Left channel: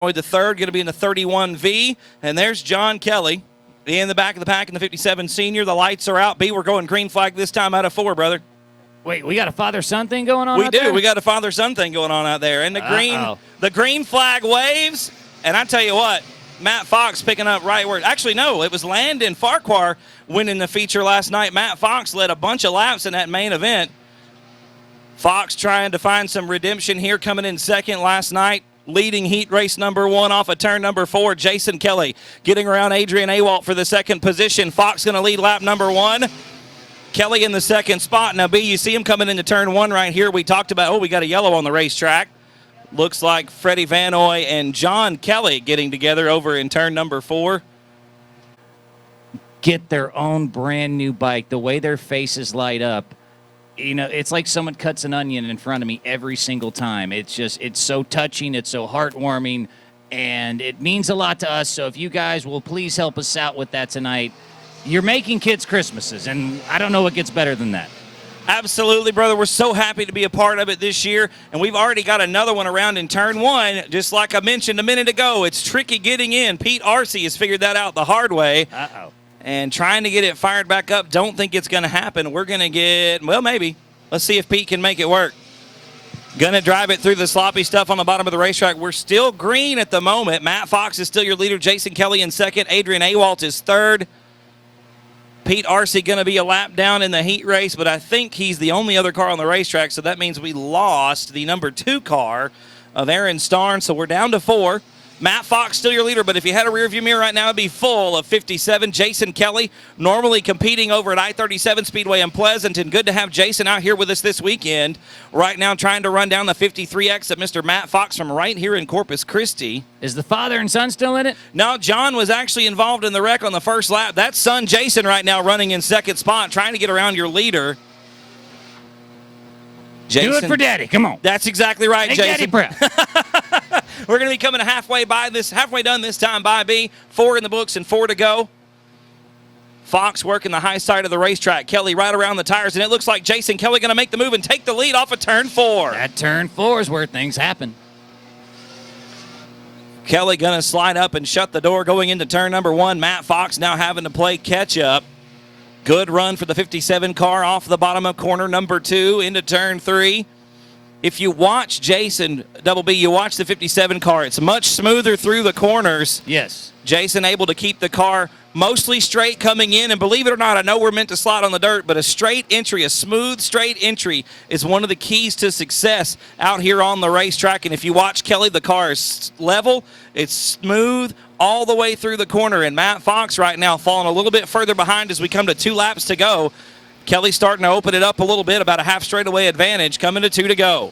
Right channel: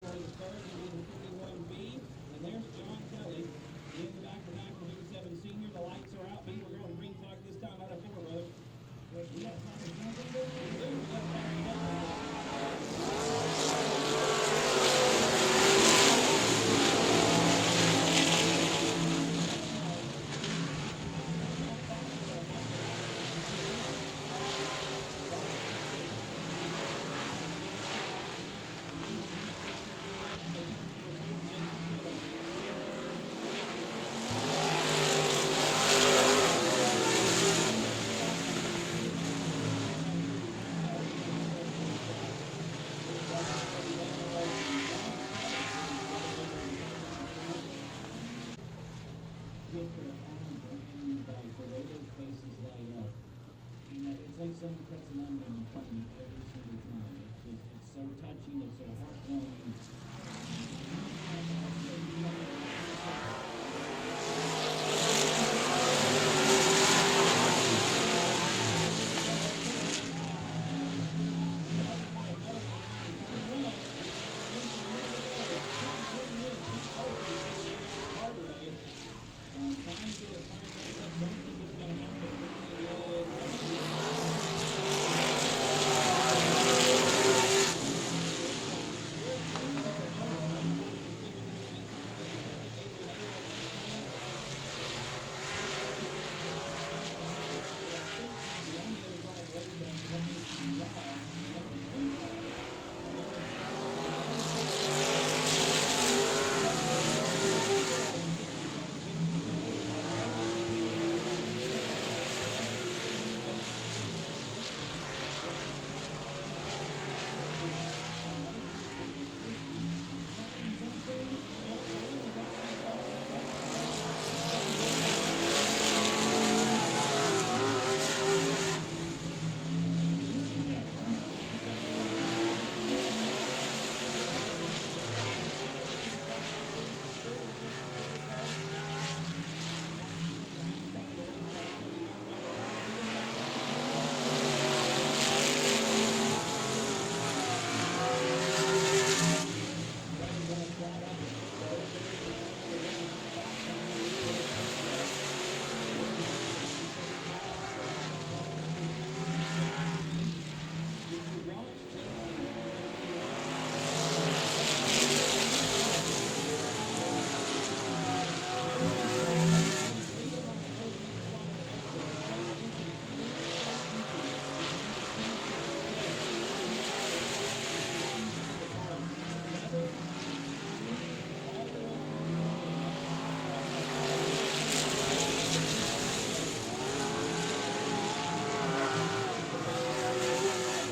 The third, going to be in the 31V. And there's John Kelly in the back of the pack in the 57 senior. The lights are out. B, we're going green flag this time out of 4, brother. Wait, we got a father-son thing going on We do. there? We got a father-son thing going on out there. And the green flag waves. And I tell you what, Matt Fox picking up right where – actually, no, it was Landon Farquhar winning the feature last night. Matt Fox led a bunch of laps in that main event. Fox trying to find some redemption here, coming in second last night. Leading heat race number 1 off of turn number 4. Jason Kelly getting around Adrian Awalt for the second position. Fox going to lead lap number 1. Kelly in the second spot. Now, B, you see him coming into turn 1 right here. We talked about, we got a yellow on the racetrack. Looks like Freddie Vanoy and John Kelly getting together over in turn number 4. Get their own brand new bike. The way their faces light up. You know, it's like someone cuts an onion in front of me every single time. It's so touching, it's so heartwarming, and it means a lot to us. So if you guys will please help us out with that tonight. You're making kids Christmases, and I don't know what gets better than that. Absolutely, brother. We're so happy to be a part of it this year, and we've already got another one around in turn 1. Just like I mentioned a minute ago, it's tricky getting in. Pete Arce has figured that out the hard way. Uh-oh. And trying to get it fired back up. Don't think it's going to happen. We're going to get, well, maybe. Let's see if Pete can make it work. Going to drive it through the sloppy stuff on the bottom of the racetrack. We're still green at the moment. Matt Fox is still your leader. Jason Kelly in second. Adrian Awalt is third. Pete Arce going to be a lap down in the heat race, but I think he's the only other car on the racetrack, so that means we lost the number 2 car of Aaron Starn, so we're down to 4. Matt Fox still your leader, but if you had a rearview mirror right now, it'd be full of 57. Jason Kelly, normally competing over at I-37 Speedway in Pleasanton. Good to have Jason out here with us this weekend. Right now trying to run down the 53X at Mr. Matt Fox from right here in Corpus Christi. Is the father and son still in it? No, John was actually involved in the wreck on the first lap. That's son Jason right now running in second spot, trying to get around your leader. Jason. Do it for Daddy. Come on. That's exactly right, Make Jason. Daddy proud. We're going to be coming halfway done this time by B. 4 in the books and 4 to go. Fox working the high side of the racetrack. Kelly right around the tires, and it looks like Jason Kelly going to make the move and take the lead off of turn 4. That turn 4 is where things happen. Kelly going to slide up and shut the door going into turn number 1. Matt Fox now having to play catch up. Good run for the 57 car off the bottom of corner number 2 into turn 3. If you watch Jason, Double B, you watch the 57 car, it's much smoother through the corners. Yes. Jason able to keep the car mostly straight coming in, and believe it or not, I know we're meant to slide on the dirt, but a straight entry, a smooth straight entry is one of the keys to success out here on the racetrack. And if you watch Kelly, the car is level, it's smooth all the way through the corner, and Matt Fox right now falling a little bit further behind as we come to 2 laps to go. Kelly starting to open it up a little bit, about a half straightaway advantage, coming to 2 to go.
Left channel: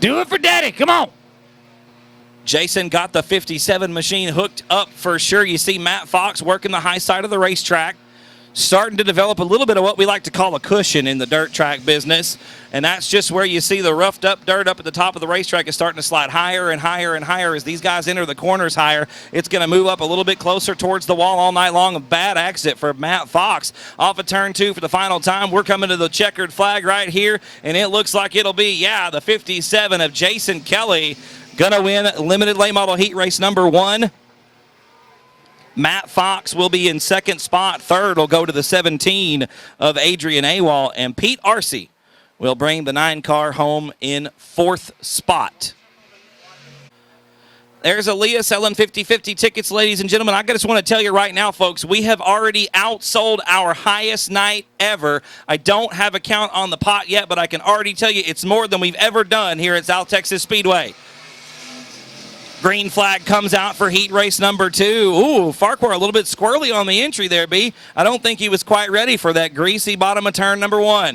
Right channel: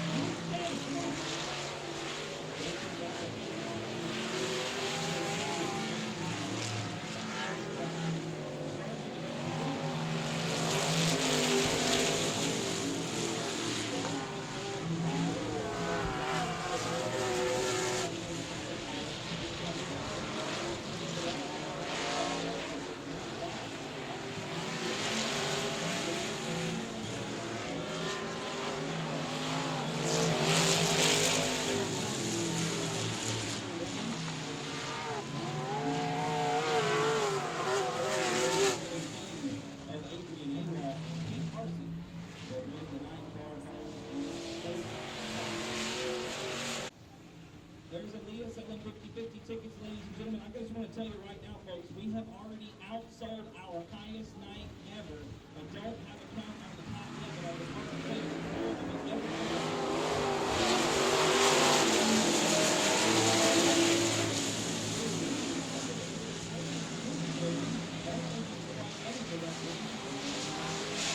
Do it for Daddy. Come on. Jason got the 57 machine hooked up for sure. You see Matt Fox working the high side of the racetrack, starting to develop a little bit of what we like to call a cushion in the dirt track business. And that's just where you see the roughed up dirt up at the top of the racetrack is starting to slide higher and higher and higher as these guys enter the corners higher. It's going to move up a little bit closer towards the wall all night long. A bad exit for Matt Fox off of turn 2 for the final time. We're coming to the checkered flag right here, and it looks like it'll be, the 57 of Jason Kelly going to win limited late model heat race number 1. Matt Fox will be in second spot. Third will go to the 17 of Adrian Awalt, and Pete Arce will bring the 9 car home in 4th spot. There's Aaliyah selling 50-50 tickets, ladies and gentlemen. I just want to tell you right now, folks, we have already outsold our highest night ever. I don't have a count on the pot yet, but I can already tell you it's more than we've ever done here at South Texas Speedway. Green flag comes out for heat race number 2. Ooh, Farquhar a little bit squirrely on the entry there, B. I don't think he was quite ready for that greasy bottom of turn number 1.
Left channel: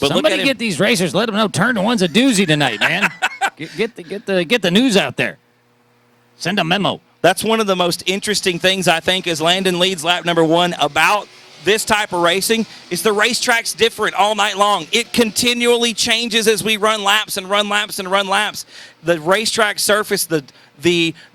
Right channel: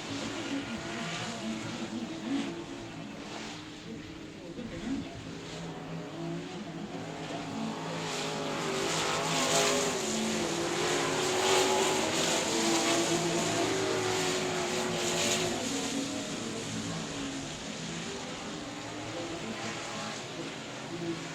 But somebody get these racers, let them know turn 1's a doozy tonight, man. get the news out there. Send a memo. That's one of the most interesting things, I think, as Landon leads lap number 1 about this type of racing is the racetrack's different all night long. It continually changes as we run laps and run laps and run laps. The racetrack surface, the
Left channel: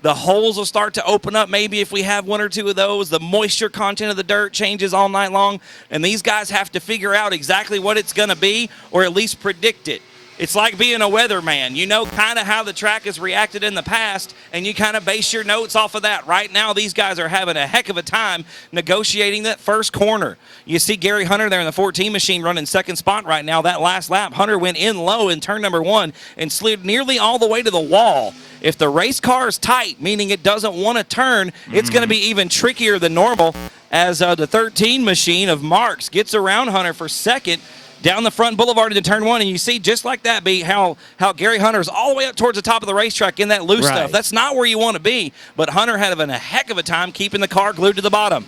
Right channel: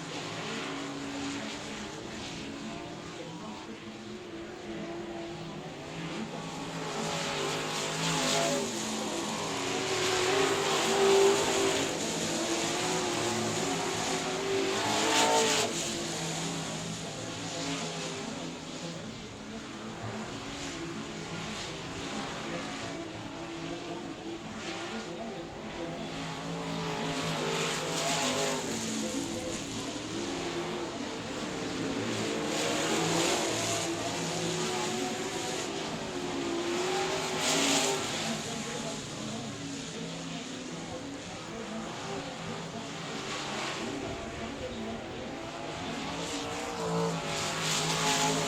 holes will start to open up maybe if we have 1 or 2 of those. The moisture content of the dirt changes all night long, and these guys have to figure out exactly what it's going to be or at least predict it. It's like being a weatherman. You know kind of how the track has reacted in the past, and you kind of base your notes off of that. Right now, these guys are having a heck of a time negotiating that first corner. You see Gary Hunter there in the 14 machine running second spot right now. That last lap, Hunter went in low in turn number 1 and slid nearly all the way to the wall. If the race car is tight, meaning it doesn't want to turn, it's going to be even trickier than normal as the 13 machine of Marks gets around Hunter for second down the front boulevard into turn 1. And you see just like that, B, how Gary Hunter's all the way up towards the top of the racetrack in that loose stuff. That's not where you want to be, but Hunter having a heck of a time keeping the car glued to the bottom.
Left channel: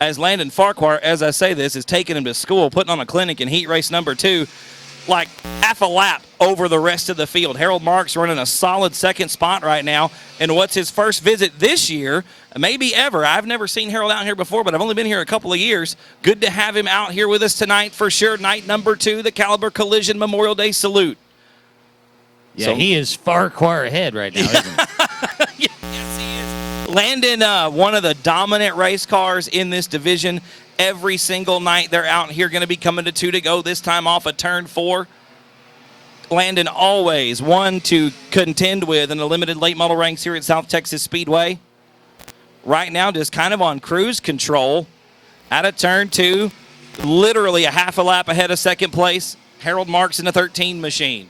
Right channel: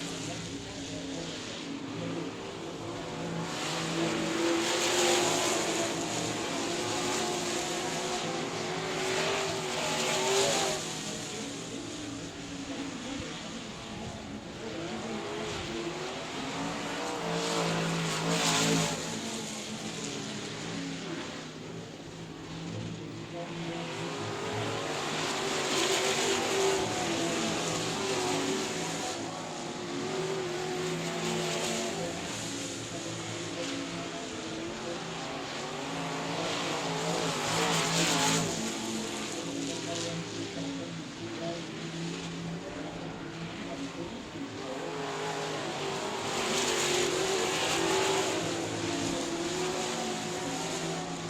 As Landon Farquhar, as I say this, is taking him to school, putting on a clinic in heat race number 2, like half a lap over the rest of the field. Harold Marks running a solid second spot right now. And what's his first visit this year, maybe ever. I've never seen Harold out here before, but I've only been here a couple of years. Good to have him out here with us tonight for sure. Night number 2, the Caliber Collision Memorial Day Salute. Yeah, so he is Farquhar ahead right now, isn't he? Landon, one of the dominant race cars in this division. Every single night they're out here, going to be coming to 2 to go, this time off of turn 4. Landon always one to contend with in the limited late model ranks here at South Texas Speedway. Right now just kind of on cruise control out of turn 2, literally a half a lap ahead of second place. Harold Marks in the 13 machine.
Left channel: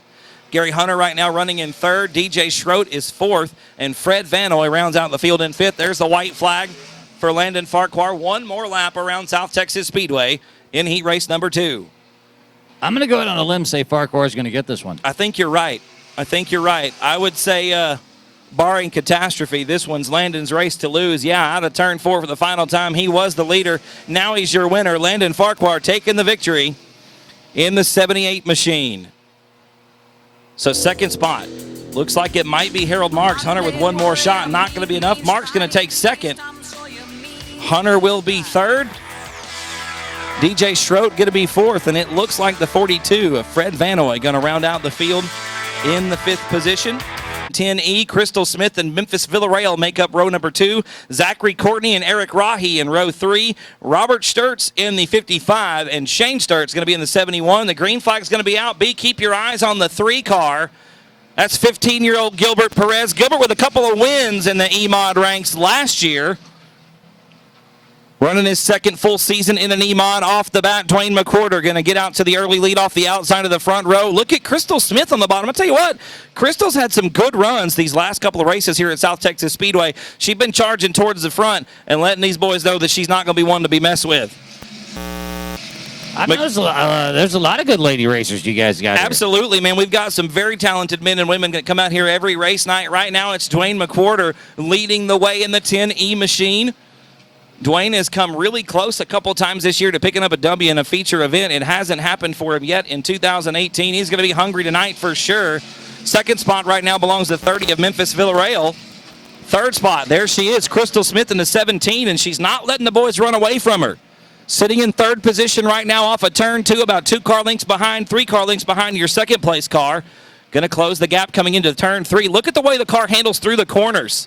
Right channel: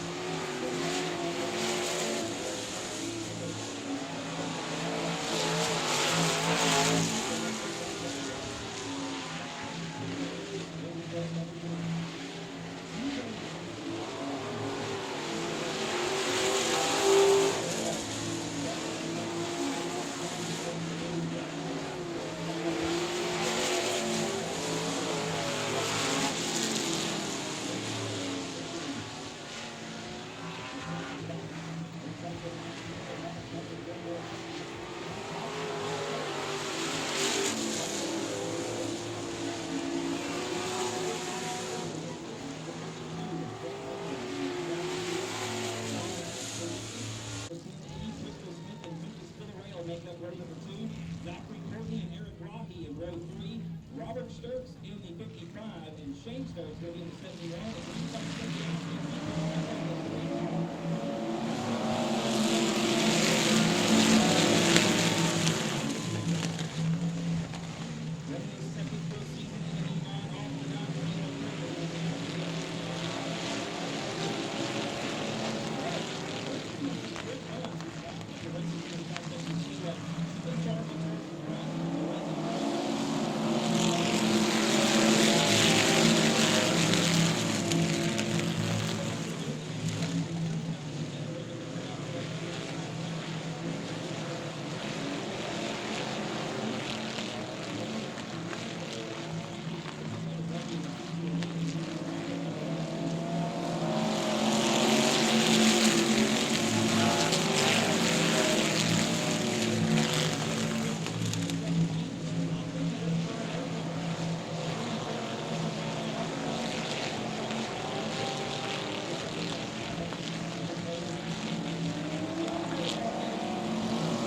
Gary Hunter right now running in 3rd. DJ Schroet is 4th. And Fred Vanoy rounds out the field in 5th. There's the white flag for Landon Farquhar. One more lap around South Texas Speedway in heat race number 2. I'm going to go out on a limb and say Farquhar is going to get this one. I think you're right. I would say, barring catastrophe, this one's Landon's race to lose. Yeah, out of turn 4 for the final time. He was the leader. Now he's your winner. Landon Farquhar taking the victory in the 78 machine. So second spot. Looks like it might be Harold Marks. Hunter with one more shot. Not going to be enough. Marks going to take second. Hunter will be 3rd. DJ Schroet going to be 4th. And it looks like the 42 of Fred Vanoy going to round out the field in the 5th position. 10E, Crystal Smith and Memphis Villarreal make up row number 2. Zachary Courtney and Eric Rahi in row 3. Robert Sturtz in the 55. And Shane Sturtz going to be in the 71. The green flag is going to be out. B, keep your eyes on the 3 car. That's 15-year-old Gilbert Perez. Gilbert with a couple of wins in the E-Mod ranks last year. Running his second full season in an E-Mod off the bat. Dwayne McWhorter going to get out to the early lead off the outside of the front row. Look at Crystal Smith on the bottom. I'll tell you what, Crystal's had some good runs these last couple of races here at South Texas Speedway. She's been charging towards the front and letting these boys know that she's not going to be one to be messed with. I know there's a lot of good lady racers you guys got. Absolutely, man. We've got some very talented men and women that come out here every race night. Right now, it's Dwayne McWhorter leading the way in the 10E machine. Dwayne has come really close a couple times this year to picking up a W in a feature event. It hasn't happened for him yet in 2018. He's going to be hungry tonight for sure. Second spot right now belongs to 30 of Memphis Villarreal. Third spot, there she is, Crystal Smith in the 17, and she's not letting the boys run away from her. Sitting in 3rd position right now off of turn 2, about 2 car lengths behind, 3 car lengths behind your second place car. Going to close the gap coming into turn 3. Look at the way the car handles through the corners.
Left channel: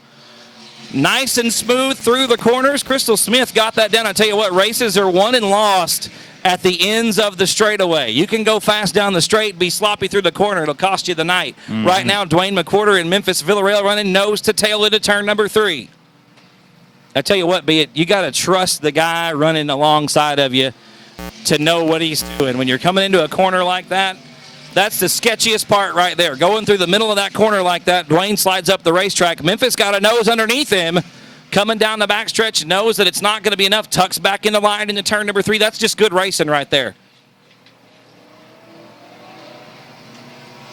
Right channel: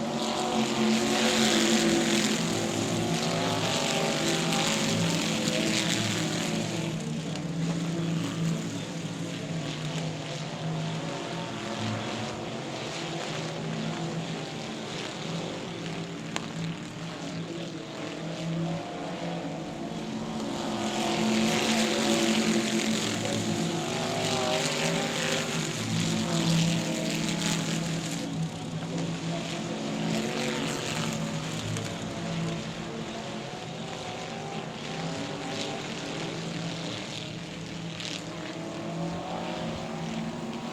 Nice and smooth through the corners. Crystal Smith got that down. I tell you what, races are won and lost at the ends of the straightaway. You can go fast down the straight, be sloppy through the corner. It'll cost you the night. Right now, Dwayne McWhorter and Memphis Villarreal running nose to tail into turn number 3. I tell you what, you got to trust the guy running alongside of you to know what he's doing. When you're coming into a corner like that, that's the sketchiest part right there. Going through the middle of that corner like that, Dwayne slides up the racetrack. Memphis got a nose underneath him. Coming down the backstretch, knows that it's not going to be enough. Tucks back into line into turn number 3. That's just good racing right there.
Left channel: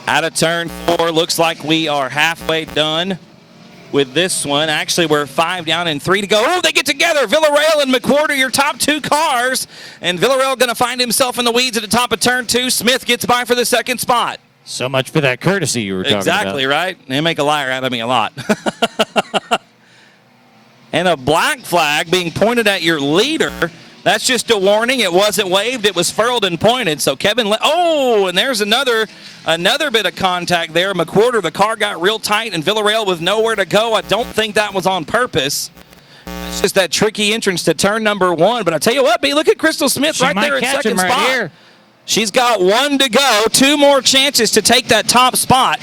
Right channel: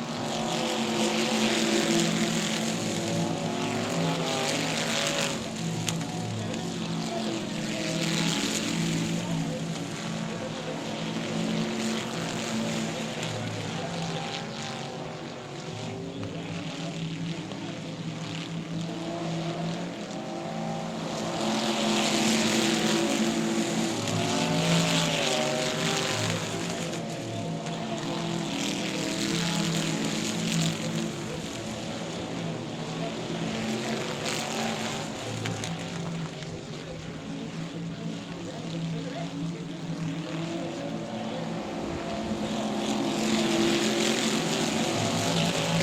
Out of turn 4, looks like we are halfway done with this one. Actually, we're 5 down and 3 to go. Oh, they get together. Villarreal and McWhorter, your top 2 cars. And Villarreal going to find himself in the weeds at the top of turn 2. Smith gets by for the second spot. So much for that courtesy you were talking about. Exactly, right? They make a liar out of me a lot. And a black flag being pointed at your leader. That's just a warning. It wasn't waved. It was furled and pointed. So Kevin, and there's another bit of contact there. McWhorter, the car got real tight, and Villarreal with nowhere to go. I don't think that was on purpose. It's just that tricky entrance to turn number 1. But I tell you what, B, look at Crystal Smith right there at second spot. Right here. She's got one to go. 2 more chances to take that top spot.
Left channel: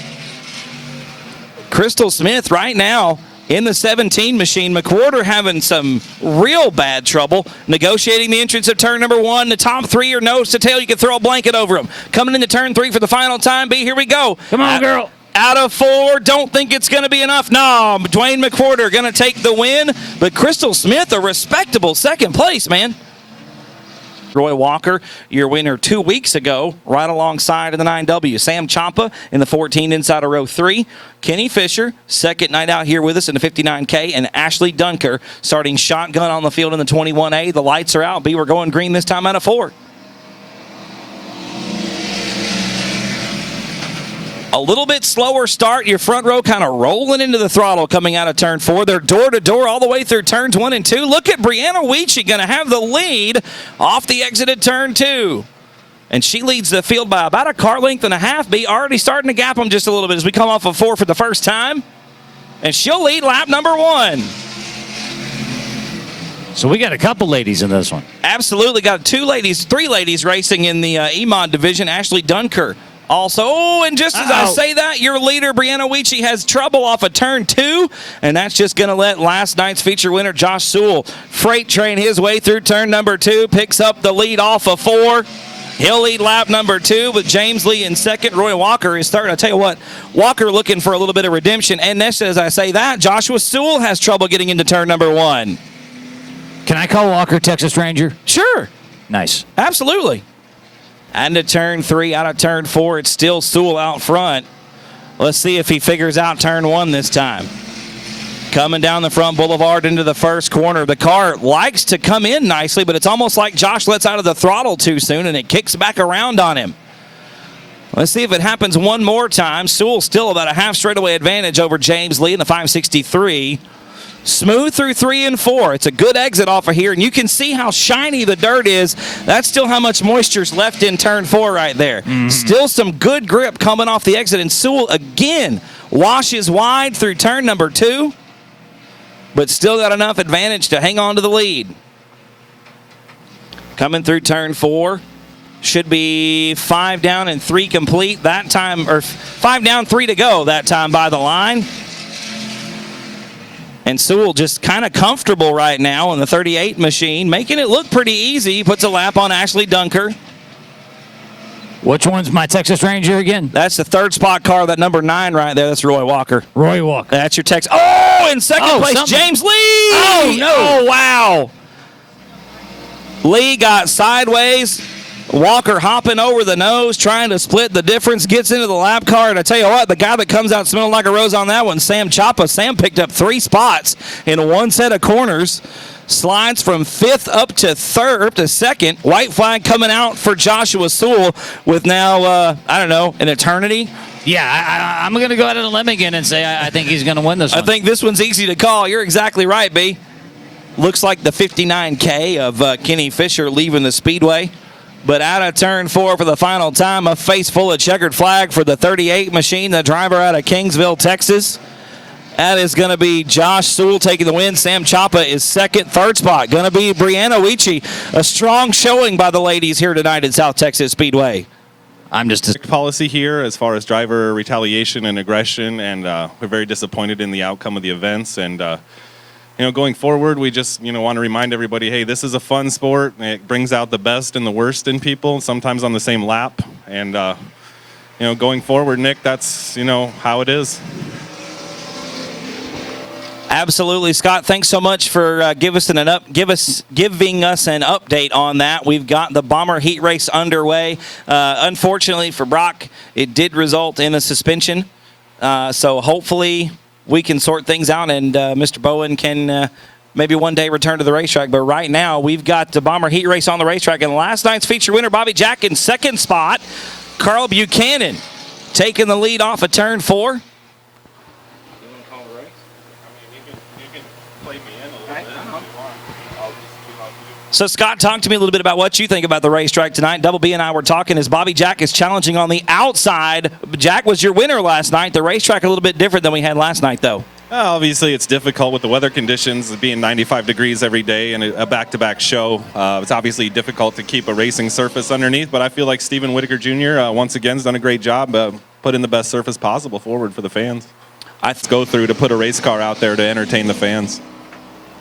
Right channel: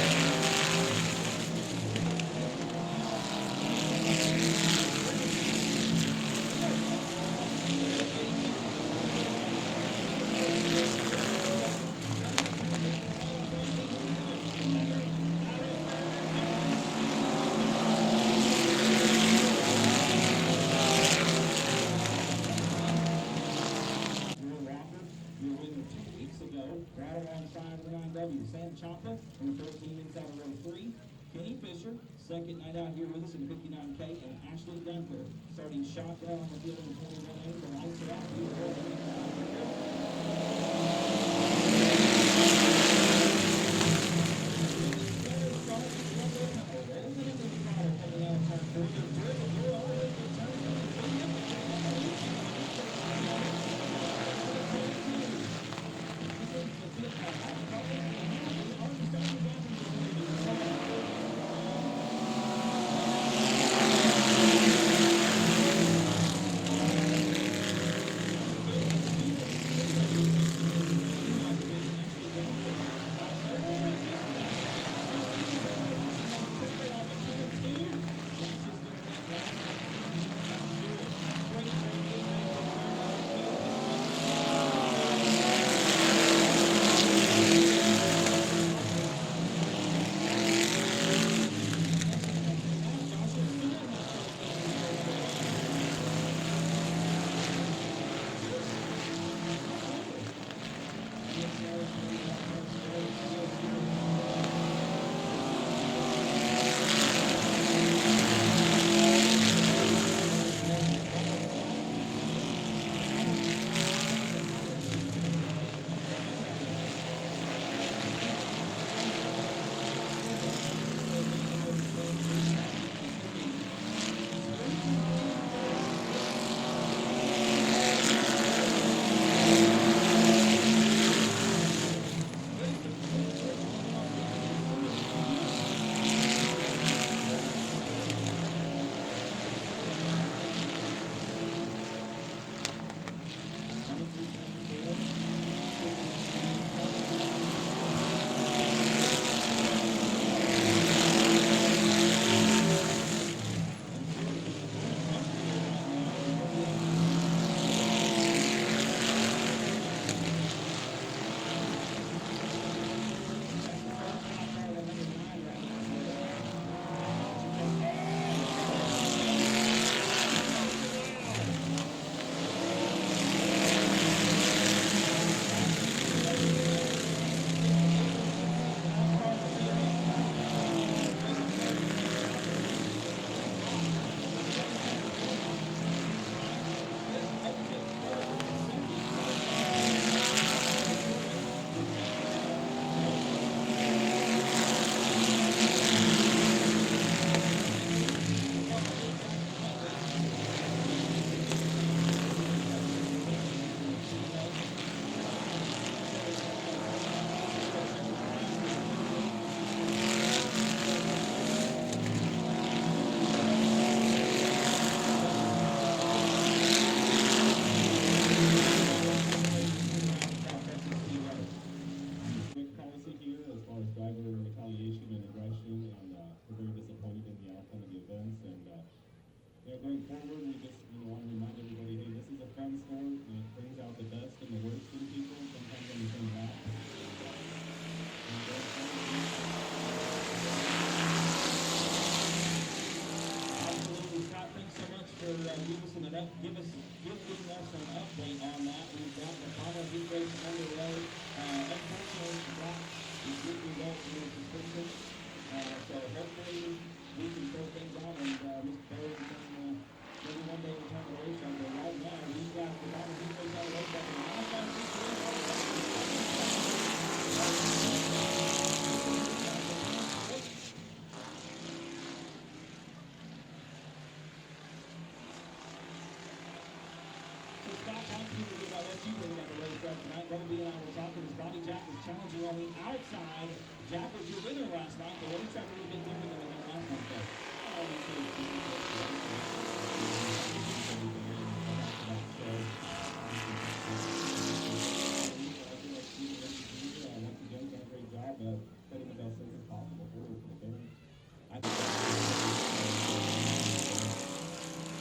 Crystal Smith right now in the 17 machine. McWhorter having some real bad trouble negotiating the entrance of turn number 1. The top 3 are nose to tail. You can throw a blanket over them. Coming into turn 3 for the final time. B, here we go. Come on, girl. Out of 4, don't think it's going to be enough. No, Dwayne McWhorter going to take the win, but Crystal Smith, a respectable second place, man. Roy Walker, your winner 2 weeks ago, right alongside of the 9W. Sam Ciampa in the 14 inside of row 3. Kenny Fisher, second night out here with us in the 59K. And Ashley Dunker starting shotgun on the field in the 21A. The lights are out. B, we're going green this time out of 4. A little bit slower start. Your front row kind of rolling into the throttle coming out of turn 4. They're door-to-door all the way through turns 1 and 2. Look at Brianna Weechie going to have the lead off the exit at turn 2. And she leads the field by about a car length and a half. B, already starting to gap them just a little bit as we come off of 4 for the first time. And she'll lead lap number 1. So we got a couple ladies in this one. Absolutely. Got 3 ladies racing in the EMOD division. Ashley Dunker also, and just as I say that, your leader, Brianna Weechie, has trouble off of turn 2, and that's just going to let last night's feature winner, Josh Sewell, freight train his way through turn number 2, picks up the lead off of 4. He'll lead lap number 2, but James Lee in second. Roy Walker is starting. I tell you what, Walker looking for a little bit of redemption, and next as I say that, Joshua Sewell has trouble getting into turn number 1. Can I call Walker Texas Ranger? Sure. Nice. Absolutely. And to turn 3, out of turn 4, it's still Sewell out front. Let's see if he figures out turn 1 this time. Coming down the front boulevard into the first corner. The car likes to come in nicely, but it's almost like Josh lets out of the throttle too soon, and it kicks back around on him. Let's see if it happens one more time. Sewell still about a half straightaway advantage over James Lee in the 563. Smooth through 3 and 4. It's a good exit off of here, and you can see how shiny the dirt is. That's still how much moisture's left in turn 4 right there. Still some good grip coming off the exit, and Sewell again washes wide through turn number 2, but still got enough advantage to hang on to the lead. Coming through turn 4. Should be 5 down and 3 complete that time, or 5 down, 3 to go that time by the line. And Sewell just kind of comfortable right now in the 38 machine, making it look pretty easy. He puts a lap on Ashley Dunker. Which one's my Texas Ranger again? That's the 3rd spot car, that number 9 right there. That's Roy Walker. Roy Walker. That's your Texas. Oh, in second place, James Lee. Oh, no. Oh, wow. Lee got sideways. Walker hopping over the nose, trying to split the difference, gets into the lap car. And I tell you what, the guy that comes out smelling like a rose on that one, Sam Ciampa. Sam picked up 3 spots in one set of corners. Slides from 5th up to 2nd. White flag coming out for Joshua Sewell with now, I don't know, an eternity. Yeah, I'm going to go out on a limb again and say I think he's going to win this one. I think this one's easy to call. You're exactly right, B. Looks like the 59K of Kenny Fisher leaving the Speedway. But out of turn 4 for the final time, a face full of checkered flag for the 38 machine, the driver out of Kingsville, Texas. That is going to be Josh Sewell taking the win. Sam Ciampa is second. 3rd spot going to be Brianna Weechie. A strong showing by the ladies here tonight at South Texas Speedway. I'm just policy here as far as driver retaliation and aggression, and we're very disappointed in the outcome of the events. And going forward, we just want to remind everybody, hey, this is a fun sport. It brings out the best and the worst in people, sometimes on the same lap. And going forward, Nick, that's how it is. Absolutely, Scott. Thanks so much for giving us an update on that. We've got the Bomber Heat Race underway. Unfortunately for Brock, it did result in a suspension. So hopefully we can sort things out, and Mr. Bowen can maybe one day return to the racetrack. But right now, we've got the Bomber Heat Race on the racetrack, and last night's feature winner, Bobby Jack, in 2nd spot. Carl Buchanan taking the lead off of turn 4. So, Scott, talk to me a little bit about what you think about the racetrack tonight. Double B and I were talking as Bobby Jack is challenging on the outside. Jack was your winner last night. The racetrack a little bit different than we had last night, though. Obviously, it's difficult with the weather conditions, being 95 degrees every day and a back-to-back show. It's obviously difficult to keep a racing surface underneath, but I feel like Stephen Whitaker Jr. Once again has done a great job putting the best surface possible forward for the fans. I go through to put a race car out there to entertain the fans.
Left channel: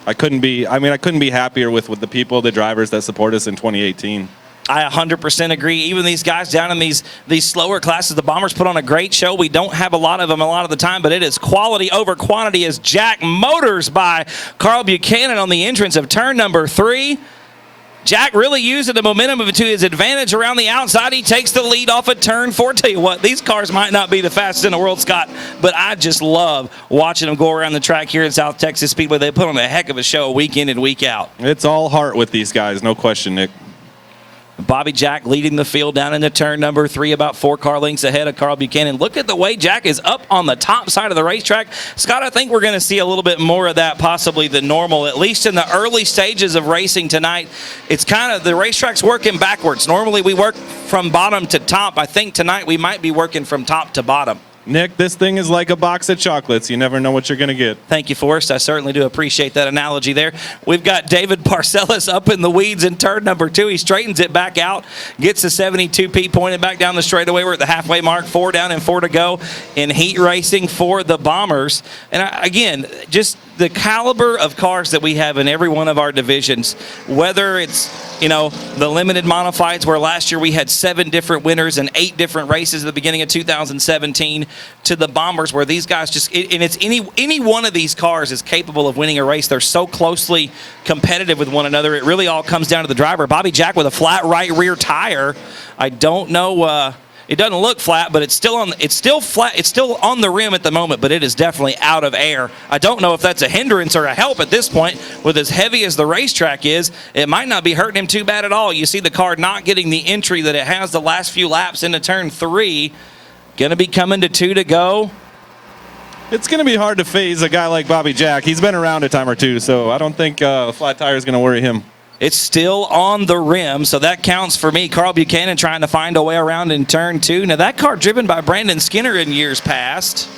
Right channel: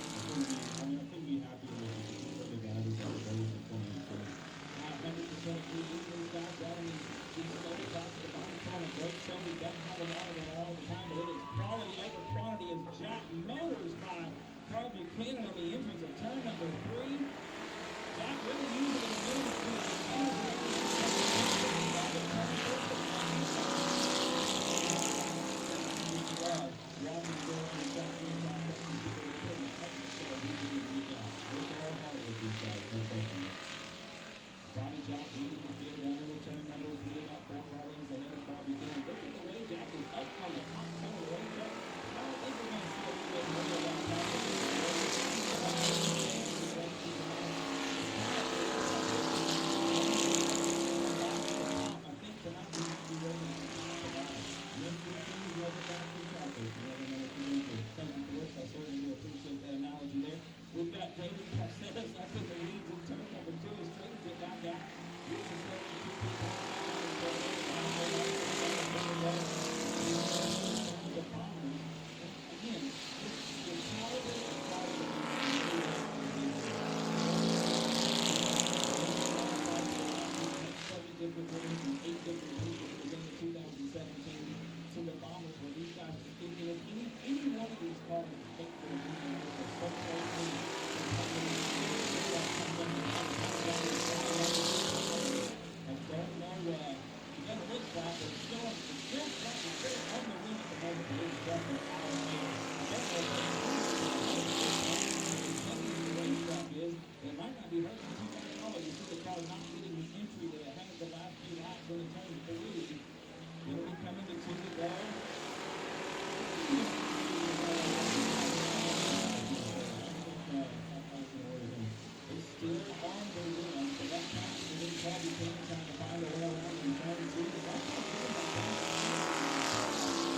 I couldn't be happier with the people, the drivers that support us in 2018. I 100% agree. Even these guys down in these slower classes, the Bombers put on a great show. We don't have a lot of them a lot of the time, but it is quality over quantity as Jack motors by Carl Buchanan on the entrance of turn number 3. Jack really using the momentum to his advantage around the outside. He takes the lead off at turn 4. Tell you what, these cars might not be the fastest in the world, Scott, but I just love watching them go around the track here at South Texas Speedway. They put on a heck of a show week in and week out. It's all heart with these guys, no question, Nick. Bobby Jack leading the field down into turn number 3, about 4 car lengths ahead of Carl Buchanan. Look at the way Jack is up on the top side of the racetrack. Scott, I think we're going to see a little bit more of that possibly than normal, at least in the early stages of racing tonight. It's kind of the racetrack's working backwards. Normally we work from bottom to top. I think tonight we might be working from top to bottom. Nick, this thing is like a box of chocolates. You never know what you're going to get. Thank you, Forrest. I certainly do appreciate that analogy there. We've got David Parcellis up in the weeds in turn number 2. He straightens it back out, gets the 72P pointed back down the straightaway. We're at the halfway mark, 4 down and 4 to go in heat racing for the Bombers. And again, just the caliber of cars that we have in every one of our divisions, whether it's, you know, the limited modifieds where last year we had 7 different winners and 8 different races at the beginning of 2017, to the Bombers where these guys just, and it's any one of these cars is capable of winning a race. They're so closely competitive with one another. It really all comes down to the driver. Bobby Jack with a flat right rear tire. I don't know, it doesn't look flat, but it's still flat. It's still on the rim at the moment, but it is definitely out of air. I don't know if that's a hindrance or a help at this point. With as heavy as the racetrack is, it might not be hurting him too bad at all. You see the car not getting the entry that it has the last few laps into turn 3. Going to be coming to 2 to go. It's going to be hard to phase a guy like Bobby Jack. He's been around a time or two, so I don't think a flat tire is going to worry him. It's still on the rim, so that counts for me. Carl Buchanan trying to find a way around in turn 2. Now, that car driven by Brandon Skinner in years past.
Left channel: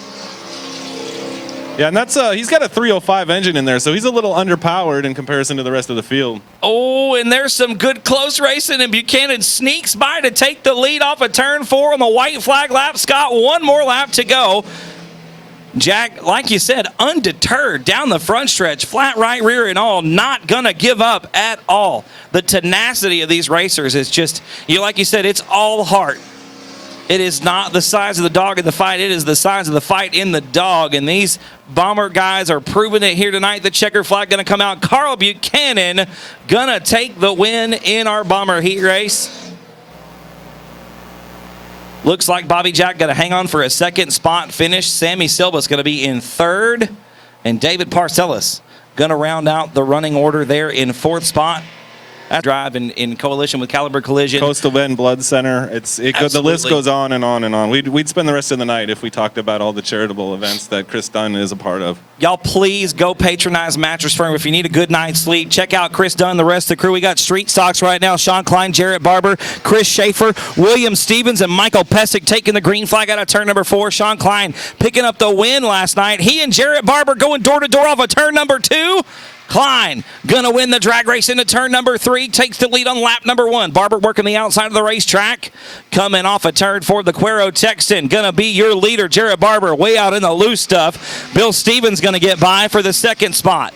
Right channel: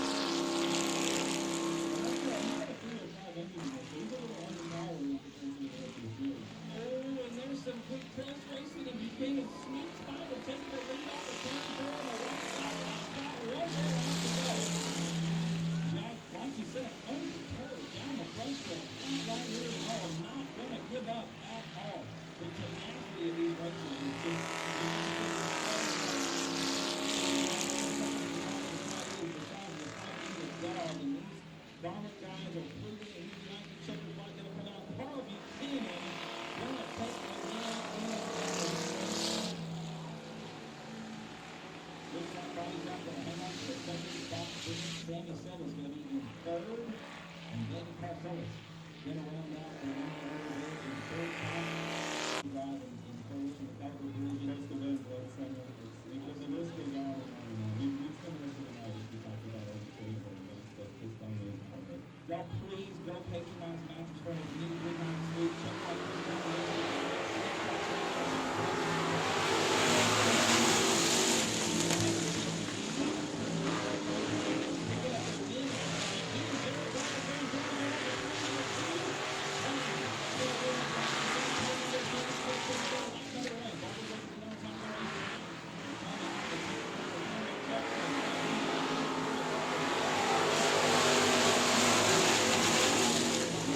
Yeah, and that's he's got a 305 engine in there, so he's a little underpowered in comparison to the rest of the field. Oh, and there's some good close racing, and Buchanan sneaks by to take the lead off of turn 4 on the white flag lap. Scott, one more lap to go. Jack, like you said, undeterred down the front stretch, flat right rear and all, not going to give up at all. The tenacity of these racers is just, like you said, it's all heart. It is not the size of the dog in the fight. It is the size of the fight in the dog. And these Bomber guys are proving it here tonight. The checker flag going to come out. Carl Buchanan going to take the win in our Bomber heat race. Looks like Bobby Jack got to hang on for a second spot finish. Sammy Silva's going to be in 3rd. And David Parcellis going to round out the running order there in 4th spot. Drive in coalition with Caliber Collision. Coastal Bend Blood Center. The list goes on and on and on. We'd spend the rest of the night if we talked about all the charitable events that Chris Dunn is a part of. Y'all please go patronize Mattress Firm. If you need a good night's sleep, check out Chris Dunn, the rest of the crew. We got street stocks right now. Sean Klein, Jarrett Barber, Chris Schaefer, William Stevens, and Michael Pesic taking the green flag out of turn number 4. Sean Klein picking up the win last night. He and Jarrett Barber going door to door off of turn number 2. Klein gonna win the drag race into turn number 3, takes the lead on lap number 1. Barber working the outside of the racetrack. Coming off a turn 4, the Cuero Texan gonna be your leader. Jarrett Barber way out in the loose stuff. Bill Stevens gonna get by for the 2nd spot.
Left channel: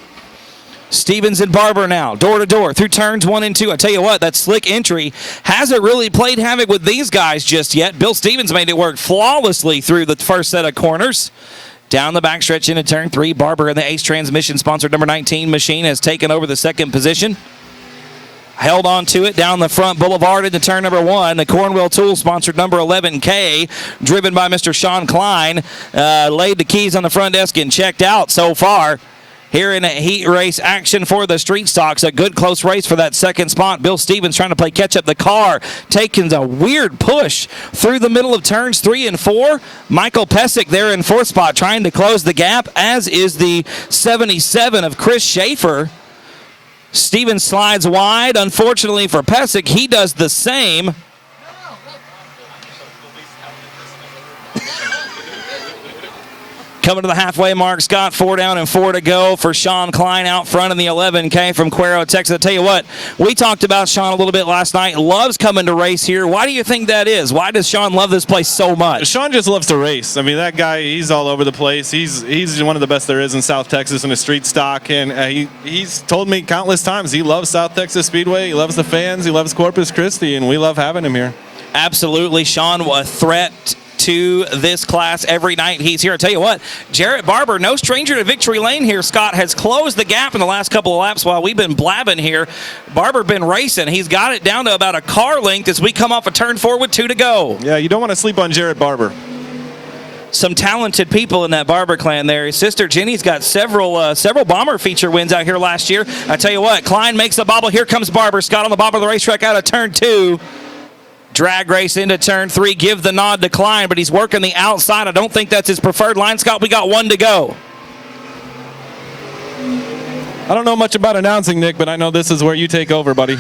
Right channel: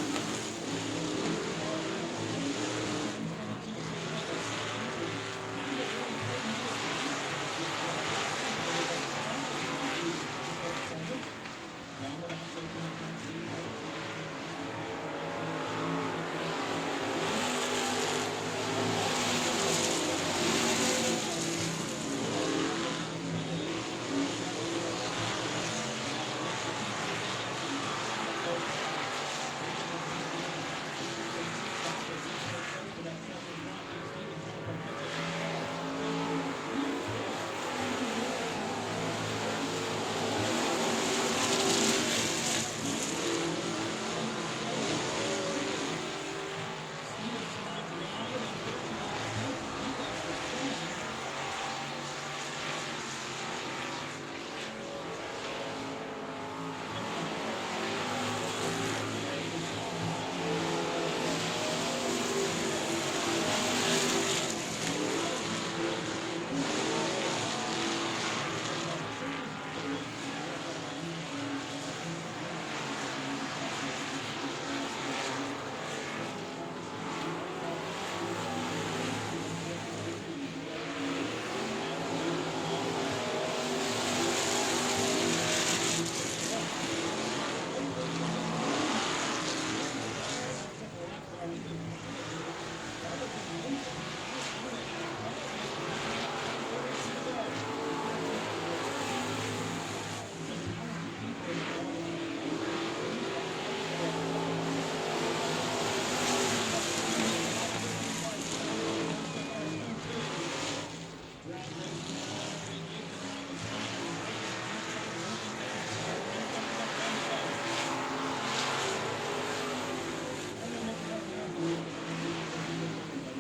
Stevens and Barber now, door to door through turns 1 and 2. I tell you what, that slick entry hasn't really played havoc with these guys just yet. Bill Stevens made it work flawlessly through the first set of corners. Down the backstretch into turn 3, Barber in the Ace Transmission sponsored number 19 machine has taken over the 2nd position. Held on to it down the front boulevard into turn number 1. The Cornwell Tool sponsored number 11K, driven by Mr. Sean Klein, laid the keys on the front desk and checked out so far. Here in a heat race action for the street stocks. A good close race for that 2nd spot. Bill Stevens trying to play catch up. The car taking a weird push through the middle of turns 3 and 4. Michael Pesic there in 4th spot trying to close the gap, as is the 77 of Chris Schaefer. Stevens slides wide. Unfortunately for Pesic, he does the same. Coming to the halfway mark, Scott, 4 down and 4 to go for Sean Klein out front in the 11K from Cuero, Texas. I tell you what, we talked about Sean a little bit last night. Loves coming to race here. Why do you think that is? Why does Sean love this place so much? Sean just loves to race. I mean, that guy, he's all over the place. He's one of the best there is in South Texas in a street stock, and he's told me countless times he loves South Texas Speedway. He loves the fans. He loves Corpus Christi, and we love having him here. Absolutely. Sean, a threat to this class every night he's here. I tell you what, Jarrett Barber, no stranger to victory lane here. Scott has closed the gap in the last couple of laps while we've been blabbing here. Barber been racing. He's got it down to about a car length as we come off a turn 4 with 2 to go. Yeah, you don't want to sleep on Jarrett Barber. Some talented people in that Barber clan there. His sister Jenny's got several bomber feature wins out here last year. I tell you what, Klein makes a bobble. Here comes Barber. Scott on the bottom of the racetrack out of turn 2. Drag race into turn 3, give the nod to Klein, but he's working the outside. I don't think that's his preferred line. Scott, we got 1 to go. I don't know much about announcing, Nick, but I know this is where you take over, buddy.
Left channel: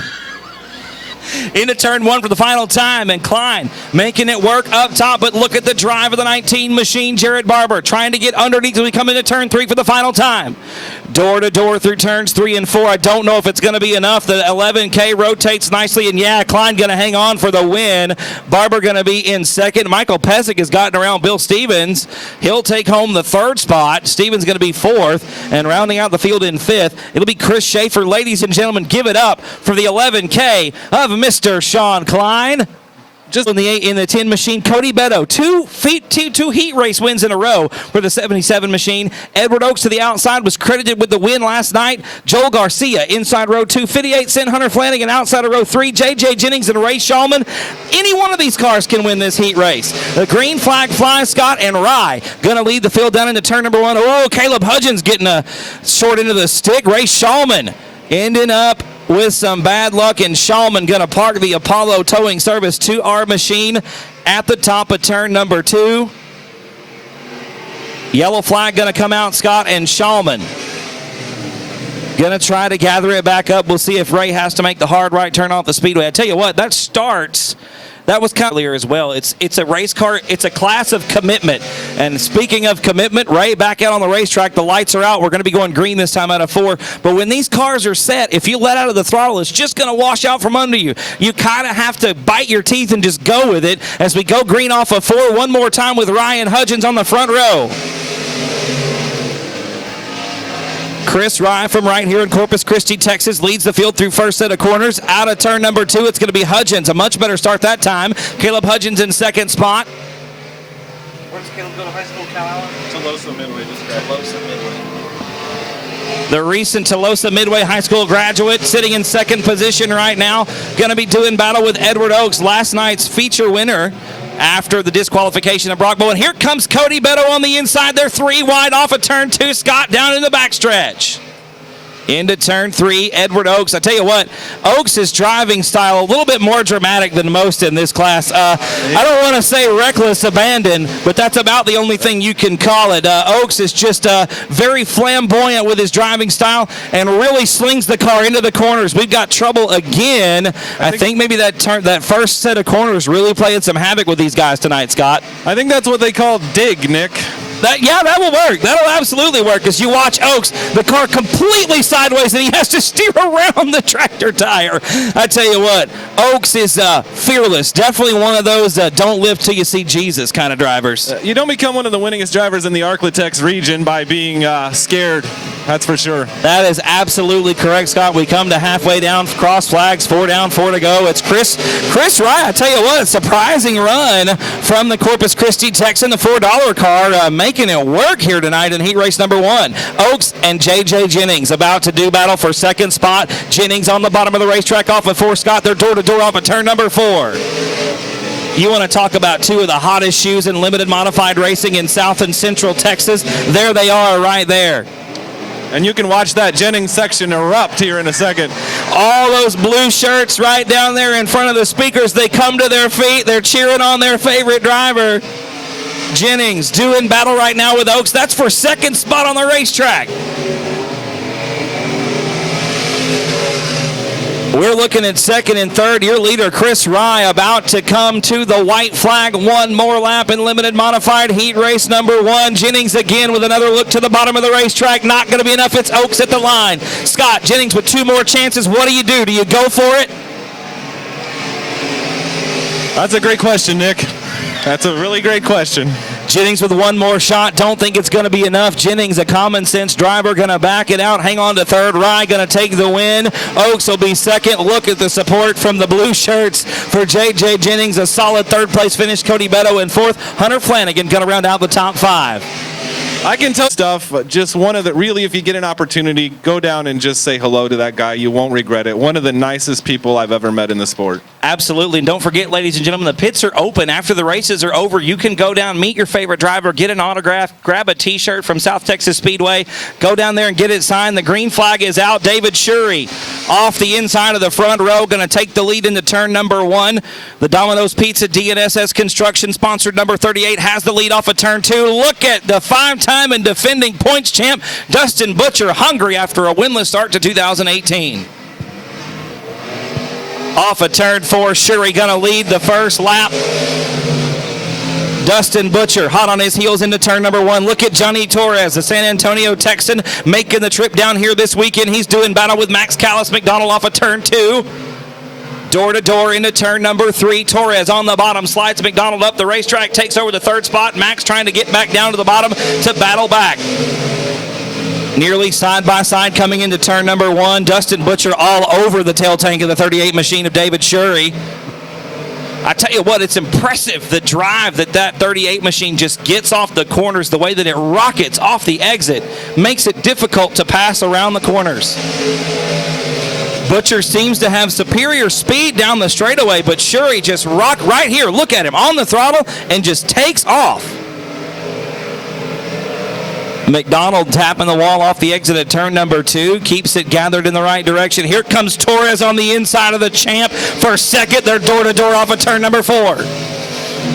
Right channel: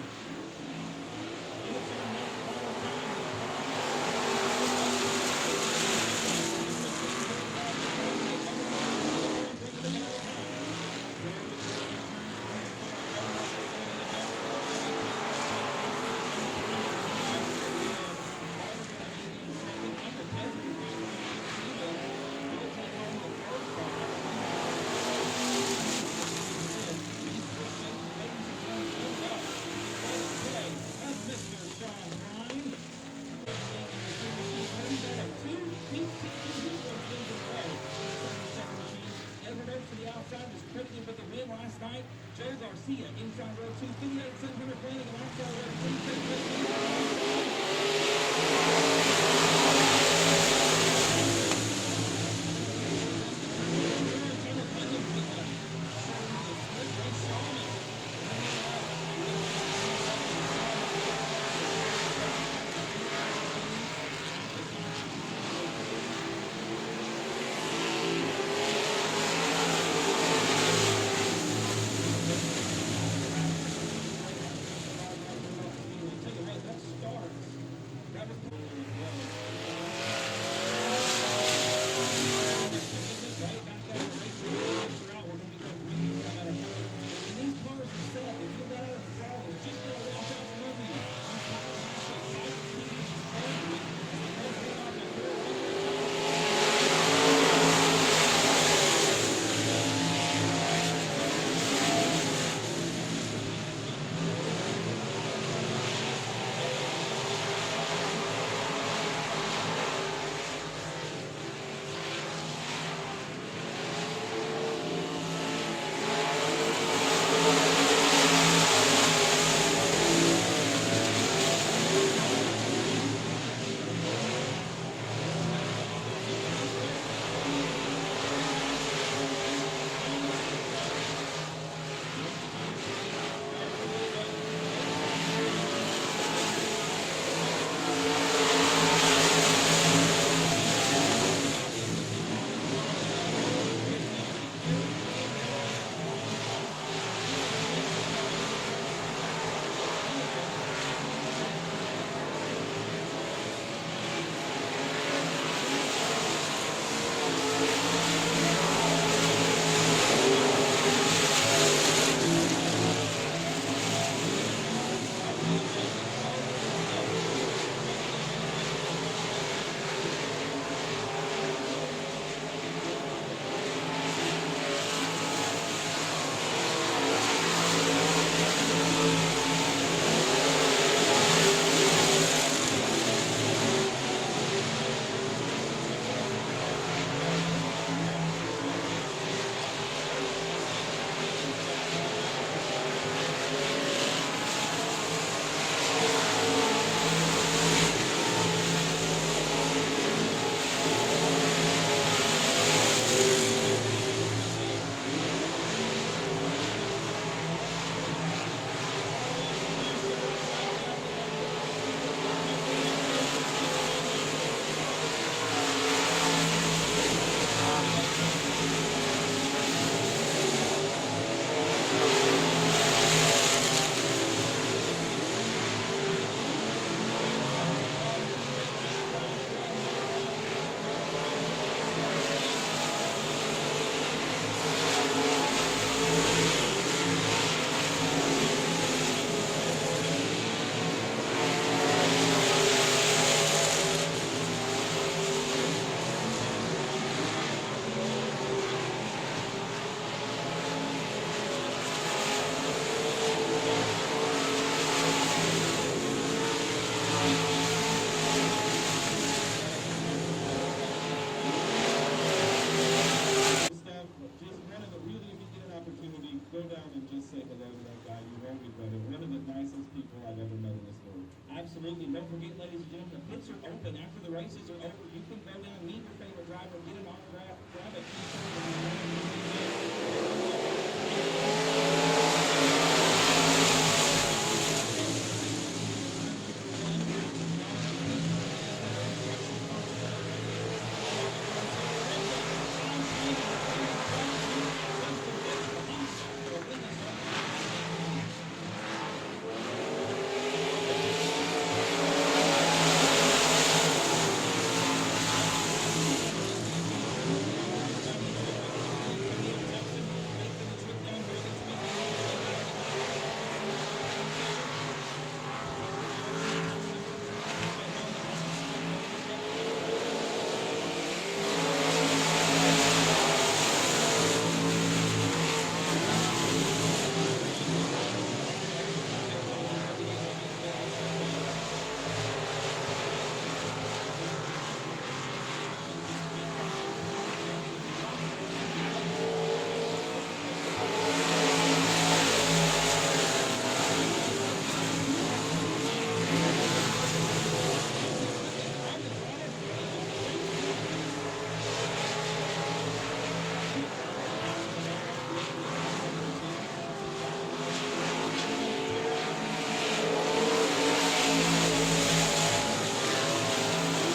Into turn 1 for the final time, and Klein making it work up top, but look at the drive of the 19 machine, Jarrett Barber, trying to get underneath as we come into turn 3 for the final time. Door to door through turns 3 and 4. I don't know if it's going to be enough. The 11K rotates nicely, and yeah, Klein going to hang on for the win. Barber going to be in second. Michael Pesic has gotten around Bill Stevens. He'll take home the 3rd spot. Stevens going to be 4th, and rounding out the field in 5th, it'll be Chris Schaefer. Ladies and gentlemen, give it up for the 11K of Mr. Sean Klein. Just in the 10 machine, Cody Beto, two heat race wins in a row for the 77 machine. Edward Oaks to the outside was credited with the win last night. Joel Garcia inside row 2, 58 Cent Hunter Flanagan outside of row 3, J.J. Jennings and Ray Shulman. Any one of these cars can win this heat race. The green flag flies. Scott and Rye going to lead the field down into turn number 1. Oh, Caleb Hudgens getting a short into the stick. Ray Shulman ending up with some bad luck, and Shulman going to park the Apollo towing service to our machine at the top of turn number 2. Yellow flag going to come out, Scott, and Shulman going to try to gather it back up. We'll see if Ray has to make the hard right turn off the speedway. I tell you what, that was kind of earlier as well. It's a race car. It's a class of commitment. And speaking of commitment, Ray back out on the racetrack. The lights are out. We're going to be going green this time out of 4. But when these cars are set, if you let out of the throttle, it's just going to wash out from under you. You kind of have to bite your teeth and just go with it as we go green off of 4 one more time with Ryan Hudgens on the front row. Chris Rye from right here in Corpus Christi, Texas, leads the field through first set of corners. Out of turn number 2, it's going to be Hudgens. A much better start that time. Caleb Hudgens in second spot. Where's Caleb go to high school, Cal? Tolosa Midway. The recent Tolosa Midway High School graduate sitting in second position right now. Going to be doing battle with Edward Oaks, last night's feature winner after the disqualification of Brock Bowen. And here comes Cody Beto on the inside. They're 3 wide off of turn 2. Scott down in the backstretch. Into turn 3, Edward Oaks. I tell you what, Oaks' driving style a little bit more dramatic than most in this class. I don't want to say reckless abandon, but that's about the only thing you can call it. Oaks is just very flamboyant with his driving style and really slings the car into the corners. We've got trouble again. I think maybe that first set of corners really playing some havoc with these guys tonight, Scott. I think that's what they call dig, Nick. That will work. That'll absolutely work because you watch Oaks, the car completely sideways, and he has to steer around the tractor tire. I tell you what, Oaks is fearless. Definitely one of those don't live till you see Jesus kind of drivers. You don't become one of the winningest drivers in the Arklatex region by being scared. That's for sure. That is absolutely correct, Scott. We come to halfway down, cross flags, 4 down, 4 to go. It's Chris Wright. I tell you what, a surprising run from the Corpus Christi Texan, the $4 car, making it work here tonight in heat race number 1. Oaks and J.J. Jennings about to do battle for second spot. Jennings on the bottom of the racetrack off of 4. Scott, they're door-to-door off of turn number 4. You want to talk about 2 of the hottest shoes in limited modified racing in South and Central Texas. There they are right there. And you can watch that Jennings section erupt here in a second. All those blue shirts right down there in front of the speakers, they come to their feet. They're cheering on their favorite driver. Jennings doing battle right now with Oaks. That's for second spot on the racetrack. We're looking at second and third. Your leader, Chris Rye, about to come to the white flag. One more lap in limited modified heat race number 1. Jennings again with another look to the bottom of the racetrack. Not going to be enough. It's Oaks at the line. Scott Jennings with 2 more chances. What do? Do you go for it? That's a great question, Nick. That's a really great question. Jennings with 1 more shot. Don't think it's going to be enough. Jennings, a common sense driver, going to back it out. Hang on to third. Rye going to take the win. Oaks will be second. Look at the support from the blue shirts for J.J. Jennings. A solid third place finish. Cody Beto in fourth. Hunter Flanagan going to round out the top 5. I can tell stuff, just one of the, really, if you get an opportunity, go down and just say hello to that guy. You won't regret it. One of the nicest people I've ever met in the sport. Absolutely. And don't forget, ladies and gentlemen, the pits are open. After the races are over, you can go down, meet your favorite driver, get an autograph, grab a T-shirt from South Texas Speedway, go down there and get it signed. The green flag is out. David Shurey off the inside of the front row, going to take the lead into turn number 1. The Domino's Pizza DNSS Construction, sponsored number 38, has the lead off of turn 2. Look at the 5-time and defending points champ, Dustin Butcher, hungry after a winless start to 2018. Off of turn 4, Shuri going to lead the first lap. Dustin Butcher hot on his heels into turn number 1. Look at Johnny Torres, the San Antonio Texan, making the trip down here this weekend. He's doing battle with Max Callis McDonald off of turn 2. Door to door into turn number 3. Torres on the bottom, slides McDonald up the racetrack, takes over the third spot. Max trying to get back down to the bottom to battle back. Nearly side by side coming into turn number 1. Dustin Butcher all over the tail tank of the 38 machine of David Shurey. I tell you what, it's impressive the drive that 38 machine just gets off the corners, the way that it rockets off the exit, makes it difficult to pass around the corners. Butcher seems to have superior speed down the straightaway, but Shurey just rock right here. Look at him on the throttle and just takes off. McDonald tapping the wall off the exit at turn number 2, keeps it gathered in the right direction. Here comes Torres on the inside of the champ for second. They're door to door off of turn number 4.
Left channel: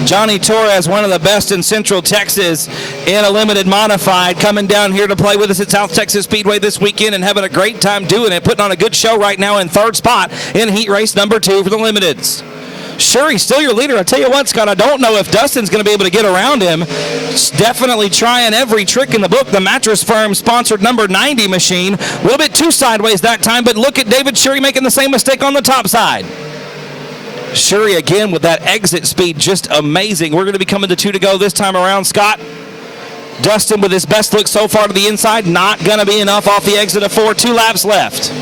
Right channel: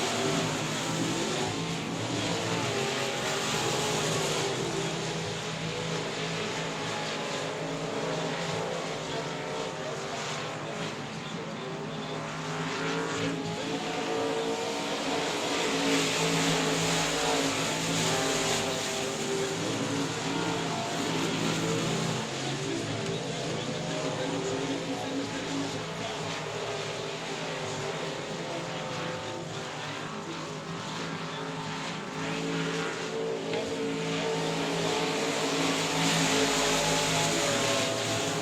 Johnny Torres, one of the best in Central Texas in a limited modified, coming down here to play with us at South Texas Speedway this weekend and having a great time doing it, putting on a good show right now in third spot in heat race number 2 for the limiteds. Shuri, still your leader. I tell you what, Scott, I don't know if Dustin's going to be able to get around him. He's definitely trying every trick in the book. The Mattress Firm sponsored number 90 machine. A little bit too sideways that time, but look at David Shuri making the same mistake on the top side. Shuri again with that exit speed, just amazing. We're going to be coming to 2 to go this time around, Scott. Dustin with his best look so far to the inside, not going to be enough off the exit of 4. 2 laps left.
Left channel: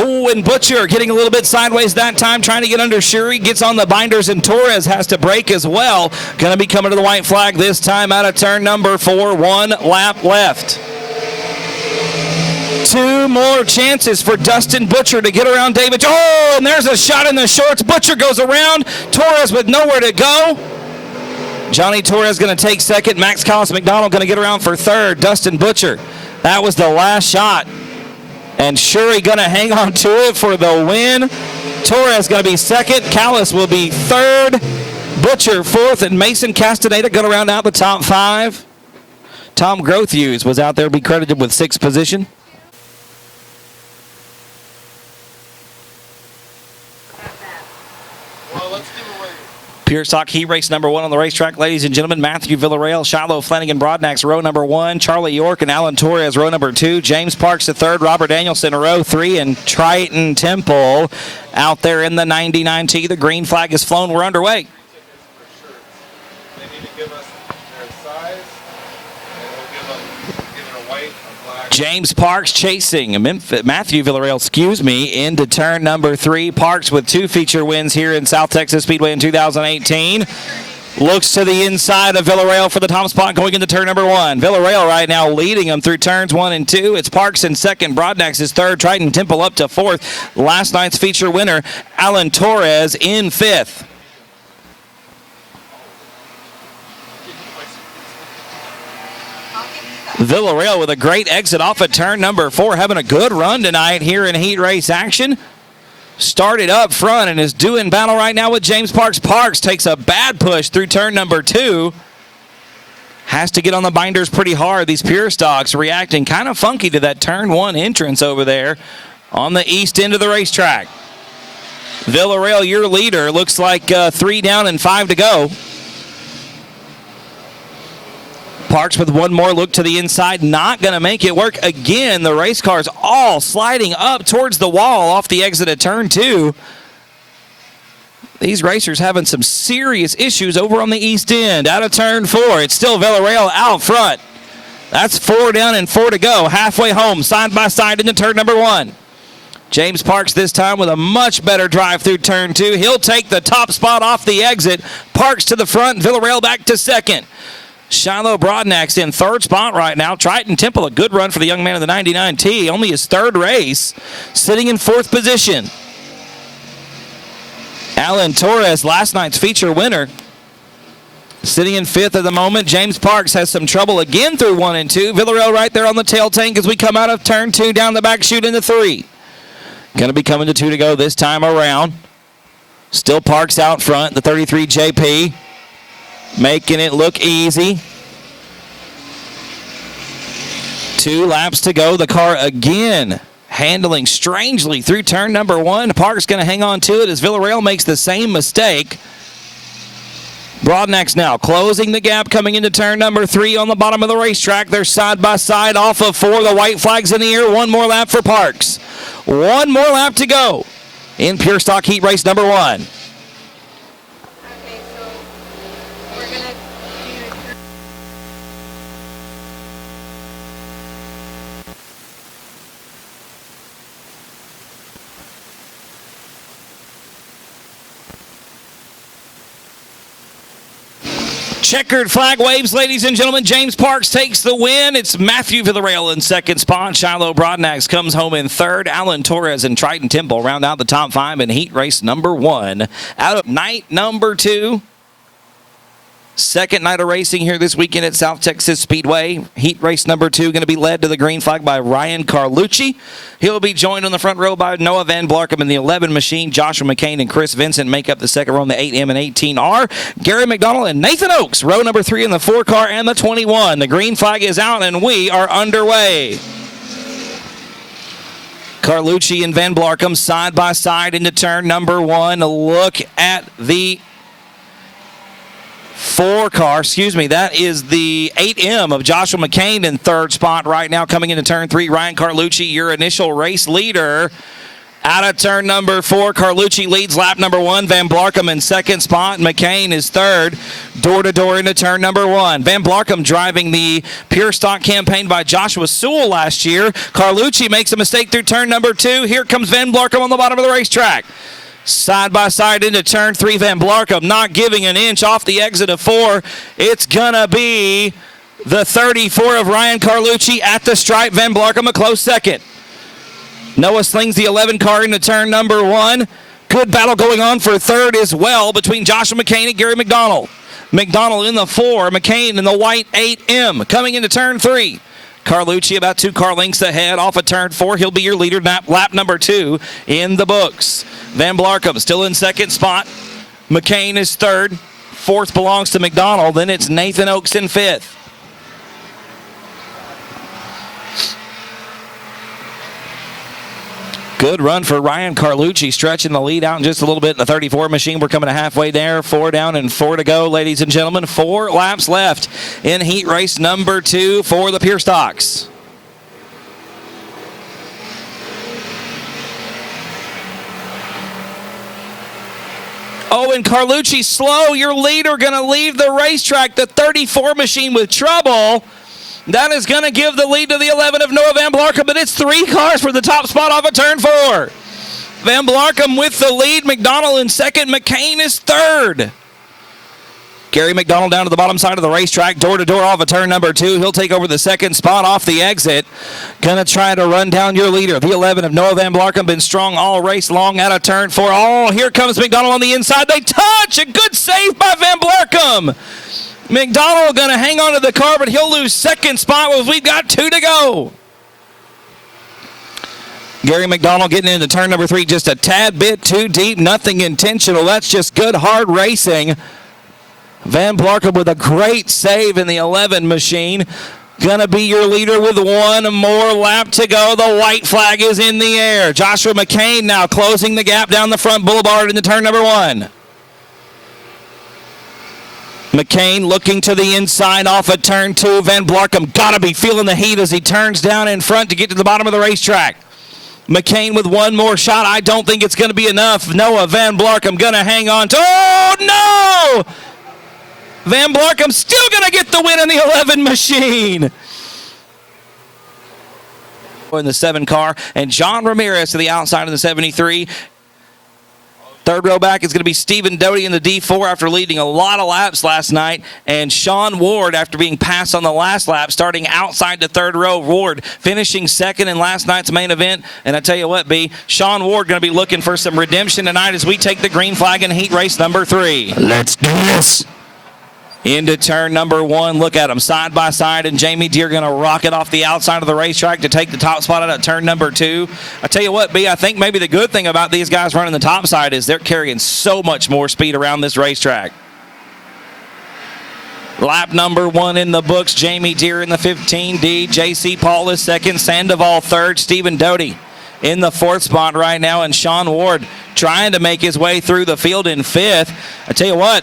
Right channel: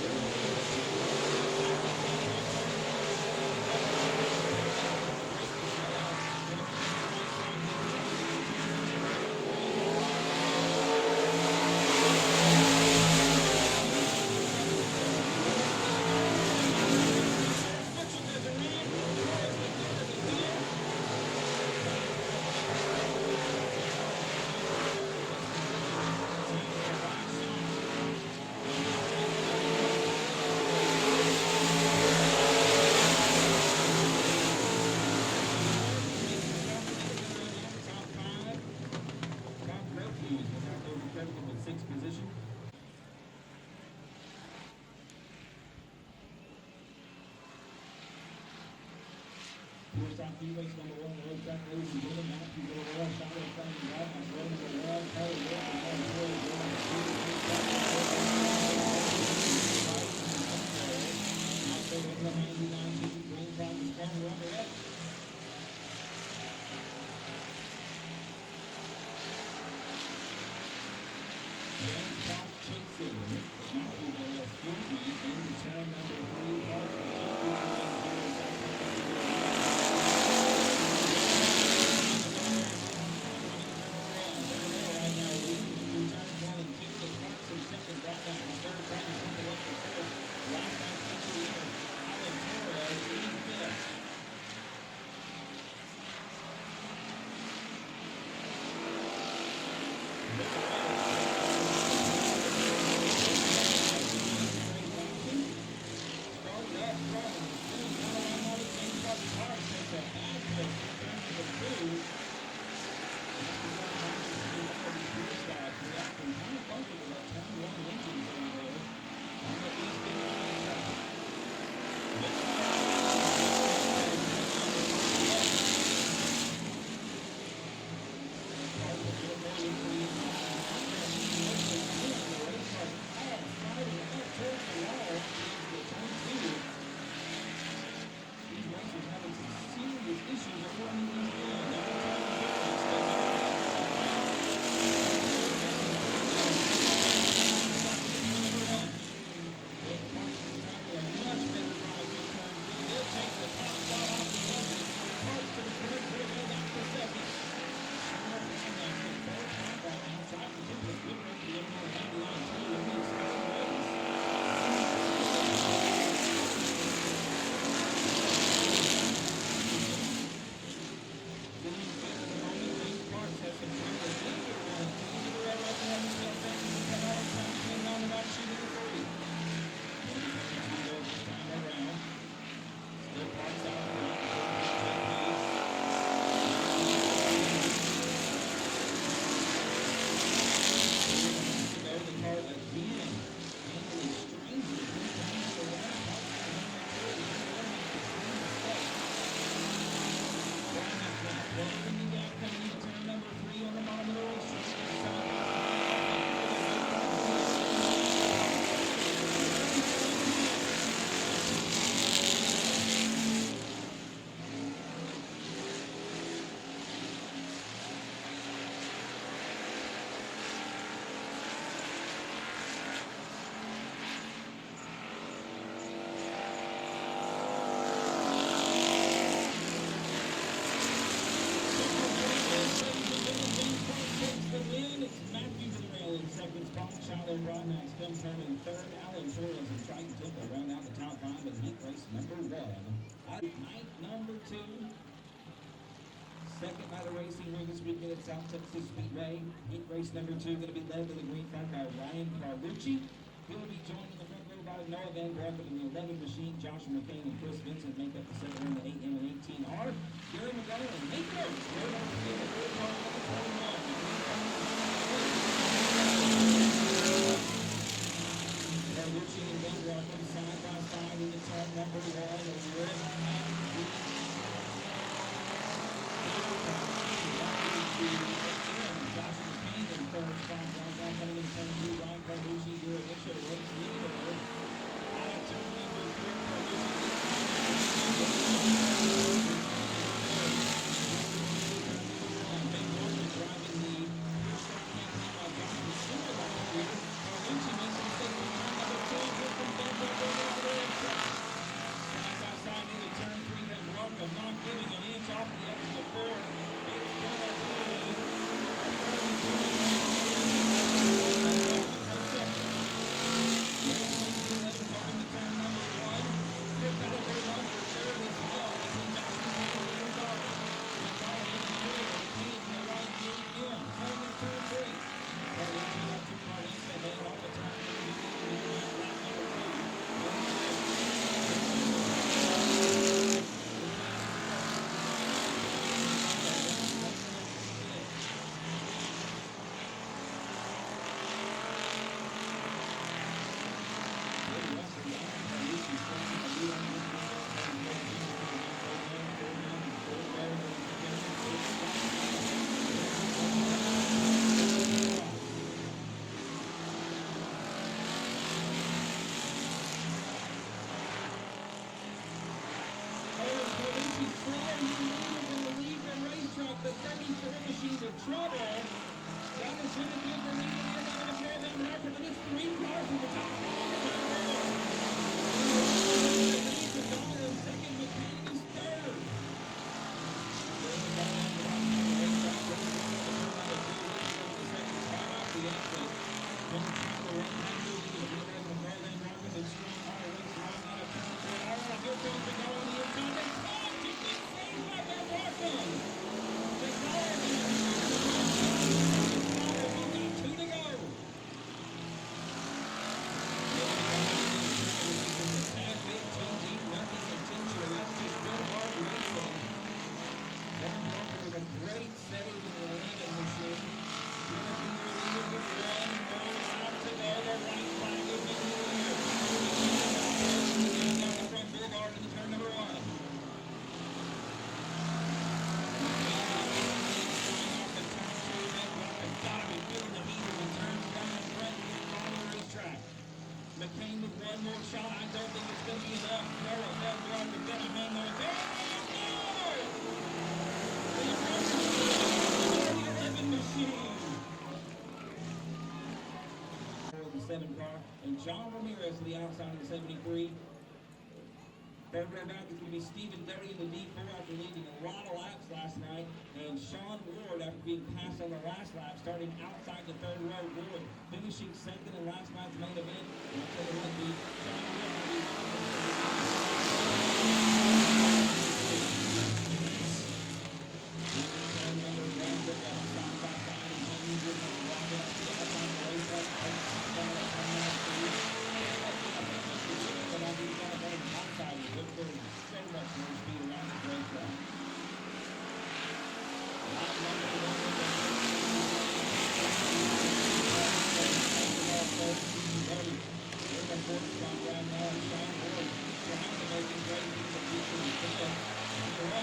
Oh, and Butcher getting a little bit sideways that time, trying to get under Shuri, gets on the binders, and Torres has to brake as well. Going to be coming to the white flag this time out of turn number 4. 1 lap left. 2 more chances for Dustin Butcher to get around David. Oh, and there's a shot in the shorts. Butcher goes around. Torres with nowhere to go. Johnny Torres going to take second. Max Callis McDonald going to get around for third. Dustin Butcher, that was the last shot. And Shuri going to hang on to it for the win. Torres going to be second. Callis will be third. Butcher fourth. And Mason Castaneda going to round out the top 5. Tom Grothhughes was out there, be credited with 6th position. Pure Stock Heat Race number 1 on the racetrack, ladies and gentlemen. Matthew Villarreal, Shiloh Flanagan, Broadnax, row number 1. Charlie York and Alan Torres, row number 2. James Parks, the 3rd. Robert Danielson, row 3. And Triton Temple out there in the 99T. The green flag is flown. We're underway. They need to give us their size, and we'll give it a white, a black. James Parks chasing Matthew Villarreal, into turn number 3. Parks with 2 feature wins here in South Texas Speedway in 2018. Looks to the inside of Villarreal for the top spot going into turn number 1. Villarreal right now leading them through turns 1 and 2. It's Parks in second. Broadnax is third. Triton Temple up to 4th. Last night's feature winner, Alan Torres, in 5th. Villarreal with a great exit off of turn number 4, having a good run tonight here in heat race action. Started up front and is doing battle right now with James Parks. Parks takes a bad push through turn number 2. has to get on the binders pretty hard. These pure stocks reacting kind of funky to that turn 1 entrance over there on the east end of the racetrack. Villarreal, your leader, looks like 3 down and 5 to go. Parks with one more look to the inside, not going to make it work again. The race cars all sliding up towards the wall off the exit of turn 2. These racers having some serious issues over on the east end. Out of turn 4, it's still Villarreal out front. That's 4 down and 4 to go. Halfway home, side by side into turn number 1. James Parks this time with a much better drive through turn 2. He'll take the top spot off the exit. Parks to the front, Villarreal back to second. Shiloh Broadnax in 3rd spot right now. Triton Temple, a good run for the young man of the 99T. Only his 3rd race, sitting in 4th position. Alan Torres, last night's feature winner, sitting in 5th at the moment. James Parks has some trouble again through 1 and 2. Villarreal right there on the tail tank as we come out of turn 2 down the back chute into 3. Going to be coming to 2 to go this time around. Still Parks out front, the 33 JP. Making it look easy. 2 laps to go. The car again handling strangely through turn number 1. Parks going to hang on to it as Villarreal makes the same mistake. Broadnax now closing the gap coming into turn number 3 on the bottom of the racetrack. They're side by side off of 4. The white flag's in the air. 1 more lap for Parks. 1 more lap to go in pure stock heat race number 1. Checkered flag waves, ladies and gentlemen. James Parks takes the win. It's Matthew Villarreal in 2nd spot. Shiloh Broadnax comes home in 3rd. Alan Torres and Triton Temple round out the top 5 in heat race number 1. Out of night number 2. Second night of racing here this weekend at South Texas Speedway. Heat race number 2 going to be led to the green flag by Ryan Carlucci. He'll be joined on the front row by Noah Van Blarkum in the 11 machine. Joshua McCain and Chris Vincent make up the second row on the 8M and 18R. Gary McDonald and Nathan Oakes, row number 3 in the 4 car and the 21. The green flag is out and we are underway. Carlucci and Van Blarkum side by side into turn number 1. A look at the 4 car, that is the 8M of Joshua McCain in 3rd spot right now. Coming into turn 3, Ryan Carlucci, your initial race leader. Out of turn number 4, Carlucci leads lap number 1. Van Blarkum in 2nd spot. McCain is 3rd. Door to door into turn number 1. Van Blarkum driving the pure stock campaign by Joshua Sewell last year. Carlucci makes a mistake through turn number 2. Here comes Van Blarkum on the bottom of the racetrack. Side by side into turn 3, Van Blarkum not giving an inch off the exit of 4. It's gonna be the 34 of Ryan Carlucci at the stripe. Van Blarkum a close second. Noah slings the 11 car into turn number 1. Good battle going on for 3rd as well between Joshua McCain and Gary McDonald. McDonald in the 4, McCain in the white 8M. Coming into turn 3. Carlucci about 2 car lengths ahead off of turn 4. He'll be your leader lap number 2 in the books. Van Blarkum still in 2nd spot. McCain is 3rd. 4th belongs to McDonald. Then it's Nathan Oakes in 5th. Good run for Ryan Carlucci, stretching the lead out in just a little bit in the 34 machine. We're coming to halfway there. 4 down and 4 to go, ladies and gentlemen. 4 laps left in heat race number 2 for the pure stocks. Oh, and Carlucci slow. Your leader going to leave the racetrack. The 34 machine with trouble. That is going to give the lead to the 11 of Noah Van Blarkum, but it's 3 cars for the top spot off of turn 4. Van Blarkum with the lead. McDonald in 2nd. McCain is 3rd. Gary McDonald down to the bottom side of the racetrack, door to door off of turn number 2. He'll take over the 2nd spot off the exit. Gonna try to run down your leader. The 11 of Noah Van Blarkum, been strong all race long out of turn 4. Oh, here comes McDonald on the inside. They touch. A good save by Van Blarkum. McDonald gonna hang on to the car, but he'll lose 2nd spot as we've got 2 to go. Gary McDonald getting into turn number 3 just a tad bit too deep. Nothing intentional. That's just good hard racing Van Blarkum with a great save in the 11 machine. Gonna be your leader with one more lap to go. The white flag is in the air. Joshua McCain now closing the gap down the front boulevard into turn number 1. McCain looking to the inside off of turn 2. Van Blarkum gotta be feeling the heat as he turns down in front to get to the bottom of the racetrack. McCain with one more shot. I don't think it's going to be enough. Noah Van Blarkum going to hang on to. Oh, no! Van Blarkum still going to get the win in the 11 machine. In the 7 car, and John Ramirez to the outside of the 73. Third row back is going to be Stephen Doty in the D4 after leading a lot of laps last night. And Sean Ward after being passed on the last lap, starting outside the third row. Ward finishing second in last night's main event. And I tell you what, B, Sean Ward going to be looking for some redemption tonight as we take the green flag in heat race number 3. Let's do this. Into turn number 1. Look at them side by side, and Jamie Deere going to rocket off the outside of the racetrack to take the top spot out of turn number 2. I tell you what, B, I think maybe the good thing about these guys running the top side is they're carrying so much more speed around this racetrack. Lap number 1 in the books. Jamie Deere in the 15D. J.C. Paul is second. Sandoval third. Stephen Doty in the 4th spot right now, and Sean Ward trying to make his way through the field in 5th. I tell you what,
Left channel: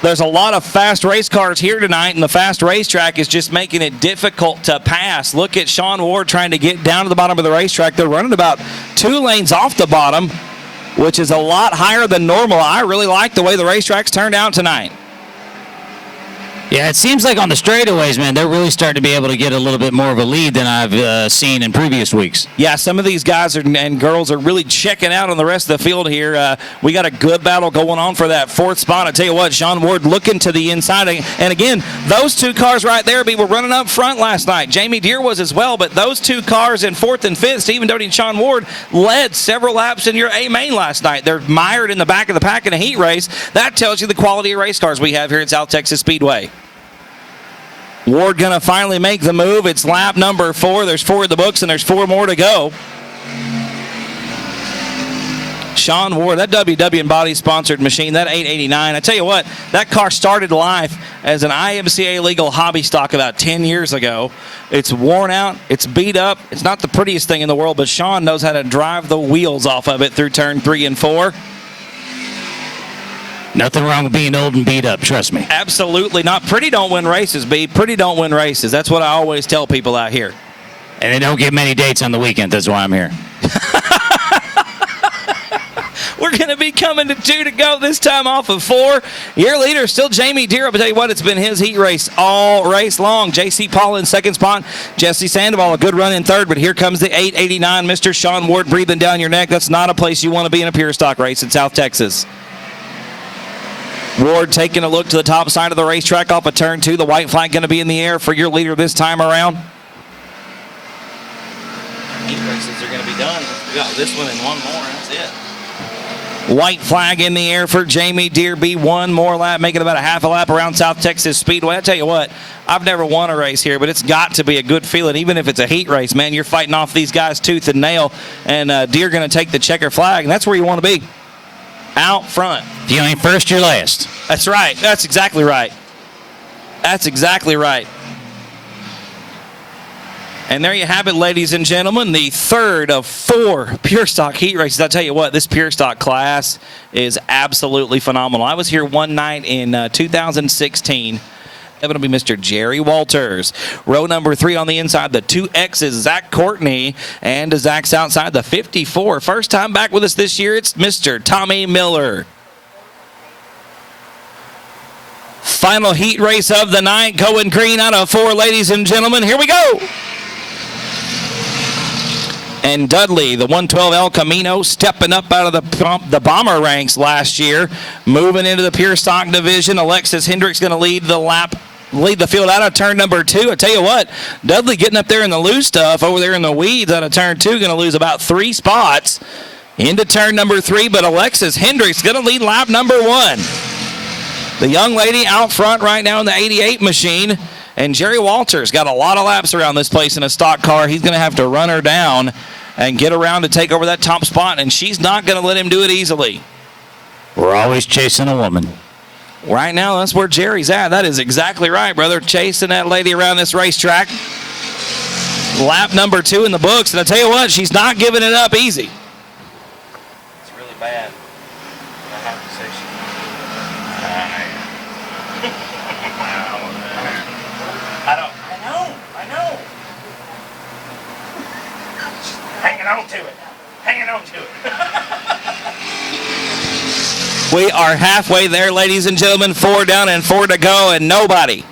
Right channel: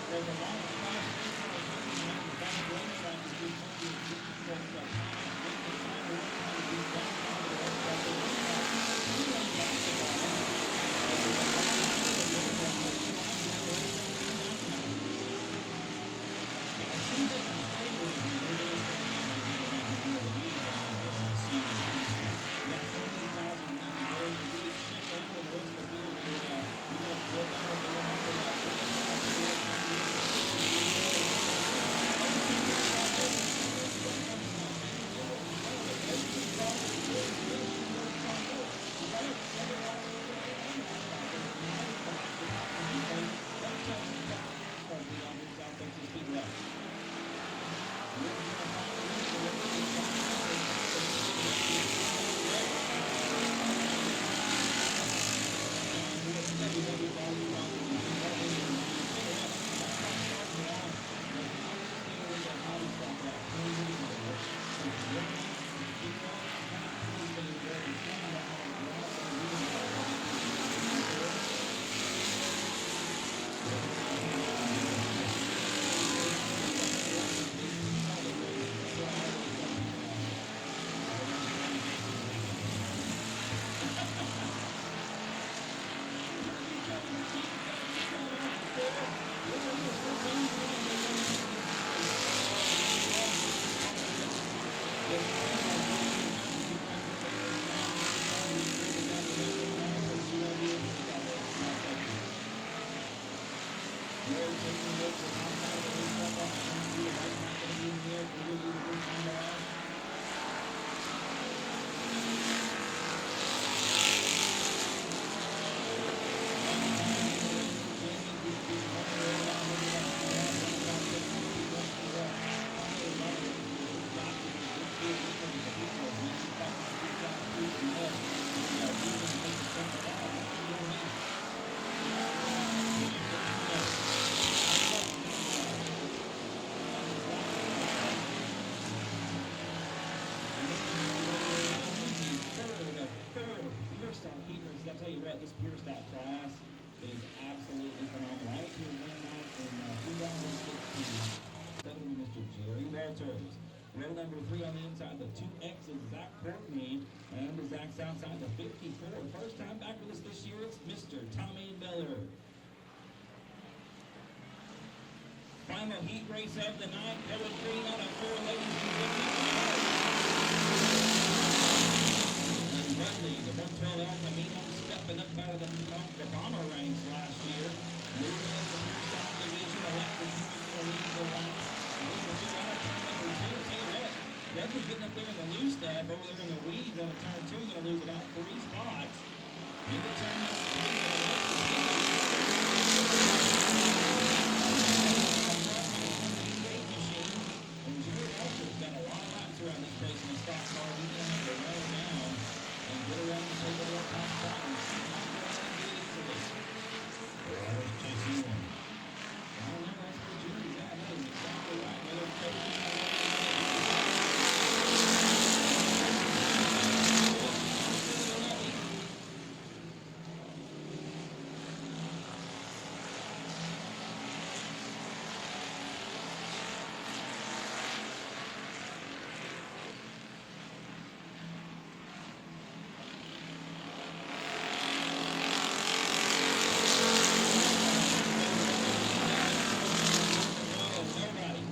there's a lot of fast race cars here tonight, and the fast racetrack is just making it difficult to pass. Look at Sean Ward trying to get down to the bottom of the racetrack. They're running about 2 lanes off the bottom, which is a lot higher than normal. I really like the way the racetrack's turned out tonight. Yeah, it seems like on the straightaways, man, they're really starting to be able to get a little bit more of a lead than I've seen in previous weeks. Yeah, some of these guys and girls are really checking out on the rest of the field here. We got a good battle going on for that 4th spot. I tell you what, Sean Ward looking to the inside. And again, those 2 cars right there, were running up front last night. Jamie Deere was as well, but those 2 cars in 4th and 5th, Stephen Doty and Sean Ward, led several laps in your A main last night. They're mired in the back of the pack in a heat race. That tells you the quality of race cars we have here at South Texas Speedway. Ward going to finally make the move. It's lap number 4. There's 4 in the books, and there's 4 more to go. Sean Ward, that WW and Body sponsored machine, that 889. I tell you what, that car started life as an IMCA legal hobby stock about 10 years ago. It's worn out. It's beat up. It's not the prettiest thing in the world, but Sean knows how to drive the wheels off of it through turn 3 and 4. Nothing wrong with being old and beat up, trust me. Absolutely not. Pretty don't win races, B. Pretty don't win races. That's what I always tell people out here. And they don't get many dates on the weekend. That's why I'm here. We're going to be coming to 2 to go, this time off of 4. Your leader still Jamie Deere. I'll tell you what, it's been his heat race all race long. J.C. Paul in 2nd spot. Jesse Sandoval, a good run in 3rd, but here comes the 889. Mr. Sean Ward breathing down your neck. That's not a place you want to be in a pure stock race in South Texas. Ward taking a look to the top side of the racetrack off of turn 2. The white flag going to be in the air for your leader this time around. Heat races are going to be done. We got this one and 1 more. That's it. White flag in the air for Jamie Deere. Be 1 more lap, making about a half a lap around South Texas Speedway. I tell you what, I've never won a race here, but it's got to be a good feeling. Even if it's a heat race, man, you're fighting off these guys tooth and nail, and Deere going to take the checker flag, and that's where you want to be. Out front. If you ain't first, you're last. That's right. That's exactly right. That's exactly right. And there you have it, ladies and gentlemen, the 3rd of 4 Pure Stock heat races. I'll tell you what, this Pure Stock class is absolutely phenomenal. I was here one night in 2016. It'll be Mr. Jerry Walters. Row number 3 on the inside, the 2X's, Zach Courtney. And to Zach's outside, the 54. First time back with us this year, it's Mr. Tommy Miller. Final heat race of the night, going green out of 4, ladies and gentlemen. Here we go. And Dudley, the 112 El Camino, stepping up out of the bomber ranks last year, moving into the pure stock division. Alexis Hendricks going to lead the field out of turn number 2. I tell you what, Dudley getting up there in the loose stuff over there in the weeds out of turn 2, going to lose about 3 spots into turn number 3. But Alexis Hendricks going to lead lap number 1. The young lady out front right now in the 88 machine. And Jerry Walters got a lot of laps around this place in a stock car. He's going to have to run her down and get around to take over that top spot, and she's not going to let him do it easily. We're always chasing a woman. Right now, that's where Jerry's at. That is exactly right, brother. Chasing that lady around this racetrack. Lap number 2 in the books. And I tell you what, she's not giving it up easy. It's really bad. I have to say I know. Hanging on to it. We are halfway there, ladies and gentlemen. 4 down and 4 to go, and nobody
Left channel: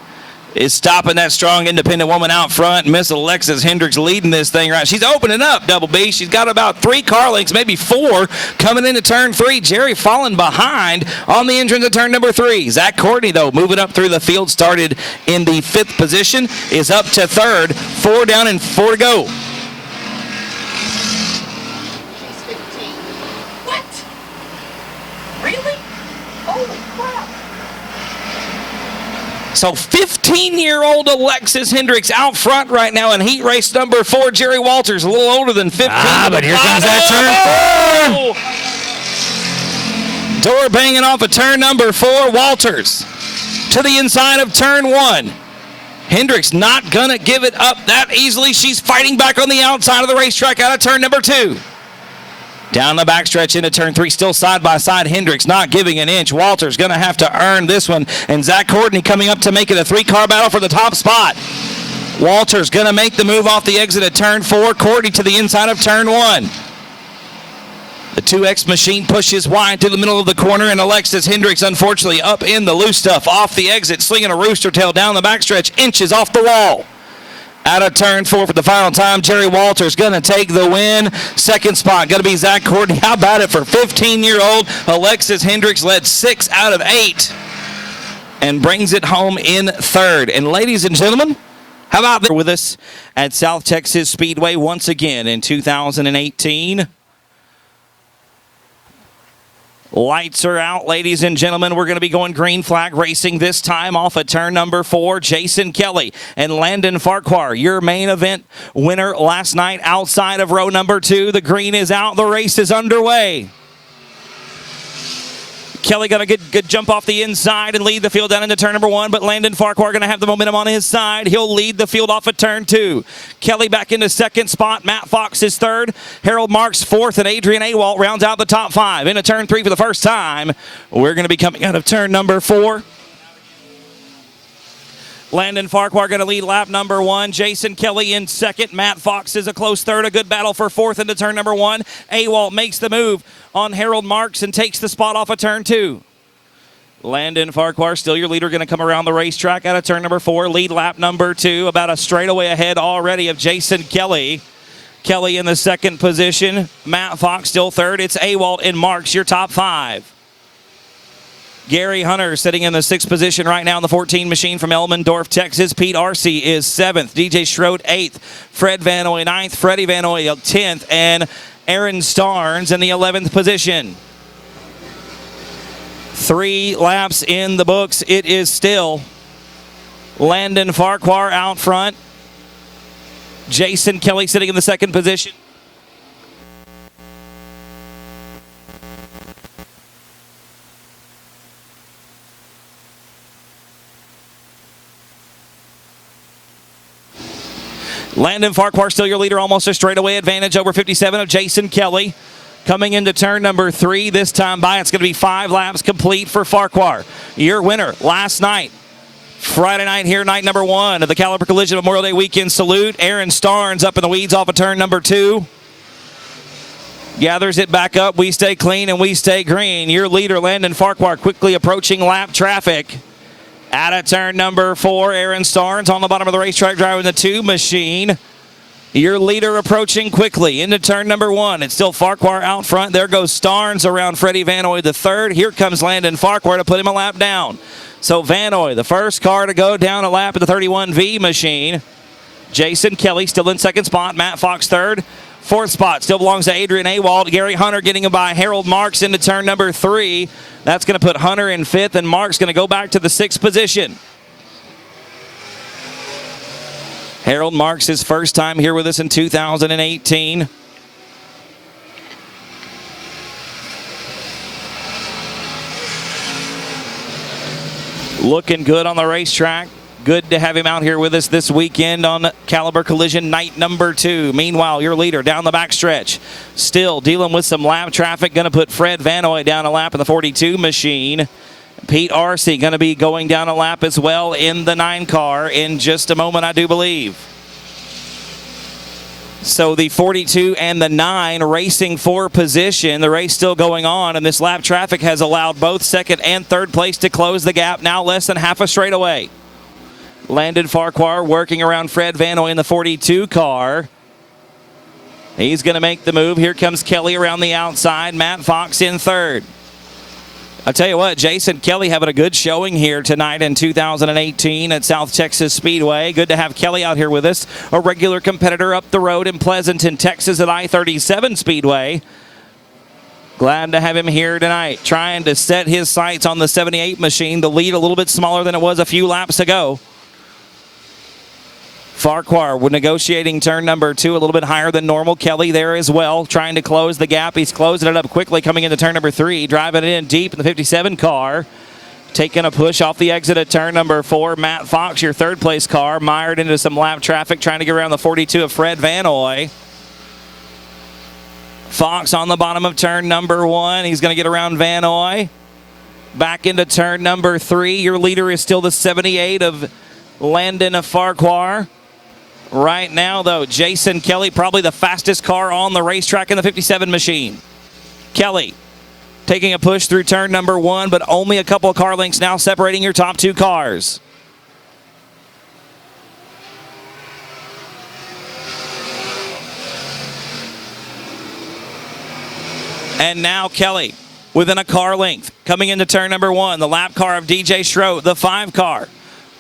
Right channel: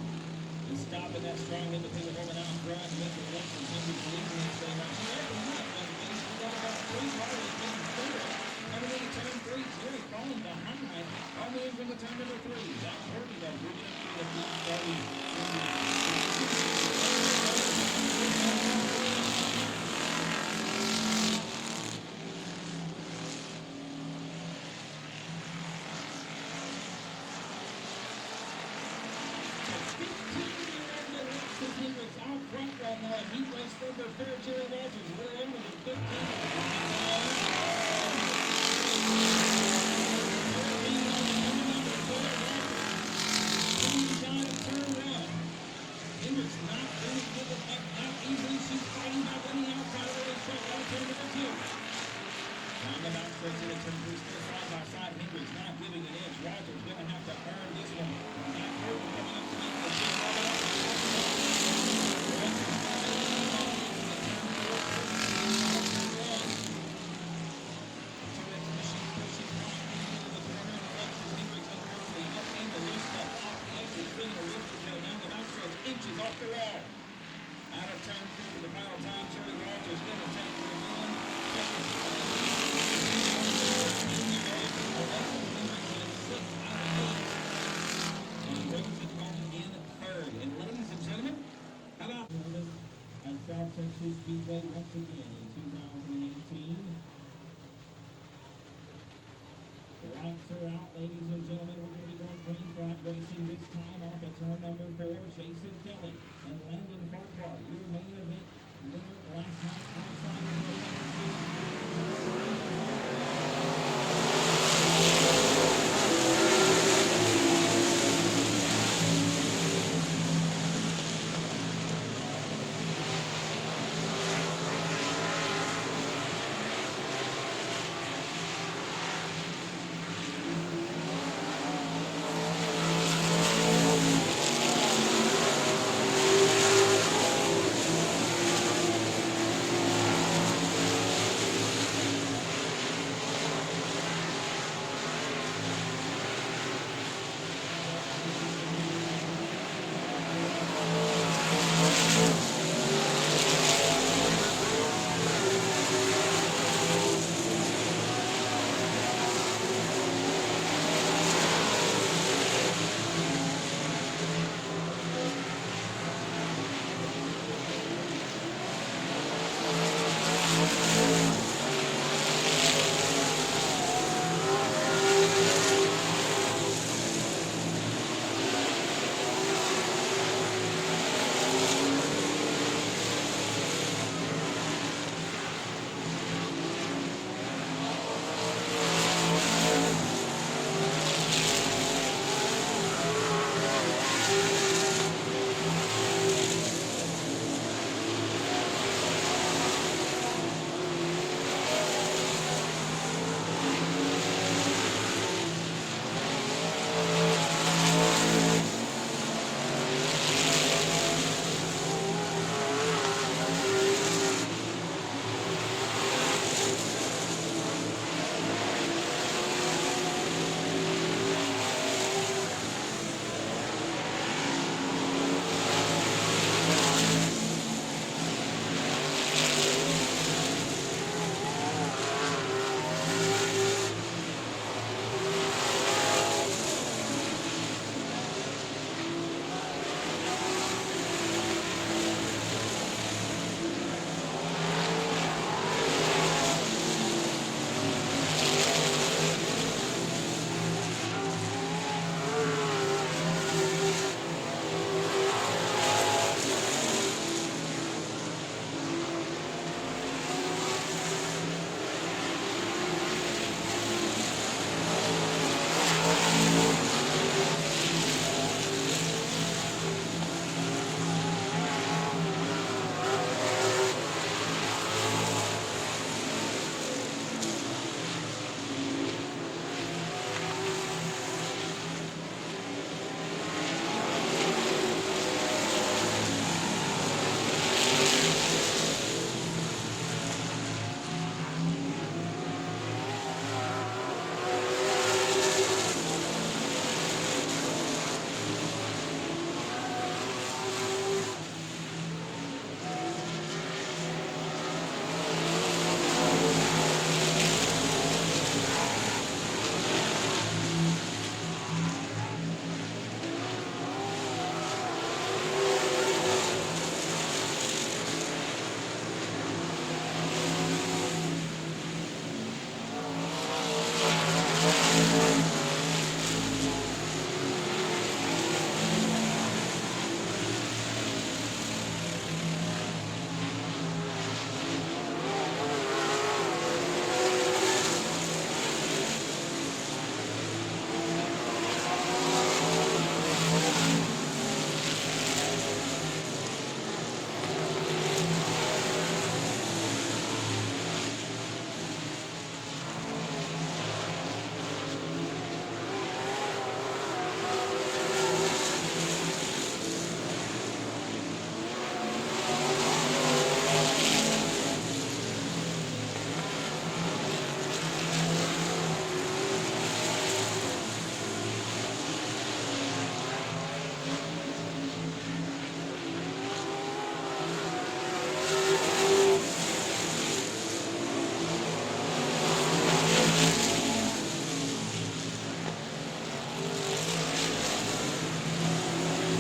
is stopping that strong independent woman out front. Miss Alexis Hendricks leading this thing right. She's opening up, Double B. She's got about 3 car lengths, maybe 4, coming into turn 3. Jerry falling behind on the entrance of turn number 3. Zach Courtney, though, moving up through the field, started in the 5th position, is up to 3rd. 4 down and 4 to go. So 15-year-old Alexis Hendricks out front right now in heat race number 4. Jerry Walters, a little older than 15. But here comes that turn 4. Door banging off of turn number 4. Walters to the inside of turn 1. Hendricks not going to give it up that easily. She's fighting back on the outside of the racetrack out of turn number 2. Down the backstretch into turn 3, still side by side. Hendricks not giving an inch. Walters going to have to earn this one. And Zach Courtney coming up to make it a 3-car battle for the top spot. Walters going to make the move off the exit at turn 4. Courtney to the inside of turn 1. The 2X machine pushes wide through the middle of the corner, and Alexis Hendricks, unfortunately, up in the loose stuff off the exit, slinging a rooster tail down the backstretch, inches off the wall. Out of turn 4 for the final time, Jerry Walters going to take the win. 2nd spot going to be Zach Courtney. How about it for 15-year-old Alexis Hendricks? Led 6 out of 8 and brings it home in 3rd. And ladies and gentlemen, how about they're with us at South Texas Speedway once again in 2018. Lights are out, ladies and gentlemen. We're going to be going green flag racing this time off of turn number 4. Jason Kelly and Landon Farquhar, your main event winner last night outside of row number 2. The green is out. The race is underway. Kelly got a good jump off the inside and lead the field down into turn number 1, but Landon Farquhar going to have the momentum on his side. He'll lead the field off at turn 2. Kelly back into 2nd spot. Matt Fox is 3rd. Harold Marks 4th, and Adrian Awalt rounds out the top 5. Into turn 3 for the first time. We're going to be coming out of turn number 4. Landon Farquhar going to lead lap number 1. Jason Kelly in 2nd. Matt Fox is a close 3rd. A good battle for 4th into turn number 1. Awalt makes the move on Harold Marks and takes the spot off of turn 2. Landon Farquhar, still your leader, going to come around the racetrack out of turn number 4. Lead lap number 2, about a straightaway ahead already of Jason Kelly. Kelly in the 2nd position. Matt Fox still 3rd. It's Awalt and Marks, your top 5. Gary Hunter sitting in the 6th position right now in the 14 machine from Elmendorf, Texas. Pete Arcee is 7th. DJ Schroed 8th. Fred Van Oy 9th. Freddie Van Oy 10th. And Aaron Starnes in the 11th position. 3 laps in the books. It is still Landon Farquhar out front. Jason Kelly sitting in the 2nd position. Landon Farquhar still your leader, almost a straightaway advantage over 57 of Jason Kelly. Coming into turn number 3 this time by, it's going to be 5 laps complete for Farquhar. Your winner last night, Friday night here, night number 1 of the Caliber Collision Memorial Day Weekend Salute. Aaron Starnes up in the weeds off of turn number 2. Gathers it back up. We stay clean and we stay green. Your leader, Landon Farquhar, quickly approaching lap traffic. Out of turn number 4, Aaron Starnes on the bottom of the racetrack driving the 2 machine. Your leader approaching quickly into turn number 1. It's still Farquhar out front. There goes Starnes around Freddie Van Oy the 3rd. Here comes Landon Farquhar to put him a lap down. So Van Oy, the first car to go down a lap of the 31V machine. Jason Kelly still in 2nd spot. Matt Fox 3rd. 4th spot still belongs to Adrian Awalt. Gary Hunter getting him by Harold Marks into turn number 3. That's going to put Hunter in 5th, and Marks going to go back to the 6th position. Harold Marks, his first time here with us in 2018. Looking good on the racetrack. Good to have him out here with us this weekend on Caliber Collision night number 2. Meanwhile, your leader down the backstretch, still dealing with some lap traffic. Going to put Fred Vanoy down a lap in the 42 machine. Pete Arcee going to be going down a lap as well in the 9 car in just a moment, I do believe. So the 42 and the 9 racing for position. The race still going on, and this lap traffic has allowed both second and third place to close the gap, now less than half a straightaway. Landon Farquhar working around Fred Vanoy in the 42 car. He's going to make the move. Here comes Kelly around the outside. Matt Fox in third. I tell you what, Jason Kelly having a good showing here tonight in 2018 at South Texas Speedway. Good to have Kelly out here with us, a regular competitor up the road in Pleasanton, Texas at I-37 Speedway. Glad to have him here tonight, trying to set his sights on the 78 machine. The lead a little bit smaller than it was a few laps ago. Farquhar negotiating turn number 2 a little bit higher than normal. Kelly there as well, trying to close the gap. He's closing it up quickly coming into turn number 3, driving it in deep in the 57 car. Taking a push off the exit at turn number 4. Matt Fox, your third place car, mired into some lap traffic, trying to get around the 42 of Fred Vanoy. Fox on the bottom of turn number 1. He's going to get around Vanoy. Back into turn number 3. Your leader is still the 78 of Landon Farquhar. Right now, though, Jason Kelly, probably the fastest car on the racetrack in the 57 machine. Kelly taking a push through turn number 1, but only a couple of car lengths now separating your top 2 cars. And now Kelly within a car length coming into turn number 1. The lap car of DJ Schroet, the 5 car.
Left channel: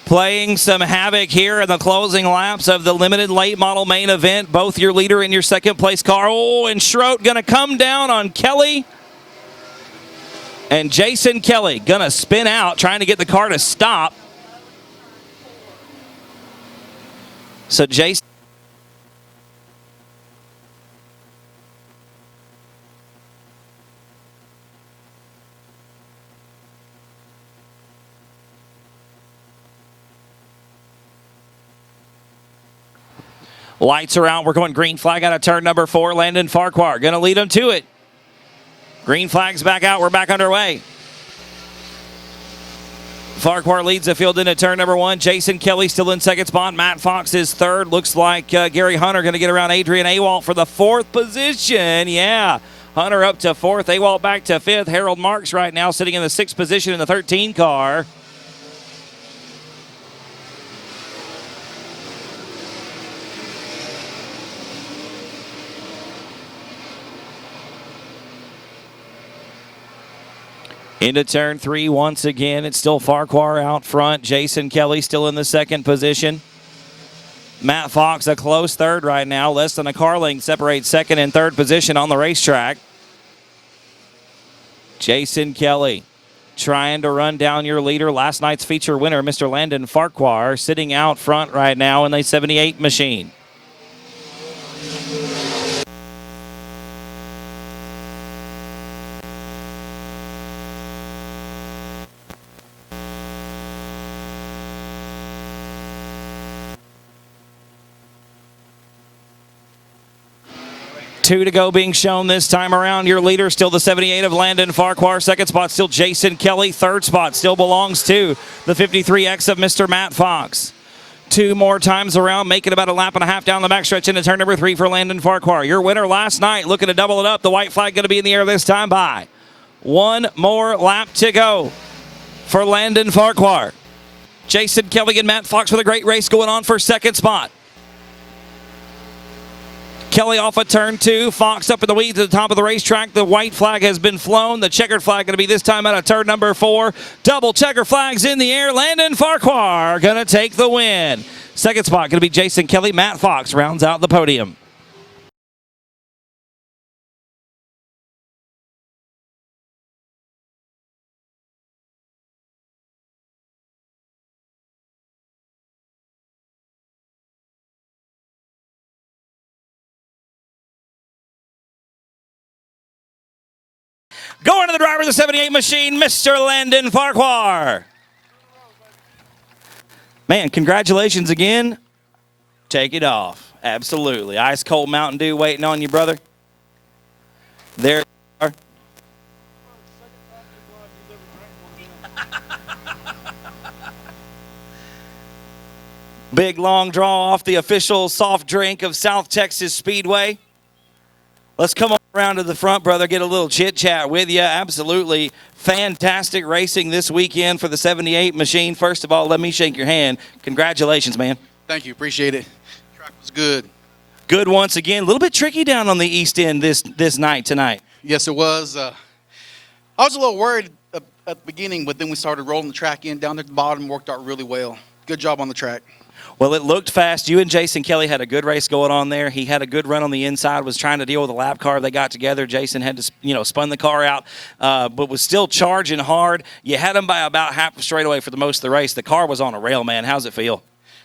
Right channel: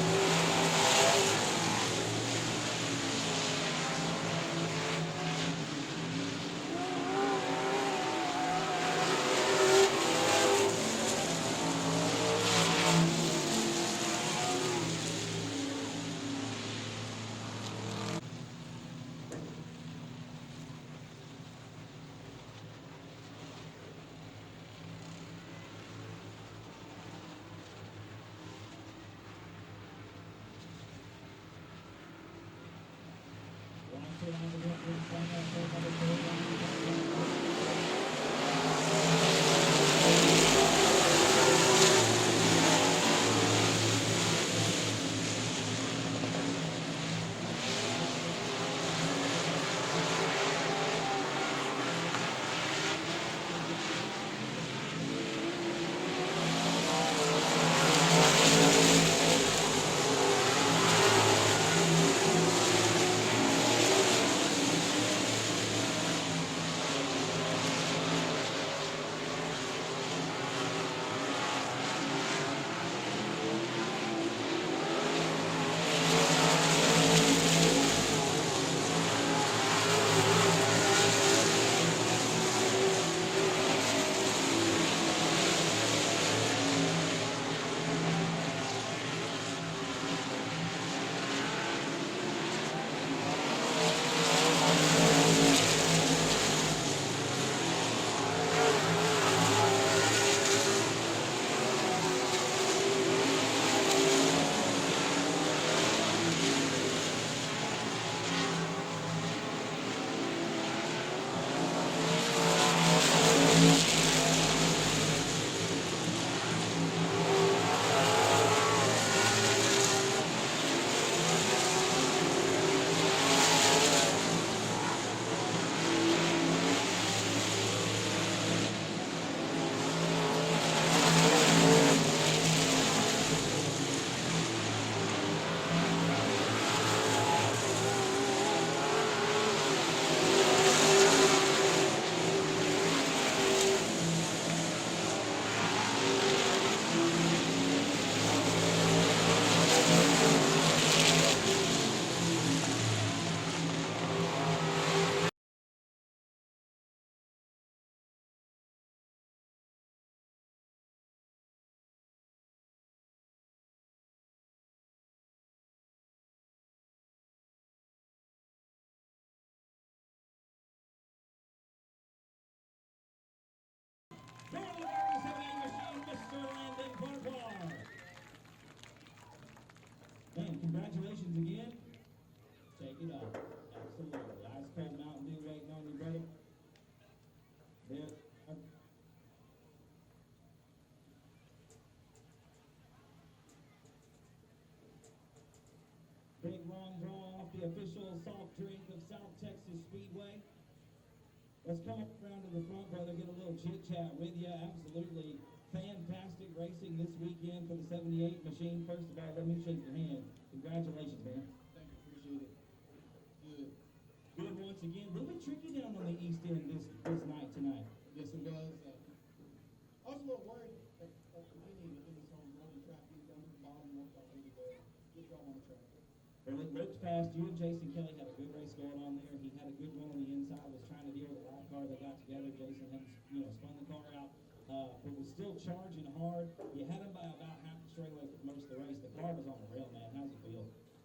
Playing some havoc here in the closing laps of the limited late model main event. Both your leader and your second place car. Oh, and Schroet going to come down on Kelly. And Jason Kelly going to spin out, trying to get the car to stop. So Jason. Lights are out. We're going green flag out of turn number 4. Landon Farquhar going to lead him to it. Green flag's back out. We're back underway. Farquhar leads the field into turn number 1. Jason Kelly still in second spot. Matt Fox is third. Looks like Gary Hunter going to get around Adrian Awalt for the 4th position. Yeah, Hunter up to 4th. Awalt back to 5th. Harold Marks right now sitting in the 6th position in the 13 car. Into turn 3 once again. It's still Farquhar out front. Jason Kelly still in the 2nd position. Matt Fox a close 3rd right now. Less than a car length separates 2nd and 3rd position on the racetrack. Jason Kelly trying to run down your leader. Last night's feature winner, Mr. Landon Farquhar, sitting out front right now in the 78 machine. Two to go being shown this time around. Your leader still the 78 of Landon Farquhar. 2nd spot still Jason Kelly. 3rd spot still belongs to the 53X of Mr. Matt Fox. 2 more times around, making about a lap and a half down the backstretch into turn number 3 for Landon Farquhar. Your winner last night, looking to double it up. The white flag going to be in the air this time by 1 more lap to go for Landon Farquhar. Jason Kelly and Matt Fox with a great race going on for 2nd spot. Kelly off at turn 2. Fox up in the weeds at the top of the racetrack. The white flag has been flown. The checkered flag going to be this time out of turn number 4. Double checker flags in the air. Landon Farquhar going to take the win. 2nd spot going to be Jason Kelly. Matt Fox rounds out the podium. Going to the driver of the 78 machine, Mr. Landon Farquhar. Man, congratulations again. Take it off. Absolutely. Ice cold Mountain Dew waiting on you, brother. There you are. Big long draw off the official soft drink of South Texas Speedway. Let's come on around to the front, brother, get a little chit-chat with you. Absolutely fantastic racing this weekend for the 78 machine. First of all, let me shake your hand. Congratulations, man. Thank you. Appreciate it. Track was good. Good once again. A little bit tricky down on the east end this night tonight. Yes, it was. I was a little worried at the beginning, but then we started rolling the track in down at the bottom. Worked out really well. Good job on the track. Well, it looked fast. You and Jason Kelly had a good race going on there. He had a good run on the inside, was trying to deal with a lap car. They got together. Jason had to, spun the car out, but was still charging hard. You had him by about half a straightaway for the most of the race. The car was on a rail, man. How's it feel?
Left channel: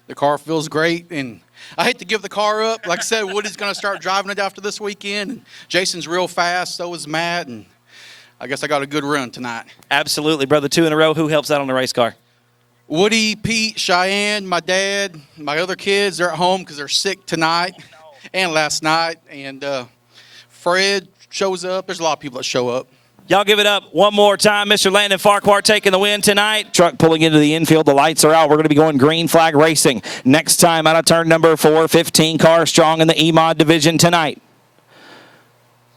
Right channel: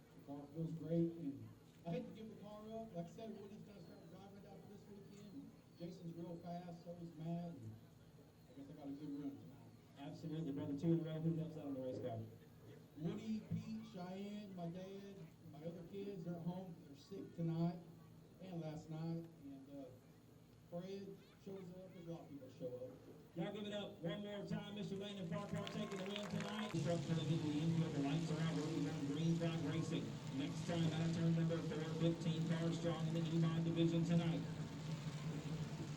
The car feels great, and I hate to give the car up. Like I said, Woody's going to start driving it after this weekend. And Jason's real fast, so is Matt, and I guess I got a good run tonight. Absolutely, brother. 2 in a row. Who helps out on the race car? Woody, Pete, Cheyenne, my dad, my other kids, they're at home because they're sick tonight and last night. And Fred shows up. There's a lot of people that show up. Y'all give it up one more time. Mr. Landon Farquhar taking the win tonight. Truck pulling into the infield. The lights are out. We're going to be going green flag racing. Next time out of turn number 4, 15 cars strong in the E-Mod division tonight.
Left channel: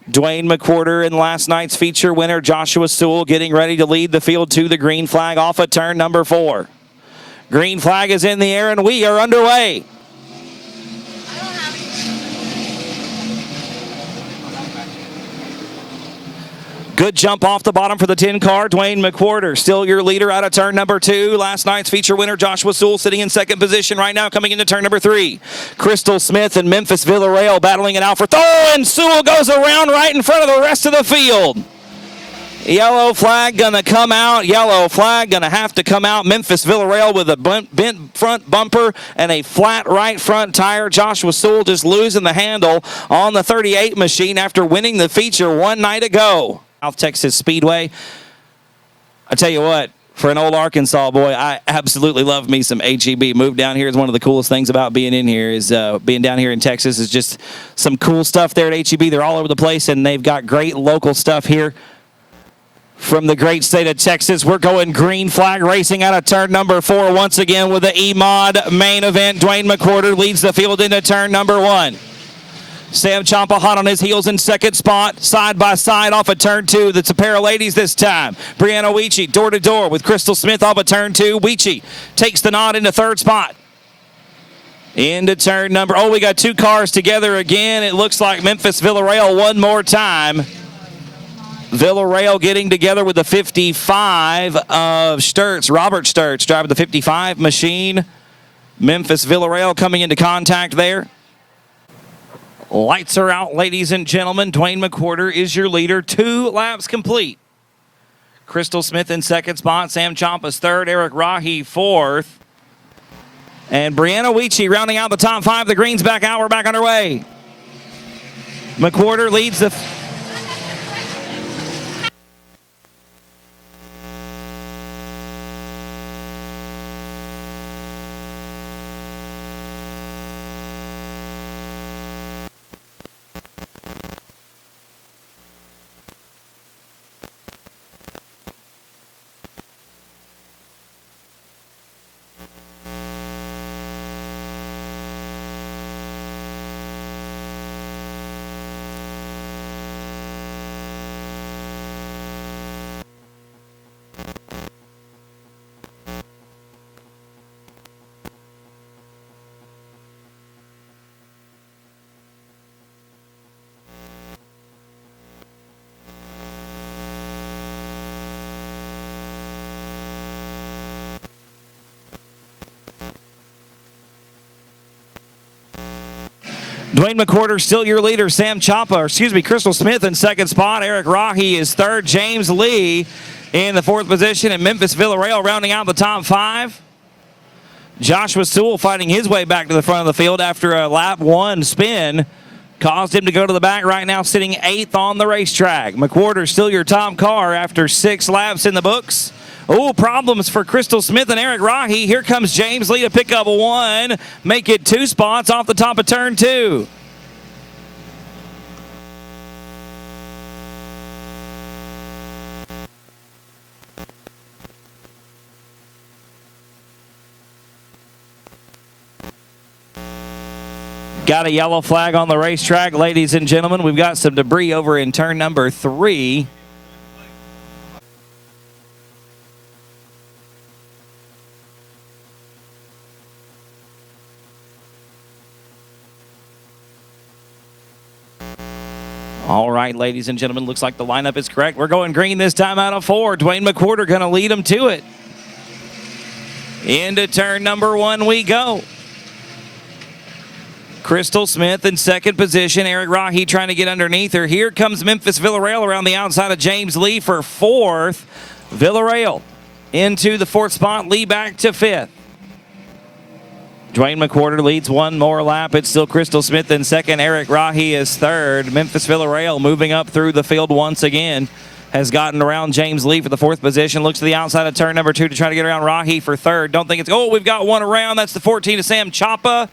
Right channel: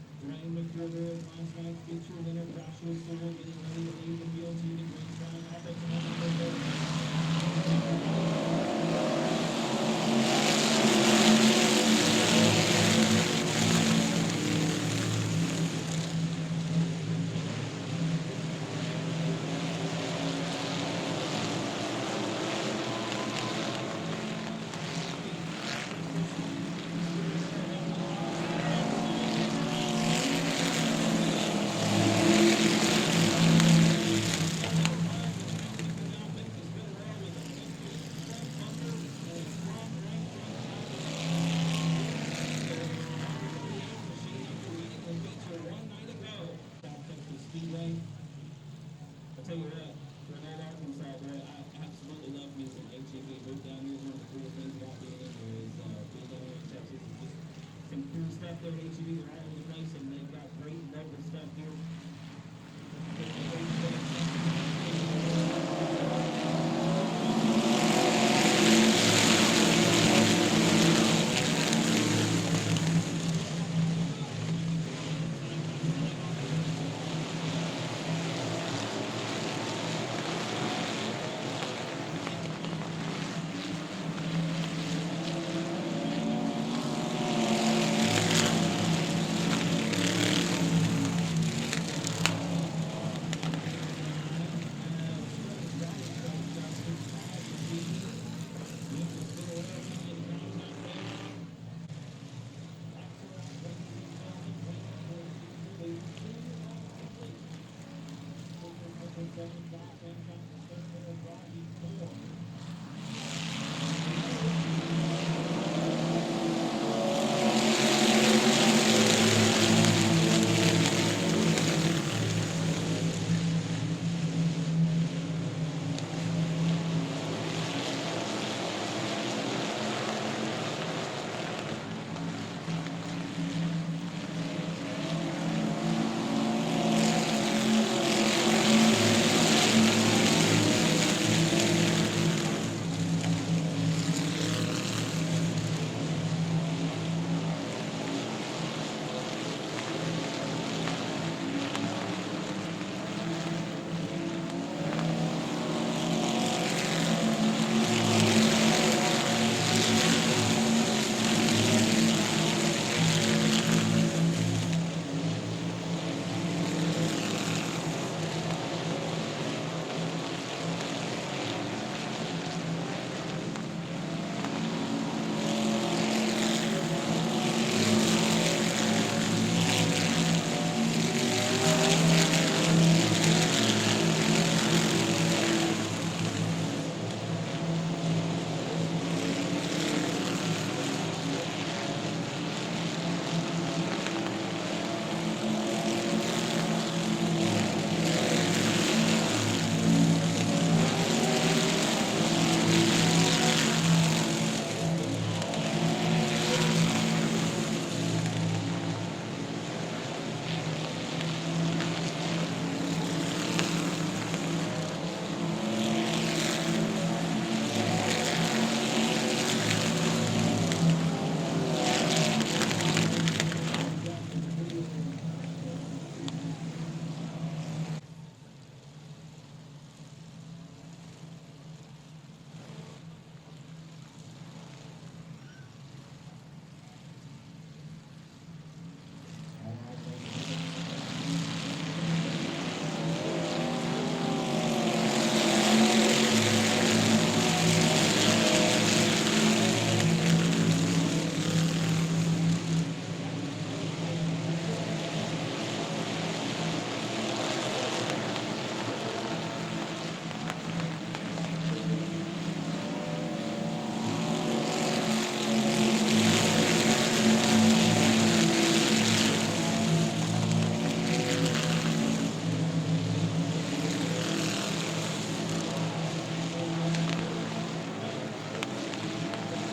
Dwayne McWhorter in last night's feature winner, Joshua Sewell, getting ready to lead the field to the green flag off of turn number 4. Green flag is in the air, and we are underway. Good jump off the bottom for the 10 car. Dwayne McWhorter, still your leader out of turn number 2. Last night's feature winner, Joshua Sewell, sitting in second position right now, coming into turn number 3. Crystal Smith and Memphis Villarreal battling it out for and Sewell goes around right in front of the rest of the field. Yellow flag gonna come out. Yellow flag gonna have to come out. Memphis Villarreal with a bent front bumper and a flat right front tire. Joshua Sewell just losing the handle on the 38 machine after winning the feature one night ago. South Texas Speedway. I tell you what, for an old Arkansas boy, I absolutely love me some HEB. Move down here is one of the coolest things about being in here is being down here in Texas is just some cool stuff there at HEB. They're all over the place, and they've got great local stuff here. From the great state of Texas, we're going green flag racing out of turn number 4 once again with the E-Mod main event. Dwayne McWhorter leads the field into turn number 1. Sam Ciampa hot on his heels in second spot, side by side off of turn 2. That's a pair of ladies this time. Brianna Weechie door to door with Crystal Smith off of turn 2. Weechie takes the nod into third spot. Into turn number, we got 2 cars together again. It looks like Memphis Villarreal one more time. Villarreal getting together with the 55 of Sturts. Robert Sturts driving the 55 machine. Memphis Villarreal coming into contact there. Lights are out, ladies and gentlemen. Dwayne McWhorter is your leader. 2 laps complete. Crystal Smith in second spot. Sam Ciampa's third. Eric Rahi fourth. And Brianna Weechie rounding out the top 5. The green's back out. We're back underway. McWhorter leads the... Dwayne McWhorter still your leader. Crystal Smith in second spot. Eric Rahi is third. James Lee in the fourth position. And Memphis Villarreal rounding out the top 5. Joshua Sewell fighting his way back to the front of the field after a lap 1 spin. Caused him to go to the back right now, sitting 8th on the racetrack. McWhorter still your top car after 6 laps in the books. Oh, problems for Crystal Smith and Eric Rahi. Here comes James Lee to pick up 1, make it 2 spots off the top of turn 2. Got a yellow flag on the racetrack, ladies and gentlemen. We've got some debris over in turn number 3. All right, ladies and gentlemen, looks like the lineup is correct. We're going green this time out of 4. Dwayne McWhorter going to lead them to it. Into turn number 1 we go. Crystal Smith in second position. Eric Rahi trying to get underneath her. Here comes Memphis Villarreal around the outside of James Lee for 4th. Villarreal into the 4th spot. Lee back to 5th. Dwayne McWhorter leads 1 more lap. It's still Crystal Smith in second. Eric Rahi is 3rd. Memphis Villarreal moving up through the field once again. Has gotten around James Lee for the 4th position. Looks to the outside of turn number 2 to try to get around Rahi for 3rd. Don't think it's... Oh, we've got 1 around. That's the 14 of Sam Chapa.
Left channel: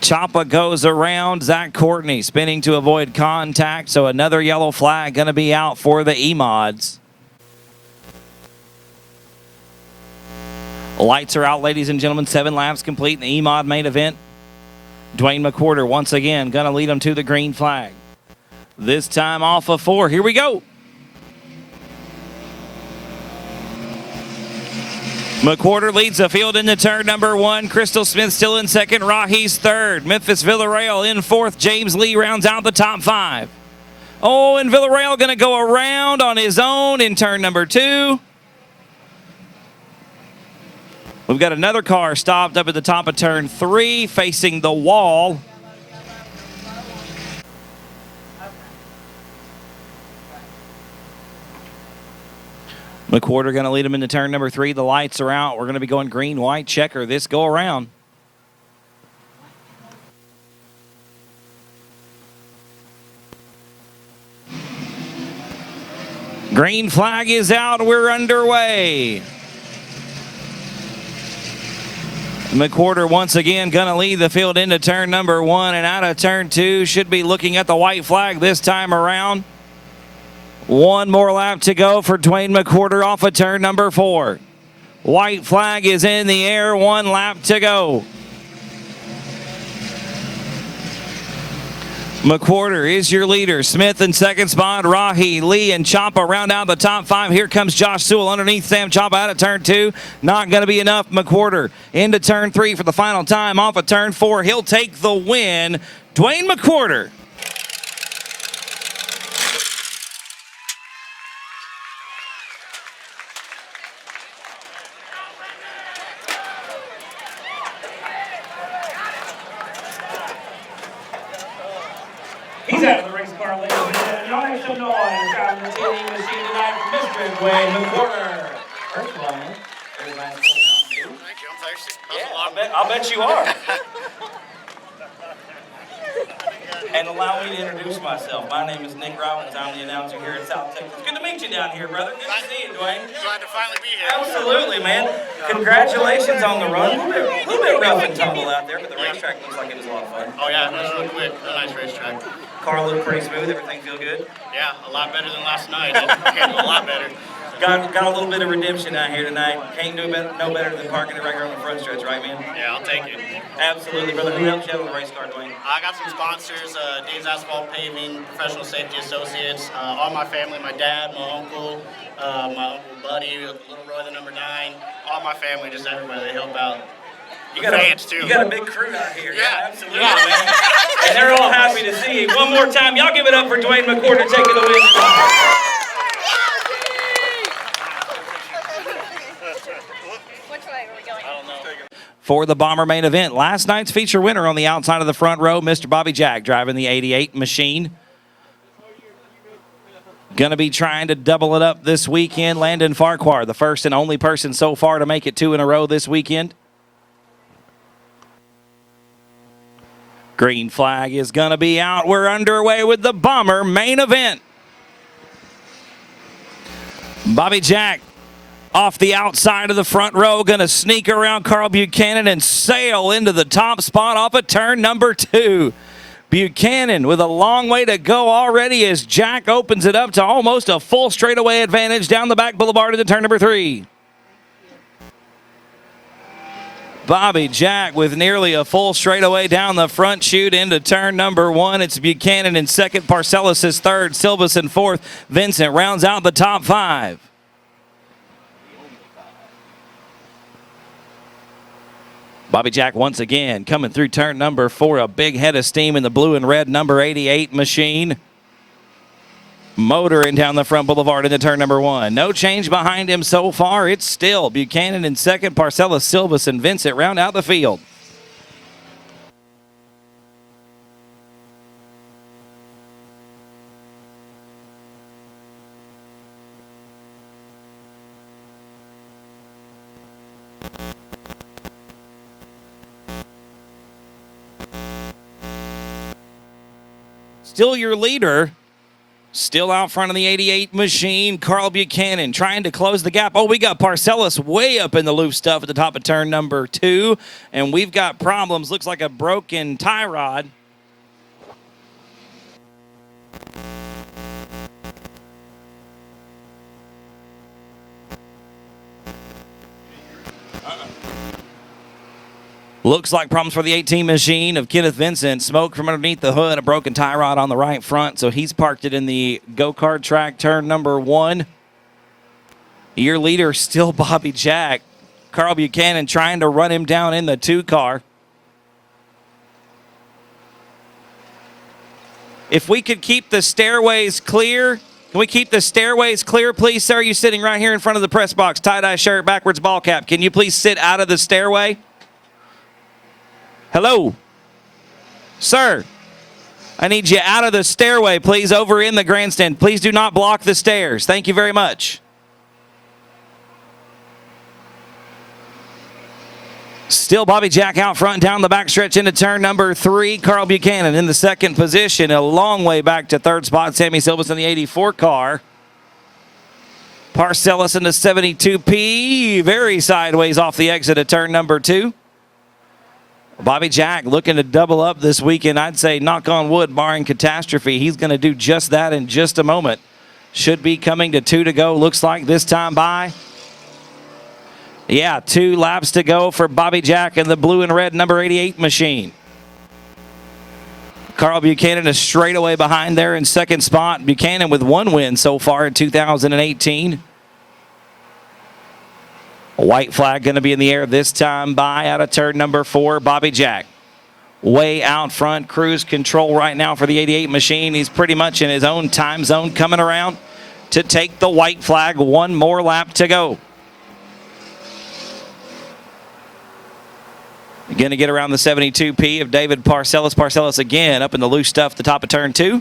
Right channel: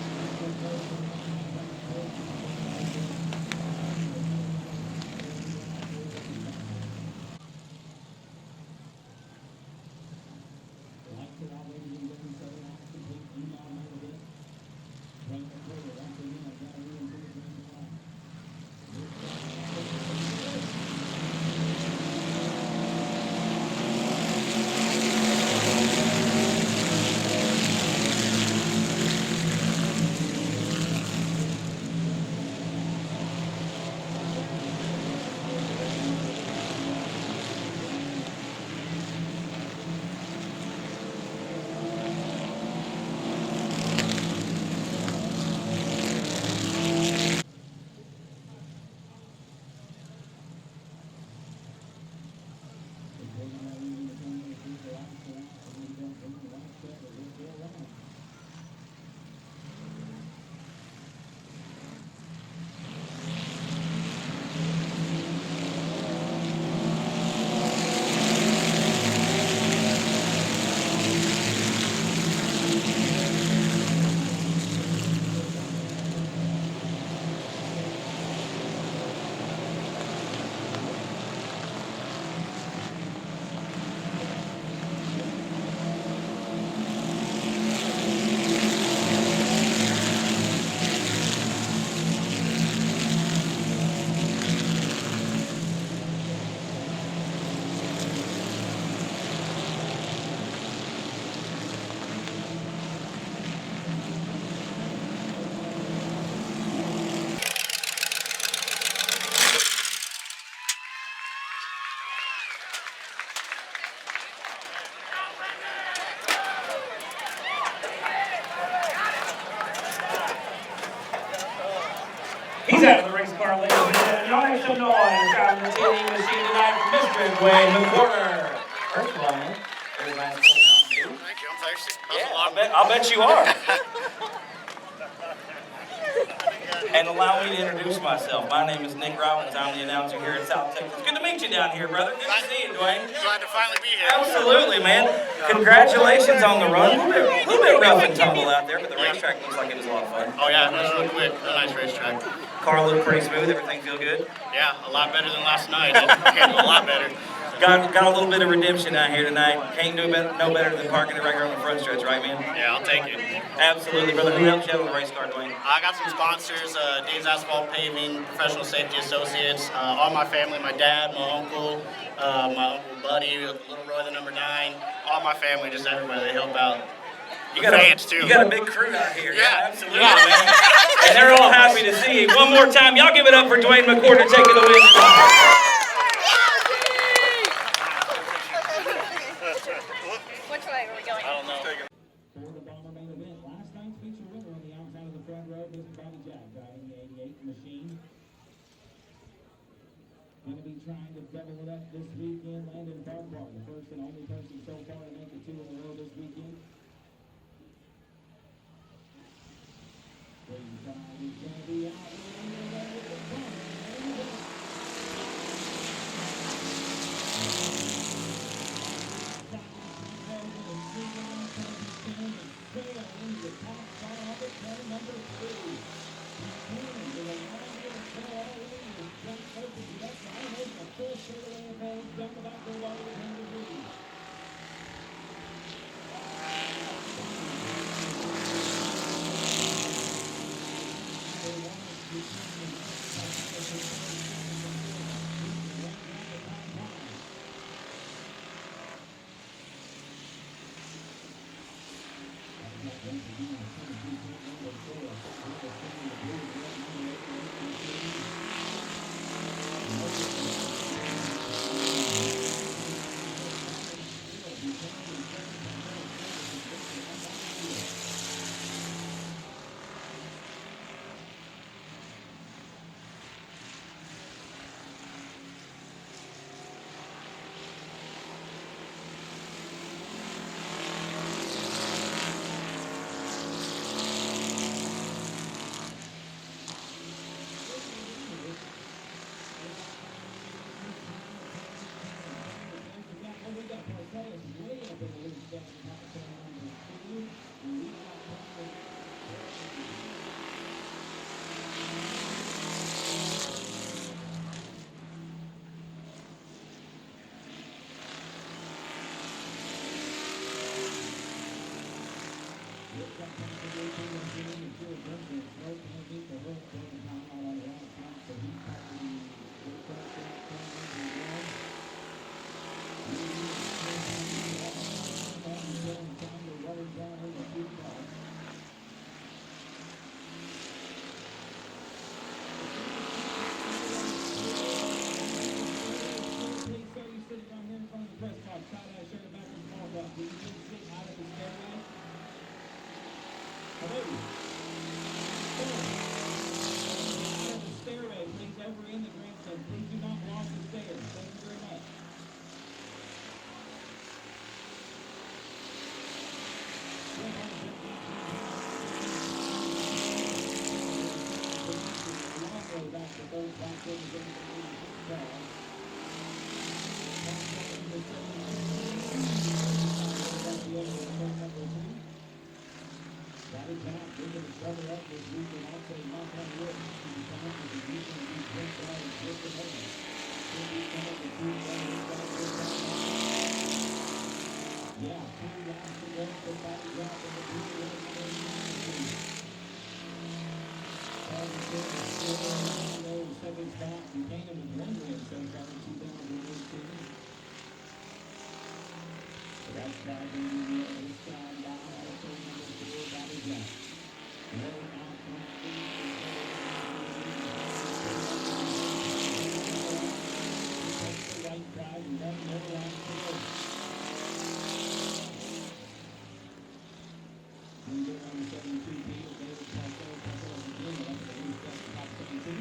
Chapa goes around. Zach Courtney spinning to avoid contact. So another yellow flag going to be out for the E-Mods. Lights are out, ladies and gentlemen. 7 laps complete in the E-Mod main event. Dwayne McWhorter once again going to lead them to the green flag. This time off of 4. Here we go. McWhorter leads the field into turn number 1. Crystal Smith still in second. Rahi's 3rd. Memphis Villarreal in 4th. James Lee rounds out the top 5. Oh, and Villarreal going to go around on his own in turn number 2. We've got another car stopped up at the top of turn 3, facing the wall. McWhorter going to lead him into turn number 3. The lights are out. We're going to be going green, white, checker this go around. Green flag is out. We're underway. McWhorter once again going to lead the field into turn number 1 and out of turn 2. Should be looking at the white flag this time around. 1 more lap to go for Dwayne McWhorter off of turn number 4. White flag is in the air. 1 lap to go. McWhorter is your leader. Smith in second spot. Rahi, Lee, and Chapa round out the top 5. Here comes Josh Sewell underneath Sam Chapa out of turn 2. Not going to be enough. McWhorter into turn 3 for the final time off of turn 4. He'll take the win. Dwayne McWhorter. He's out of the race car, ladies and gentlemen. Y'all make some noise. Driving the TV machine tonight from Mr. Dwayne McWhorter. First one. Everybody's pulling out new. Thank you. I'm thirsty. Yeah, I'll bet you are. And allow me to introduce myself. My name is Nick Robbins. I'm the announcer here in South Texas. Good to meet you down here, brother. Good to see you, Dwayne. Glad to finally be here. Absolutely, man. Congratulations on the run. A little bit rough and tumble out there, but the racetrack looks like it was a lot of fun. Oh yeah, it was real quick. A nice racetrack. Car looked pretty smooth. Everything feel good? Yeah, a lot better than last night. A lot better. Got a little bit of redemption out here tonight. Can't do no better than parking it right here on the front stretch, right, man? Yeah, I'll take it. Absolutely, brother. Who helped you out on the race car, Dwayne? I got some sponsors, Dave's Asphalt Paving, Professional Safety Associates, all my family, my dad, my uncle Buddy, Little Roy, the number 9, all my family, just everybody, they help out. You got a big crew out here. Yeah, absolutely, man. And they're all happy to see you. One more time, y'all give it up for Dwayne McWhorter taking the win. Which way are we going? I don't know. For the Bomber main event, last night's feature winner on the outside of the front row, Mr. Bobby Jack, driving the 88 machine. Going to be trying to double it up this weekend. Landon Farquhar, the first and only person so far to make it 2 in a row this weekend. Green flag is going to be out. We're underway with the Bomber main event. Bobby Jack off the outside of the front row, going to sneak around Carl Buchanan and sail into the top spot off of turn number 2. Buchanan with a long way to go already as Jack opens it up to almost a full straightaway advantage down the back boulevard into turn number 3. Bobby Jack with nearly a full straightaway down the front chute into turn number 1. It's Buchanan in second, Parcellis is third, Silvas in fourth. Vincent rounds out the top 5. Bobby Jack once again coming through turn number 4, a big head of steam in the blue and red number 88 machine. Motoring down the front boulevard into turn number 1. No change behind him so far. It's still Buchanan in second, Parcellis, Silvas, and Vincent round out the field. Still your leader. Still out front of the 88 machine, Carl Buchanan trying to close the gap. Oh, we got Parcellis way up in the loose stuff at the top of turn number 2. And we've got problems. Looks like a broken tie rod. Looks like problems for the 18 machine of Kenneth Vincent. Smoke from underneath the hood, a broken tie rod on the right front, so he's parked it in the go-kart track, turn number 1. Your leader still Bobby Jack. Carl Buchanan trying to run him down in the 2 car. If we could keep the stairways clear, can we keep the stairways clear, please, sir? You sitting right here in front of the press box, tie-dye shirt, backwards ball cap. Can you please sit out of the stairway? Hello? Sir, I need you out of the stairway, please, over in the grandstand. Please do not block the stairs. Thank you very much. Still Bobby Jack out front, down the backstretch into turn number 3. Carl Buchanan in the second position, a long way back to third spot. Sammy Silvas in the 84 car. Parcellis in the 72P, very sideways off the exit of turn number 2. Bobby Jack looking to double up this weekend. I'd say, knock on wood, barring catastrophe. He's going to do just that in just a moment. Should be coming to 2 to go, looks like this time by. Yeah, 2 laps to go for Bobby Jack and the blue and red number 88 machine. Carl Buchanan is straight away behind there in second spot. Buchanan with 1 win so far in 2018. A white flag going to be in the air this time by out of turn number 4, Bobby Jack. Way out front, cruise control right now for the 88 machine. He's pretty much in his own time zone coming around to take the white flag. 1 more lap to go. Going to get around the 72P of David Parcellis. Parcellis again up in the loose stuff at the top of turn 2.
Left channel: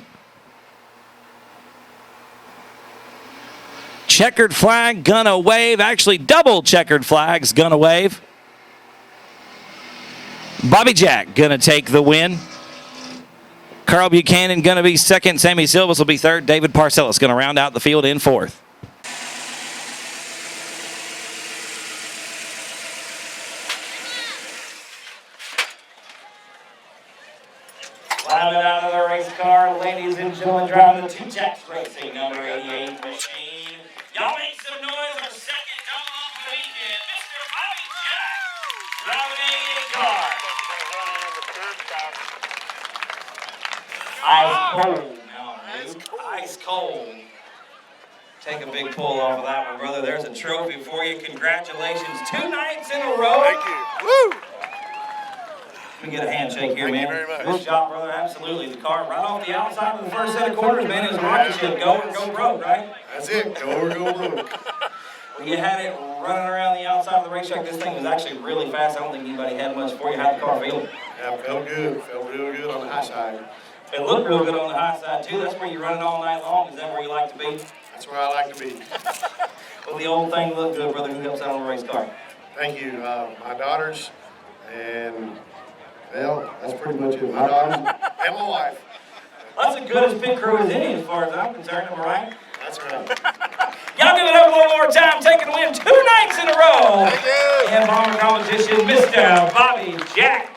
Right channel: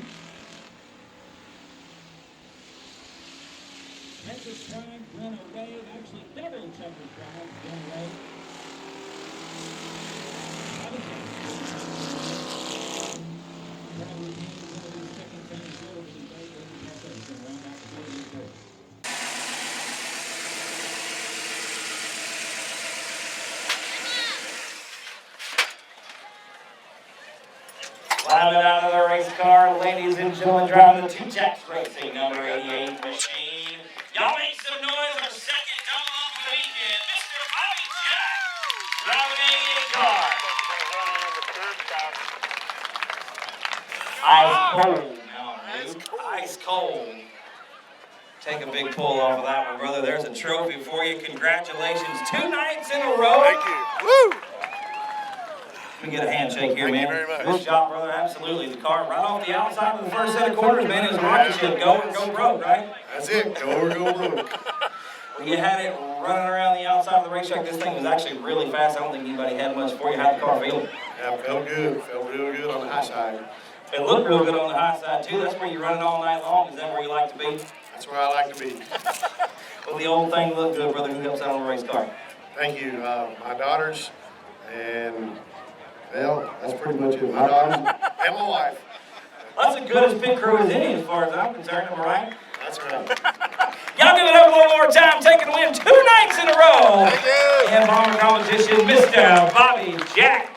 Checkered flag, gonna wave. Actually, double checkered flags, gonna wave. Bobby Jack gonna take the win. Carl Buchanan gonna be second. Sammy Silvas will be third. David Parcellis gonna round out the field in 4th. Climbing out of the race car, ladies and gentlemen, driving the 2 Jacks Racing number 88 machine. Y'all make some noise for second double up of the weekend, Mr. Bobby Jack, driving the 88 car. Ice cold now, dude. Ice cold. Take a big pull off of that one, brother. There's a trophy for you. Congratulations. 2 nights in a row. Thank you. Woo! Let me get a handshake here, man. Thank you very much. Good job, brother. Absolutely. The car right off the outside of the first set of quarters, man. It was rocket ship. Go or go broke, right? That's it. Go or go broke. When you had it running around the outside of the racetrack, this thing was actually really fast. I don't think anybody had much for you. How'd the car feel? Yeah, felt good. Felt real good on the high side. It looked real good on the high side, too. That's where you run it all night long. Is that where you like to be? That's where I like to be. Well, the old thing looked good, brother. Who helps out on the race car? Thank you. My daughters and, well, that's pretty much it. My daughters and my wife. That's as good as pit crew as any, as far as I'm concerned. Am I right? That's right. Y'all give it up one more time, taking the win 2 nights in a row. And bomber competition, Mr. Bobby Jack.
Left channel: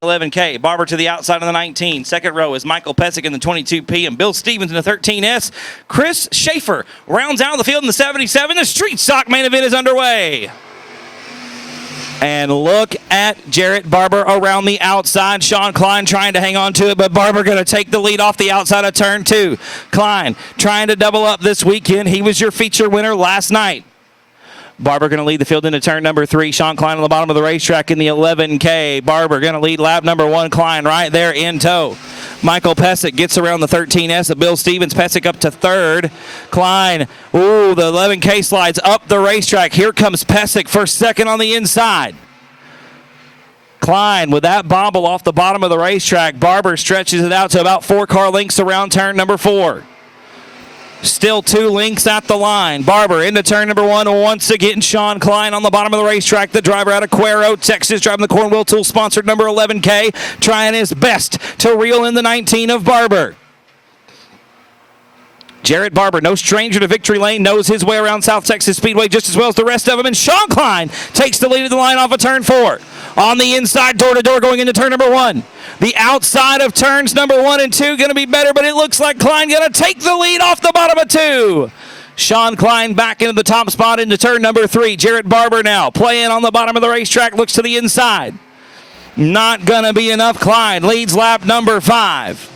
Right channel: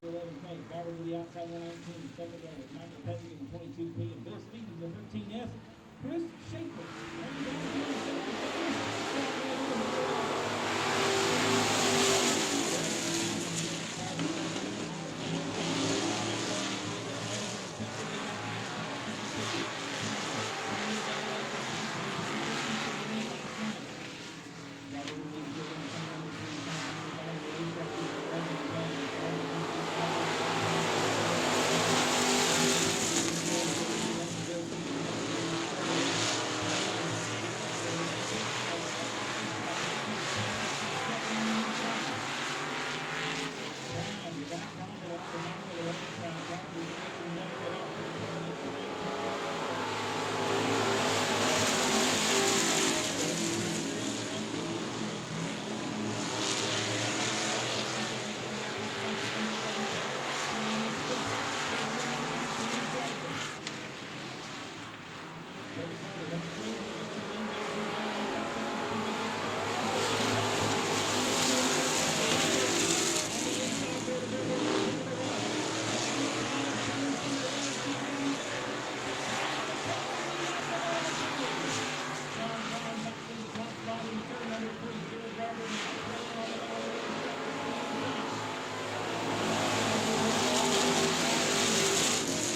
11K. Barber to the outside of the 19. Second row is Michael Pesic in the 22P and Bill Stevens in the 13S. Chris Schaefer rounds out the field in the 77. The street stock main event is underway. And look at Jarrett Barber around the outside. Sean Klein trying to hang on to it, but Barber going to take the lead off the outside of turn 2. Klein trying to double up this weekend. He was your feature winner last night. Barber going to lead the field into turn number 3. Sean Klein on the bottom of the racetrack in the 11K. Barber going to lead lap number 1. Klein right there in tow. Michael Pesic gets around the 13S of Bill Stevens. Pesic up to third. Klein, ooh, the 11K slides up the racetrack. Here comes Pesic for second on the inside. Klein with that bobble off the bottom of the racetrack. Barber stretches it out to about 4 car lengths around turn number 4. Still 2 lengths at the line. Barber into turn number 1. Once again, Sean Klein on the bottom of the racetrack. The driver out of Cuero, Texas, driving the Cornwell Tool sponsored number 11K, trying his best to reel in the 19 of Barber. Jarrett Barber, no stranger to victory lane, knows his way around South Texas Speedway just as well as the rest of them. And Sean Klein takes the lead of the line off of turn 4. On the inside, door-to-door going into turn number 1. The outside of turns number 1 and 2 going to be better, but it looks like Klein going to take the lead off the bottom of 2. Sean Klein back into the top spot into turn number 3. Jarrett Barber now playing on the bottom of the racetrack, looks to the inside. Not going to be enough. Klein leads lap number 5.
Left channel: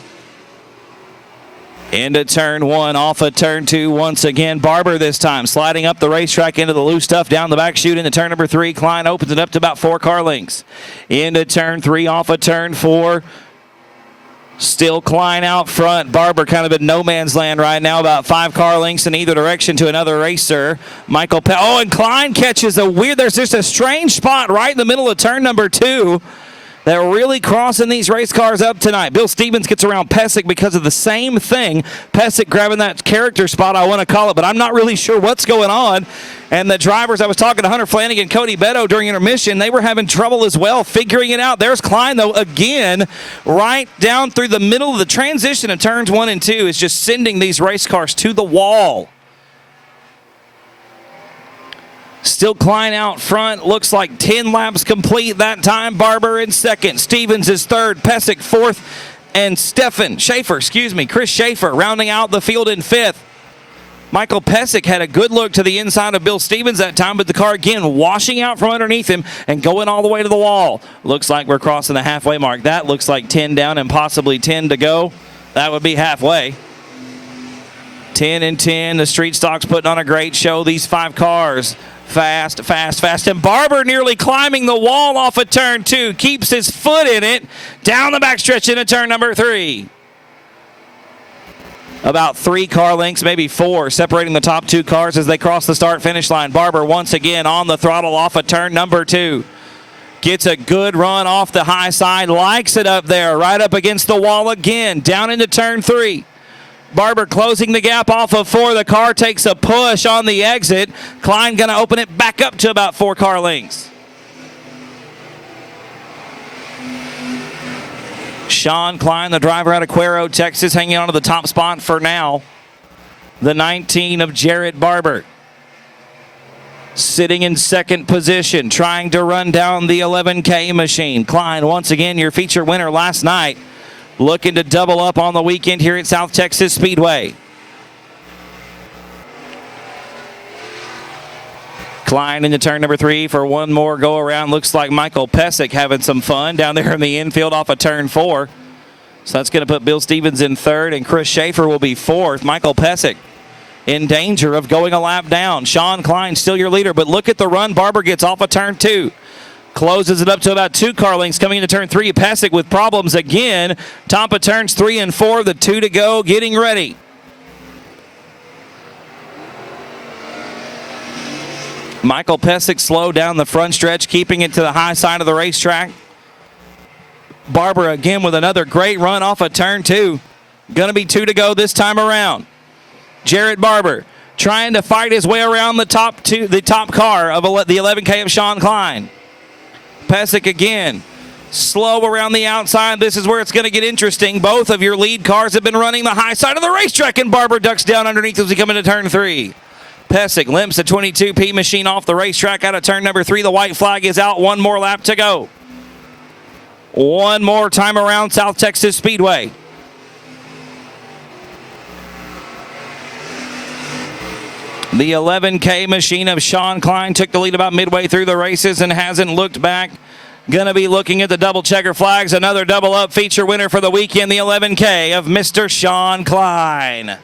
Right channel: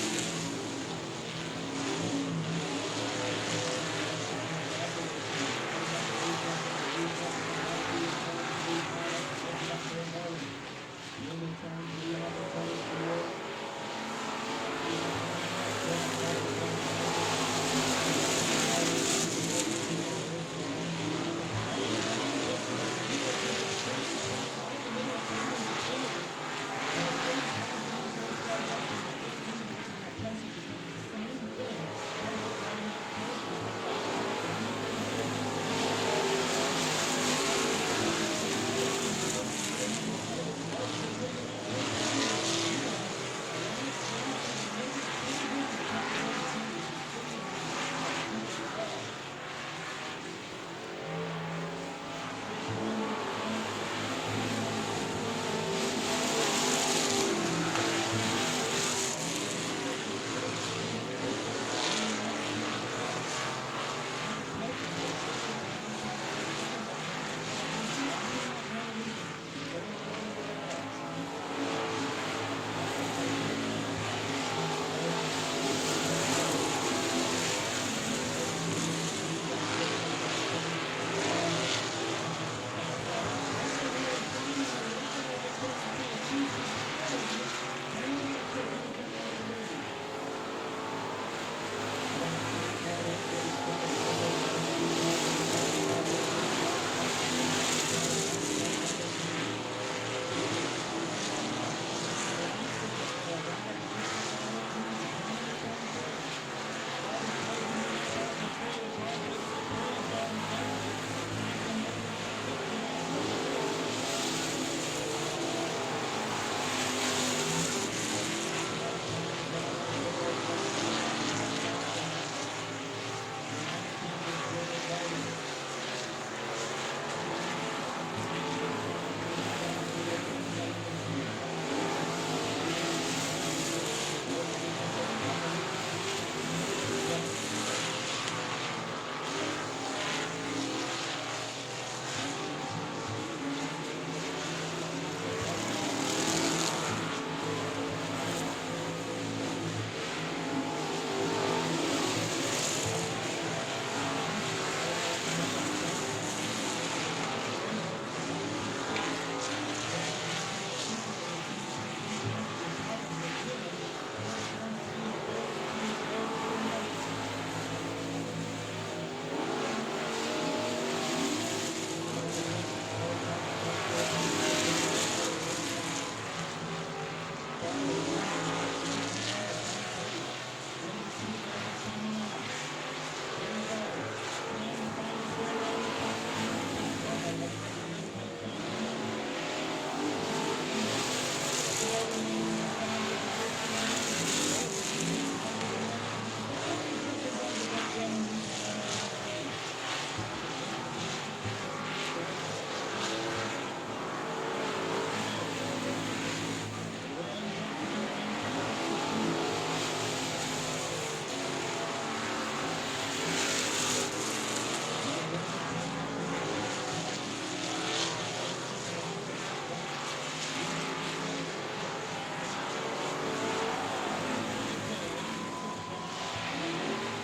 Into turn 1, off of turn 2 once again. Barber this time sliding up the racetrack into the loose stuff down the back chute into turn number 3. Klein opens it up to about 4 car lengths. Into turn 3, off of turn 4. Still Klein out front. Barber kind of in no man's land right now, about 5 car lengths in either direction to another racer. And Klein catches there's just a strange spot right in the middle of turn number 2. They're really crossing these race cars up tonight. Bill Stevens gets around Pesic because of the same thing. Pesic grabbing that character spot, I want to call it, but I'm not really sure what's going on. And the drivers, I was talking to Hunter Flanagan, Cody Beto during intermission, they were having trouble as well figuring it out. There's Klein, though, again, right down through the middle of the transition of turns 1 and 2 is just sending these race cars to the wall. Still Klein out front. Looks like 10 laps complete that time. Barber in second. Stevens is third. Pesic fourth. And Chris Schaefer rounding out the field in 5th. Michael Pesic had a good look to the inside of Bill Stevens that time, but the car again washing out from underneath him and going all the way to the wall. Looks like we're crossing the halfway mark. That looks like 10 down and possibly 10 to go. That would be halfway. 10 and 10. The street stock's putting on a great show. These 5 cars. Fast. And Barber nearly climbing the wall off of turn 2. Keeps his foot in it. Down the backstretch into turn number 3. About 3 car lengths, maybe 4, separating the top 2 cars as they cross the start-finish line. Barber once again on the throttle off of turn number 2. Gets a good run off the high side. Likes it up there, right up against the wall again. Down into turn 3. Barber closing the gap off of 4. The car takes a push on the exit. Klein going to open it back up to about 4 car lengths. Sean Klein, the driver out of Cuero, Texas, hanging on to the top spot for now. The 19 of Jarrett Barber. Sitting in second position, trying to run down the 11K machine. Klein, once again, your feature winner last night. Looking to double up on the weekend here at South Texas Speedway. Klein into turn number 3 for one more go around. Looks like Michael Pesic having some fun down there in the infield off of turn 4. So that's going to put Bill Stevens in 3rd and Chris Schaefer will be 4th. Michael Pesic in danger of going a lap down. Sean Klein still your leader, but look at the run Barber gets off of turn 2. Closes it up to about 2 car lengths coming into turn 3. Pesic with problems again. Top of turns 3 and 4, the 2 to go, getting ready. Michael Pesic slow down the front stretch, keeping it to the high side of the racetrack. Barber again with another great run off of turn 2. Going to be 2 to go this time around. Jarrett Barber trying to fight his way around the top car of the 11K of Sean Klein. Pesic again Slow around the outside. This is where it's going to get interesting. Both of your lead cars have been running the high side of the racetrack, and Barber ducks down underneath as we come into turn 3. Pesic limps the 22P machine off the racetrack out of turn number 3. The white flag is out. One more lap to go. One more time around South Texas Speedway. The 11K machine of Sean Klein took the lead about midway through the races and hasn't looked back. Going to be looking at the double checker flags. Another double up feature winner for the weekend, the 11K of Mr. Sean Klein.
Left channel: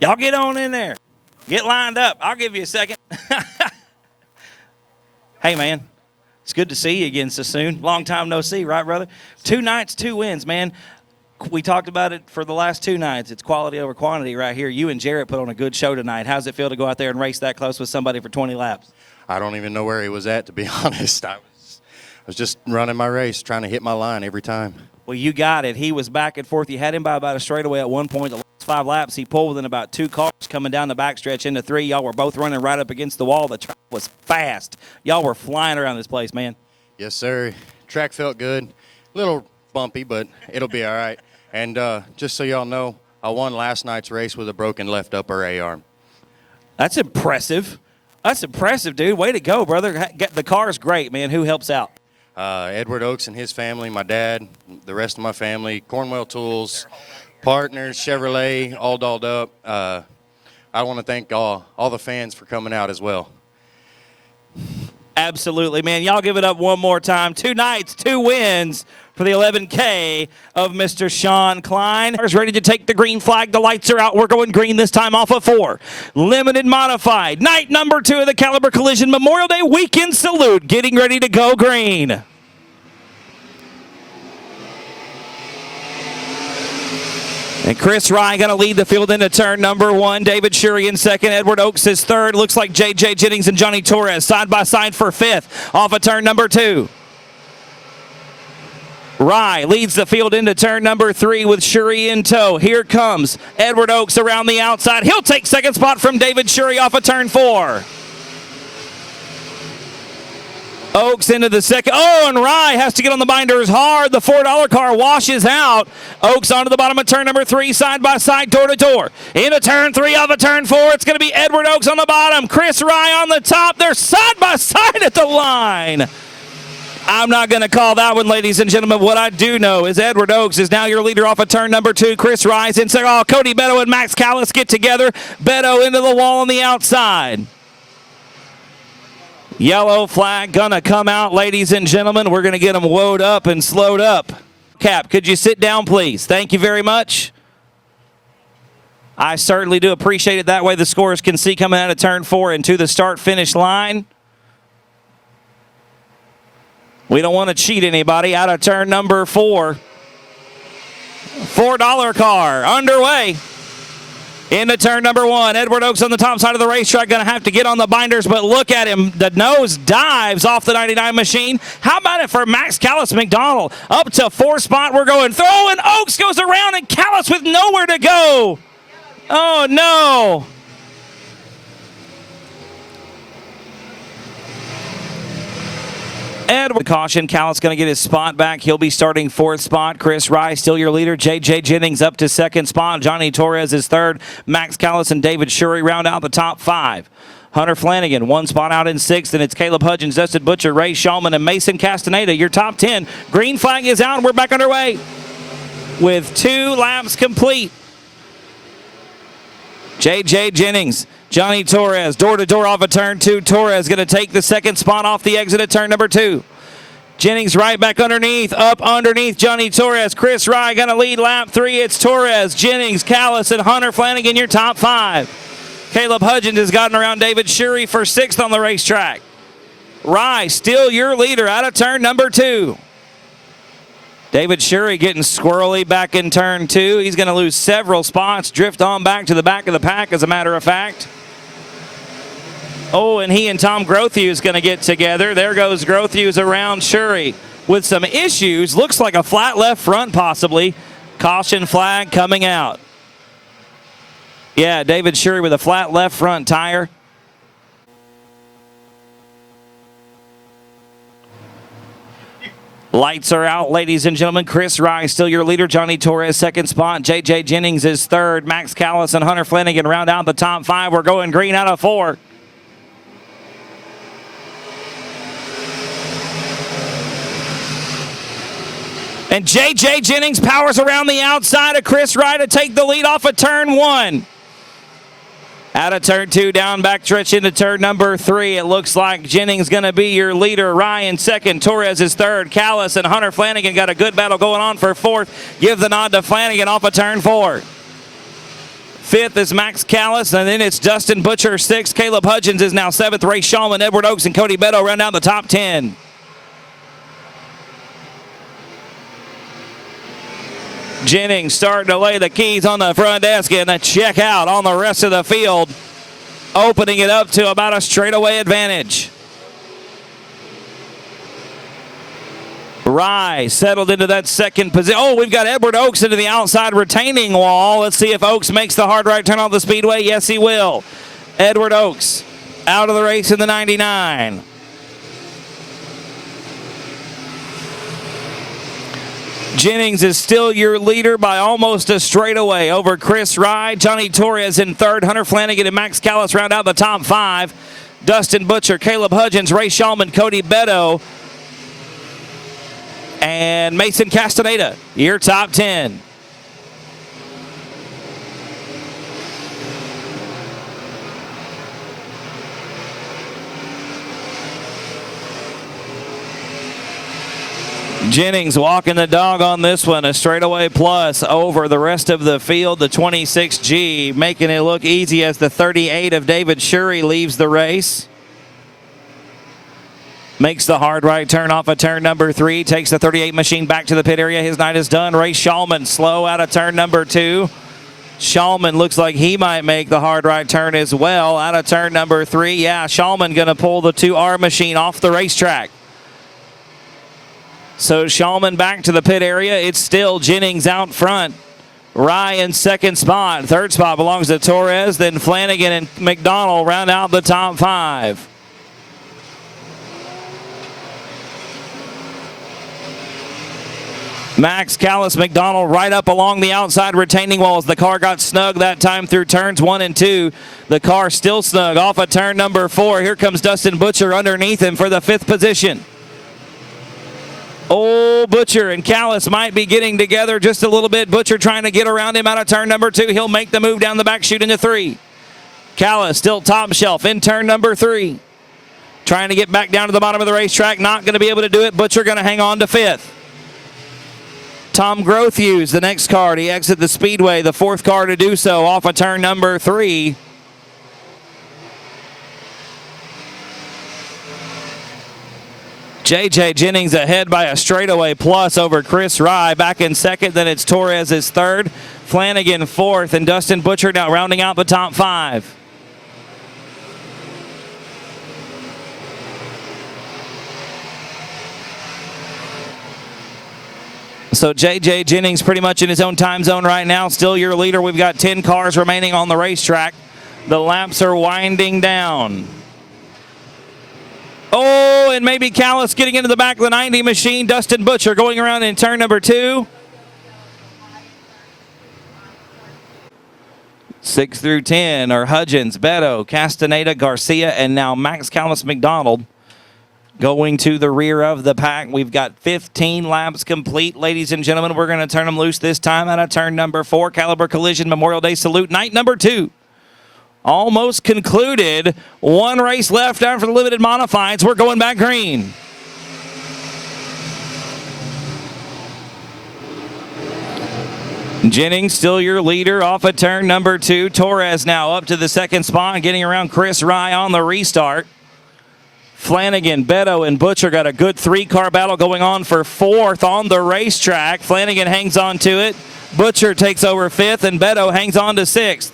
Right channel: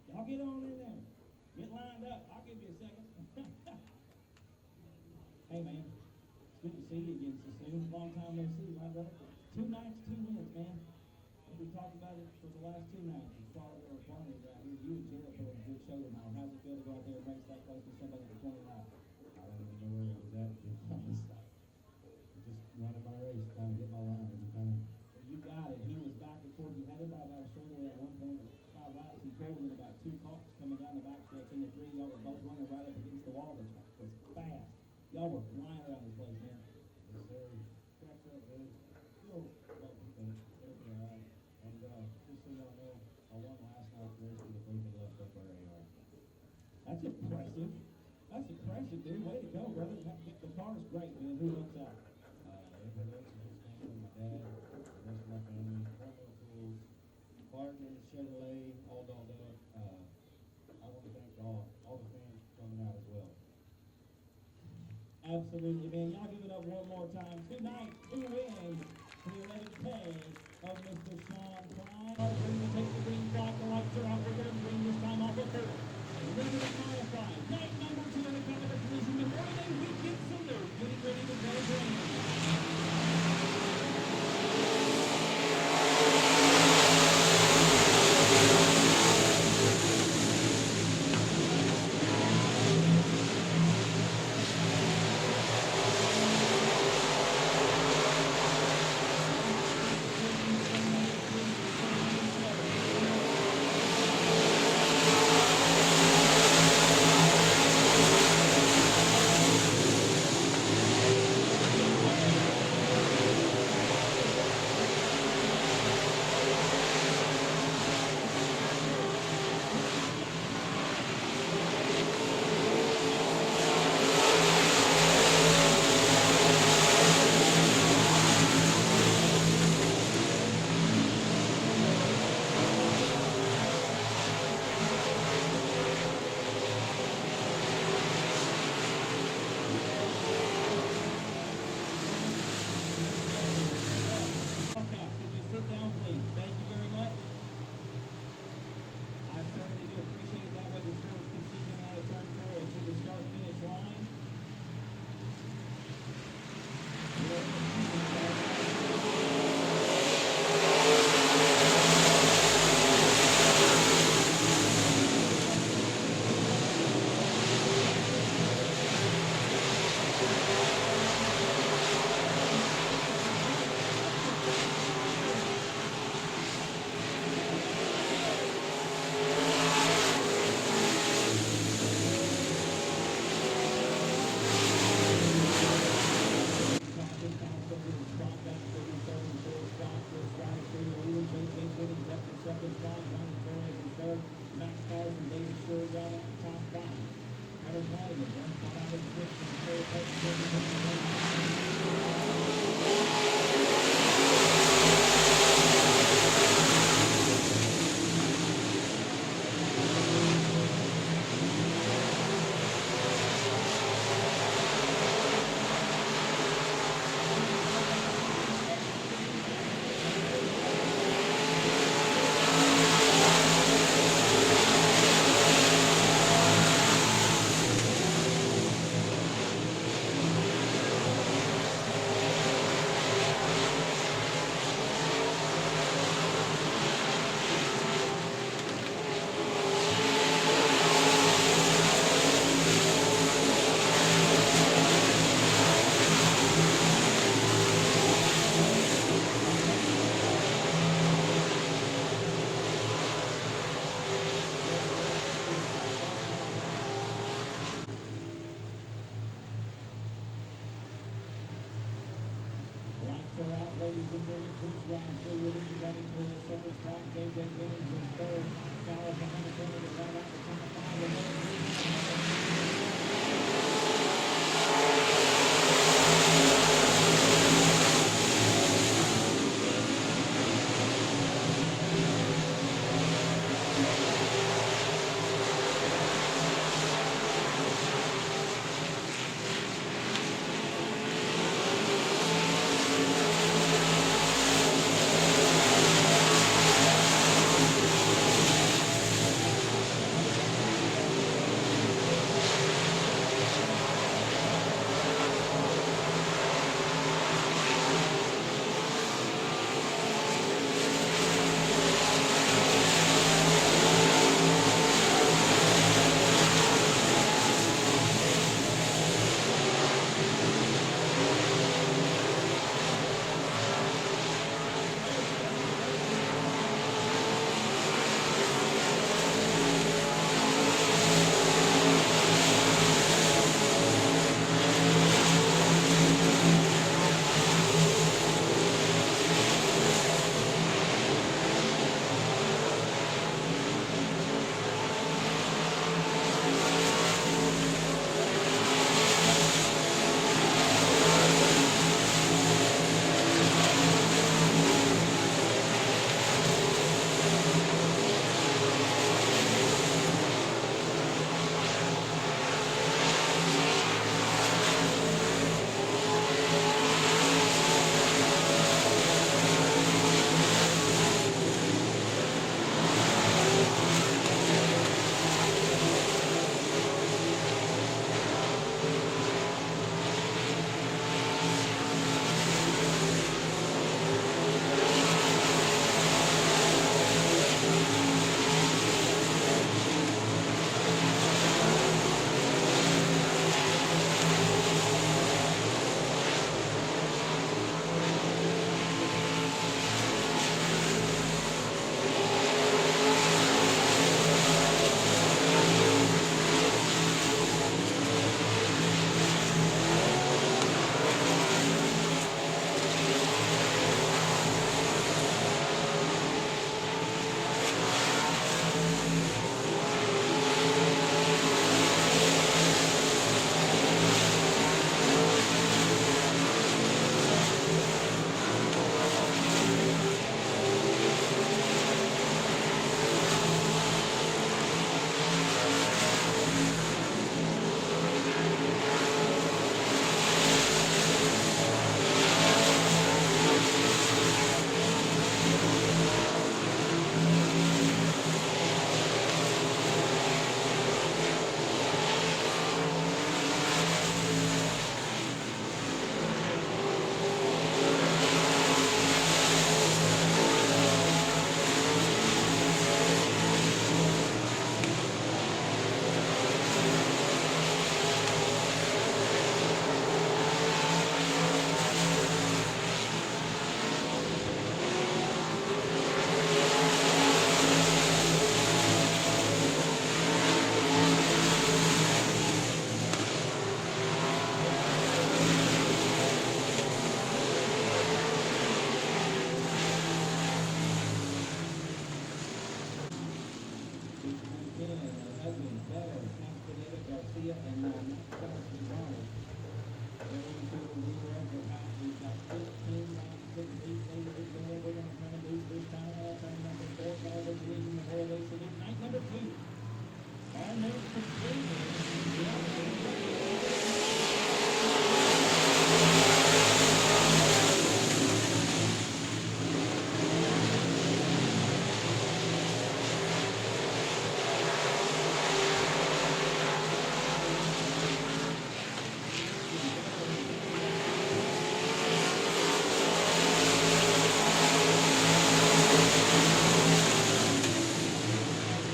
Y'all get on in there. Get lined up. I'll give you a second. Hey, man. It's good to see you again so soon. Long time no see, right, brother? 2 nights, 2 wins, man. We talked about it for the last 2 nights. It's quality over quantity right here. You and Jarrett put on a good show tonight. How's it feel to go out there and race that close with somebody for 20 laps? I don't even know where he was at, to be honest. I was just running my race, trying to hit my line every time. Well, you got it. He was back and forth. You had him by about a straightaway at one point. The last 5 laps, he pulled within about 2 cars coming down the backstretch into 3. Y'all were both running right up against the wall. The track was fast. Y'all were flying around this place, man. Yes, sir. Track felt good. A little bumpy, but it'll be all right. And just so y'all know, I won last night's race with a broken left upper A-arm. That's impressive. That's impressive, dude. Way to go, brother. The car's great, man. Who helps out? Edward Oaks and his family, my dad, the rest of my family, Cornwell Tools, Partners, Chevrolet, all dolled up. I want to thank all the fans for coming out as well. Absolutely, man. Y'all give it up one more time. 2 nights, 2 wins for the 11K of Mr. Sean Klein. Is ready to take the green flag. The lights are out. We're going green this time off of 4. Limited modified. Night number 2 of the Caliber Collision Memorial Day Weekend Salute. Getting ready to go green. And Chris Rye going to lead the field into turn number 1. David Shurey in second. Edward Oaks is third. Looks like J.J. Jennings and Johnny Torres side by side for 5th off of turn number 2. Rye leads the field into turn number 3 with Shurey in tow. Here comes Edward Oaks around the outside. He'll take second spot from David Shurey off of turn 4. Oaks into the second. Oh, and Rye has to get on the binders hard. The $4 car washes out. Oaks onto the bottom of turn number 3, side by side, door to door. Into turn 3 off of turn 4. It's going to be Edward Oaks on the bottom. Chris Rye on the top. They're side by side at the line. I'm not going to call that one, ladies and gentlemen. What I do know is Edward Oaks is now your leader off of turn number 2. Chris Rye's in second. Oh, Cody Beto and Max Callis get together. Beto into the wall on the outside. Yellow flag going to come out, ladies and gentlemen. We're going to get them woed up and slowed up. Cap, could you sit down, please? Thank you very much. I certainly do appreciate it. That way the scorers can see coming out of turn 4 into the start-finish line. We don't want to cheat anybody. Out of turn number 4. $4 car underway. Into turn number 1. Edward Oaks on the top side of the racetrack. Going to have to get on the binders, but look at him. The nose dives off the 99 machine. How about it for Max Callis McDonald? Up to 4 spot. We're going through, and Oaks goes around, and Callis with nowhere to go. Oh, no. Edward caution. Callis going to get his spot back. He'll be starting 4th spot. Chris Rye still your leader. J.J. Jennings up to 2nd spot. Johnny Torres is 3rd. Max Callis and David Shurey round out the top 5. Hunter Flanagan 1 spot out in 6th, and it's Caleb Hudgens, Dustin Butcher, Ray Shulman, and Mason Castaneda. Your top 10. Green flag is out, and we're back underway with 2 laps complete. J.J. Jennings, Johnny Torres, door-to-door off of turn 2. Torres going to take the 2nd spot off the exit at turn number 2. Jennings right back underneath, up underneath Johnny Torres. Chris Rye going to lead lap 3. It's Torres, Jennings, Callis, and Hunter Flanagan, your top 5. Caleb Hudgens has gotten around David Shurey for 6th on the racetrack. Rye still your leader out of turn number 2. David Shurey getting squirrely back in turn 2. He's going to lose several spots, drift on back to the back of the pack, as a matter of fact. Oh, and he and Tom Grothews going to get together. There goes Grothews around Shurey with some issues. Looks like a flat left front possibly. caution flag coming out. Yeah, David Shurey with a flat left front tire. Lights are out, ladies and gentlemen. Chris Rye still your leader. Johnny Torres second spot. J.J. Jennings is third. Max Callis and Hunter Flanagan round out the top 5. We're going green out of 4. And J.J. Jennings powers around the outside of Chris Rye to take the lead off of turn 1. Out of turn 2, down backstretch into turn number 3. It looks like Jennings going to be your leader. Ryan second, Torres is third. Callis and Hunter Flanagan got a good battle going on for 4th. Give the nod to Flanagan off of turn 4. 5th is Max Callis, and then it's Dustin Butcher 6th. Caleb Hudgens is now 7th. Ray Shulman, Edward Oaks, and Cody Beto round out the top 10. Jennings starting to lay the keys on the front desk, getting a check out on the rest of the field, opening it up to about a straightaway advantage. Rye settled into that second position. Oh, we've got Edward Oaks into the outside retaining wall. Let's see if Oaks makes the hard right turn off the speedway. Yes, he will. Edward Oaks out of the race in the 99. Jennings is still your leader by almost a straightaway over Chris Rye. Johnny Torres in 3rd. Hunter Flanagan and Max Callis round out the top 5. Dustin Butcher, Caleb Hudgens, Ray Shulman, Cody Beto, and Mason Castaneda, your top 10. Jennings walking the dog on this one, a straightaway plus over the rest of the field. The 26G making it look easy as the 38 of David Shurey leaves the race. Makes the hard right turn off of turn number 3. Takes the 38 machine back to the pit area. His night is done. Ray Shulman slow out of turn number 2. Shulman looks like he might make the hard right turn as well out of turn number 3. Yeah, Shulman going to pull the 2R machine off the racetrack. So Shulman back to the pit area. It's still Jennings out front. Rye in 2nd spot. 3rd spot belongs to Torres. Then Flanagan and McDonald round out the top 5. Max Callis, McDonald right up along the outside retaining walls. The car got snug that time through turns 1 and 2. The car still snug off of turn number 4. Here comes Dustin Butcher underneath him for the 5th position. Oh, Butcher and Callis might be getting together just a little bit. Butcher trying to get around him out of turn number 2. He'll make the move down the back chute into 3. Callis still top shelf in turn number 3. Trying to get back down to the bottom of the racetrack. Not going to be able to do it. Butcher going to hang on to 5th. Tom Grothuse, the next car to exit the speedway. The 4th car to do so off of turn number 3. J.J. Jennings ahead by a straightaway plus over Chris Rye. Back in 2nd, then it's Torres is 3rd. Flanagan 4th, and Dustin Butcher now rounding out the top 5. So J.J. Jennings pretty much in his own time zone right now. Still your leader. We've got 10 cars remaining on the racetrack. The laps are winding down. Oh, and maybe Callis getting into the back of the 90 machine. Dustin Butcher going around in turn number 2. 6 through 10 are Hudgens, Beto, Castaneda, Garcia, and now Max Callis McDonald going to the rear of the pack. We've got 15 laps complete, ladies and gentlemen. We're going to turn them loose this time out of turn number 4. Caliber Collision Memorial Day Salute, night number 2. Almost concluded. 1 race left after the limited modifieds. We're going back green. Jennings still your leader off of turn number 2. Torres now up to the 2nd spot, getting around Chris Rye on the restart. Flanagan, Beto, and Butcher got a good 3-car battle going on for 4th on the racetrack. Flanagan hangs on to it. Butcher takes over 5th, and Beto hangs on to 6th.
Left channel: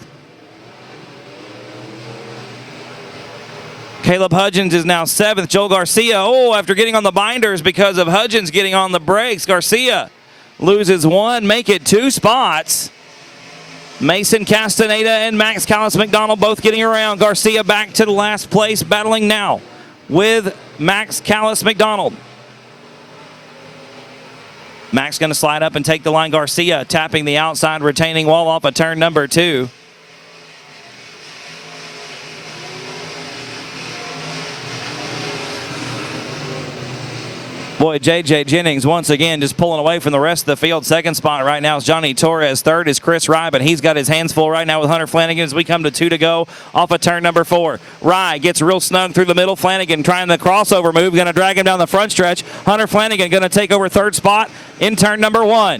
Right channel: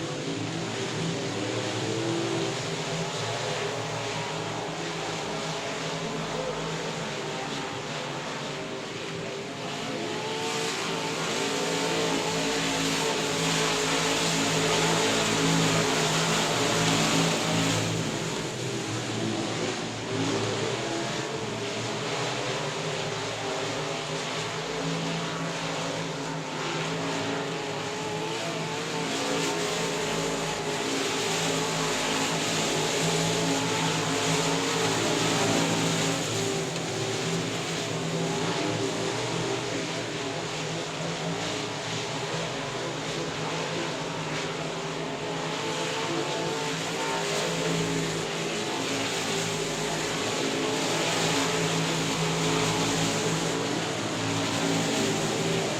Caleb Hudgens is now 7th. Joel Garcia, after getting on the binders because of Hudgens getting on the brakes. Garcia loses one, make it 2 spots. Mason Castaneda and Max Callis McDonald both getting around. Garcia back to the last place, battling now with Max Callis McDonald. Max going to slide up and take the line. Garcia tapping the outside retaining wall off of turn number 2. Boy, J.J. Jennings once again just pulling away from the rest of the field. Second spot right now is Johnny Torres. Third is Chris Rye, but he's got his hands full right now with Hunter Flanagan as we come to 2 to go off of turn number 4. Rye gets real snug through the middle. Flanagan trying the crossover move, going to drag him down the front stretch. Hunter Flanagan going to take over third spot in turn number 1.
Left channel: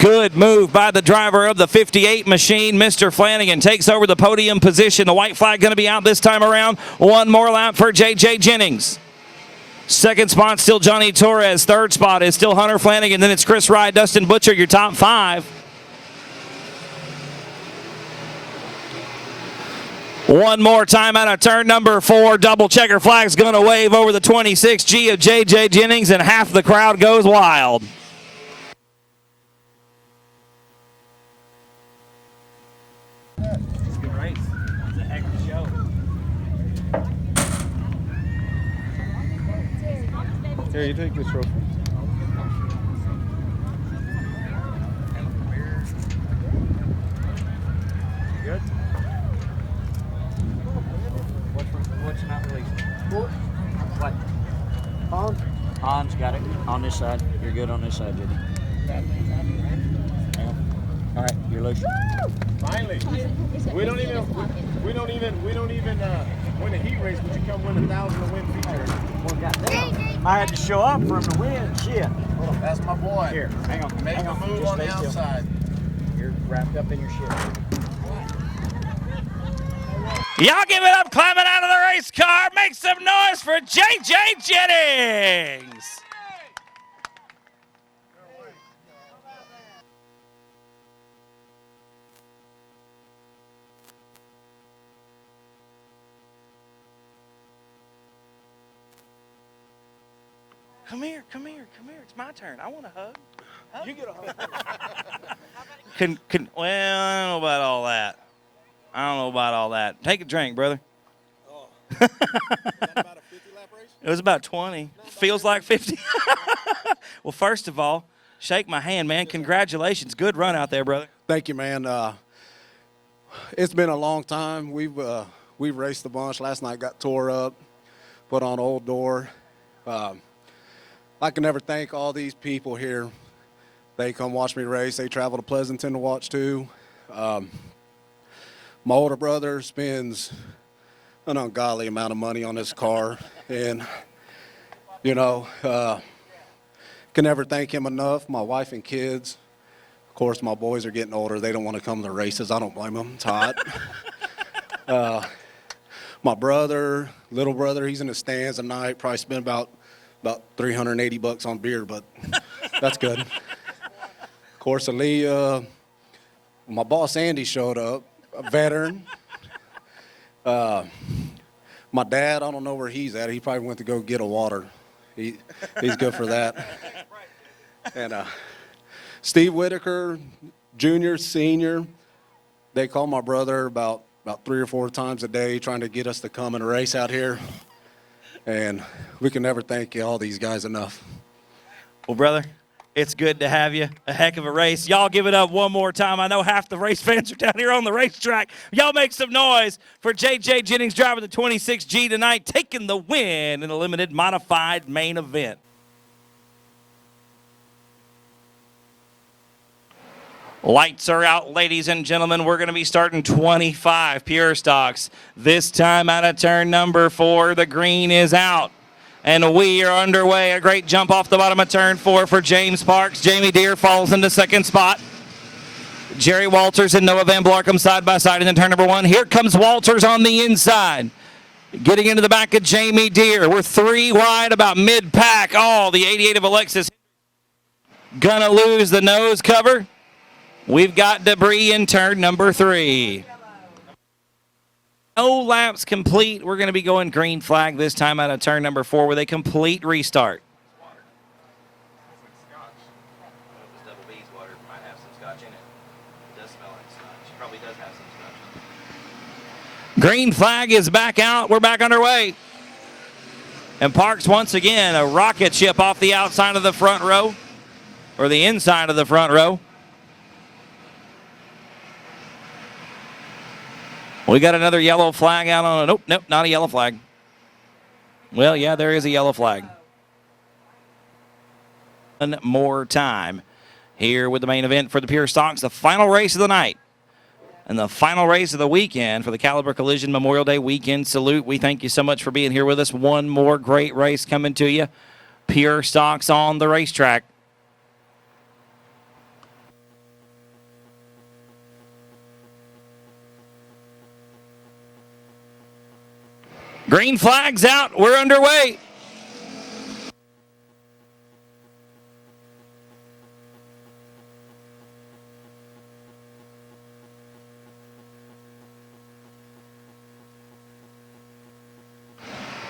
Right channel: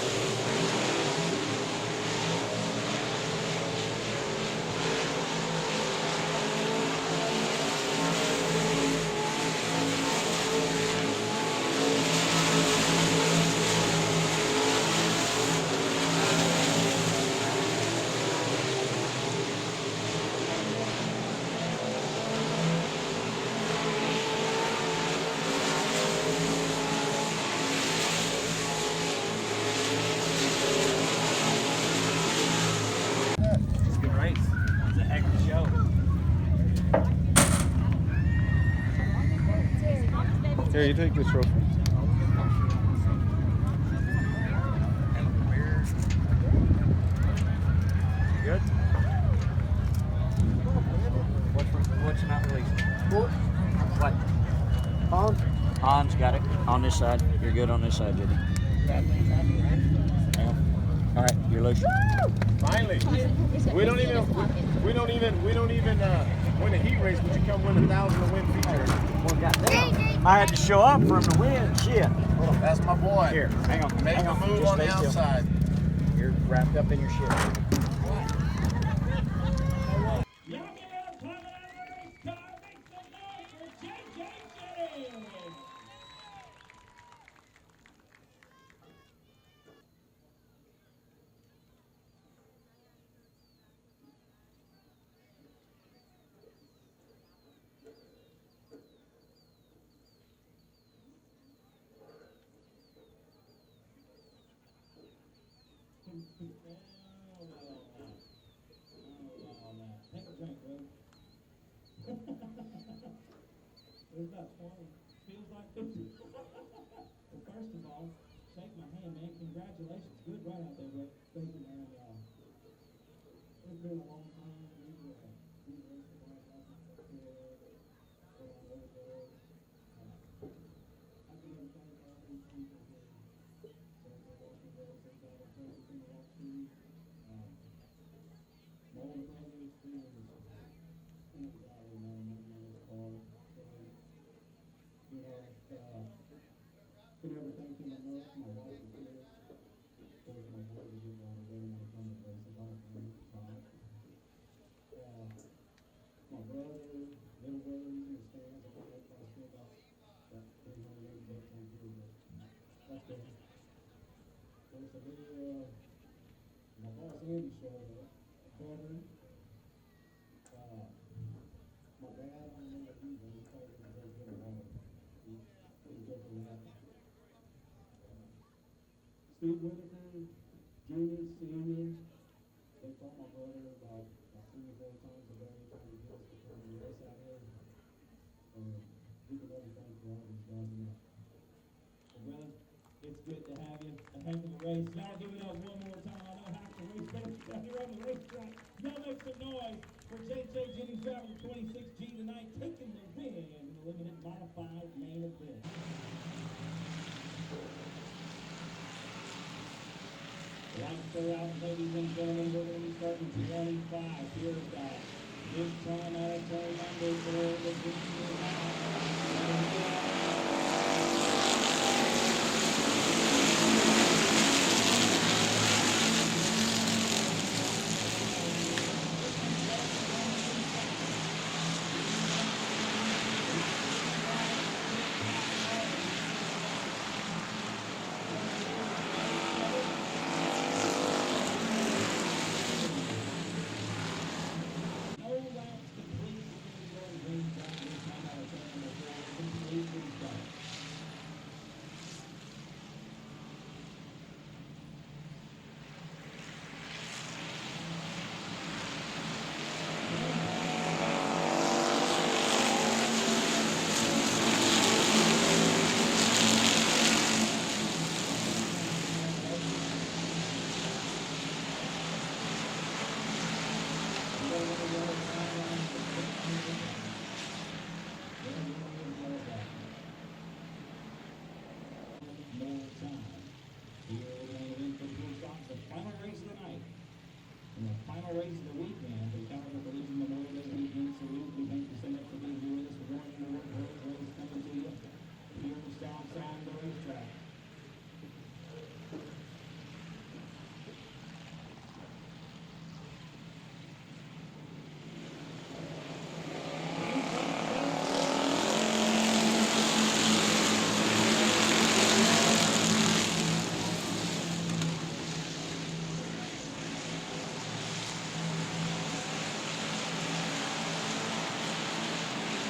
Good move by the driver of the 58 machine. Mr. Flanagan takes over the podium position. The white flag going to be out this time around. One more lap for J.J. Jennings. Second spot still Johnny Torres. Third spot is still Hunter Flanagan. Then it's Chris Rye, Dustin Butcher, your top 5. One more time out of turn number 4. Double checker flag's going to wave over the 26G of J.J. Jennings, and half the crowd goes wild. It's a good race. It's a heck of a show. Here, you take this trophy. Good. What's not released? What? Hans got it on this side. You're good on this side, Jimmy. All right, you're loose. Finally, we don't even win a heat race, but you come win 1,000 to win feature. Well, goddamn. I had to show up for him to win. Shit. That's my boy. Here, hang on. Make a move on the outside. You're wrapped up in your shit. Y'all give it up, climbing out of the race car. Make some noise for J.J. Jennings. Come here. It's my turn. I want a hug. You get a hug. Well, I don't know about all that. Take a drink, brother. Oh. Is that about a 50-lap race? It was about 20. Feels like 50. Well, first of all, shake my hand, man. Congratulations. Good run out there, brother. Thank you, man. It's been a long time. We've raced a bunch. Last night got tore up, put on Old Door. I can never thank all these people here. They come watch me race. They travel to Pleasanton to watch too. My older brother spends an ungodly amount of money on this car, and can never thank him enough. My wife and kids. Of course, my boys are getting older. They don't want to come to the races. I don't blame them. It's hot. My brother, little brother, he's in the stands tonight. Probably spent about $380 on beer, but that's good. Of course, Aaliyah, my boss Andy showed up, a veteran. My dad, I don't know where he's at. He probably went to go get a water. He's good for that. And Steve Whitaker, junior, senior, they call my brother about 3 or 4 times a day trying to get us to come and race out here. And we can never thank all these guys enough. Well, brother, it's good to have you. A heck of a race. Y'all give it up one more time. I know half the race fans are down here on the racetrack. Y'all make some noise for J.J. Jennings driving the 26G tonight, taking the win in a limited modified main event. Lights are out, ladies and gentlemen. We're going to be starting 25 pure stocks. This time out of turn number 4, the green is out. And we are underway. A great jump off the bottom of turn 4 for James Parks. Jamie Deere falls into second spot. Jerry Walters and Noah Van Blarkham side by side in the turn number 1. Here comes Walters on the inside. Getting into the back of Jamie Deere. We're 3 wide, about mid-pack. Oh, the 88 of Alexis gonna lose the nose cover. We've got debris in turn number 3. No laps complete. We're going to be going green flag this time out of turn number 4 with a complete restart. Green flag is back out. We're back underway. And Parks once again, a rocket ship off the outside of the front row, or the inside of the front row. We got another yellow flag out on, nope, not a yellow flag. Well, yeah, there is a yellow flag. One more time here with the main event for the Pure Stocks, the final race of the night and the final race of the weekend for the Caliber Collision Memorial Day Weekend Salute. We thank you so much for being here with us. One more great race coming to you. Pure Stocks on the racetrack. Green flag's out. We're underway.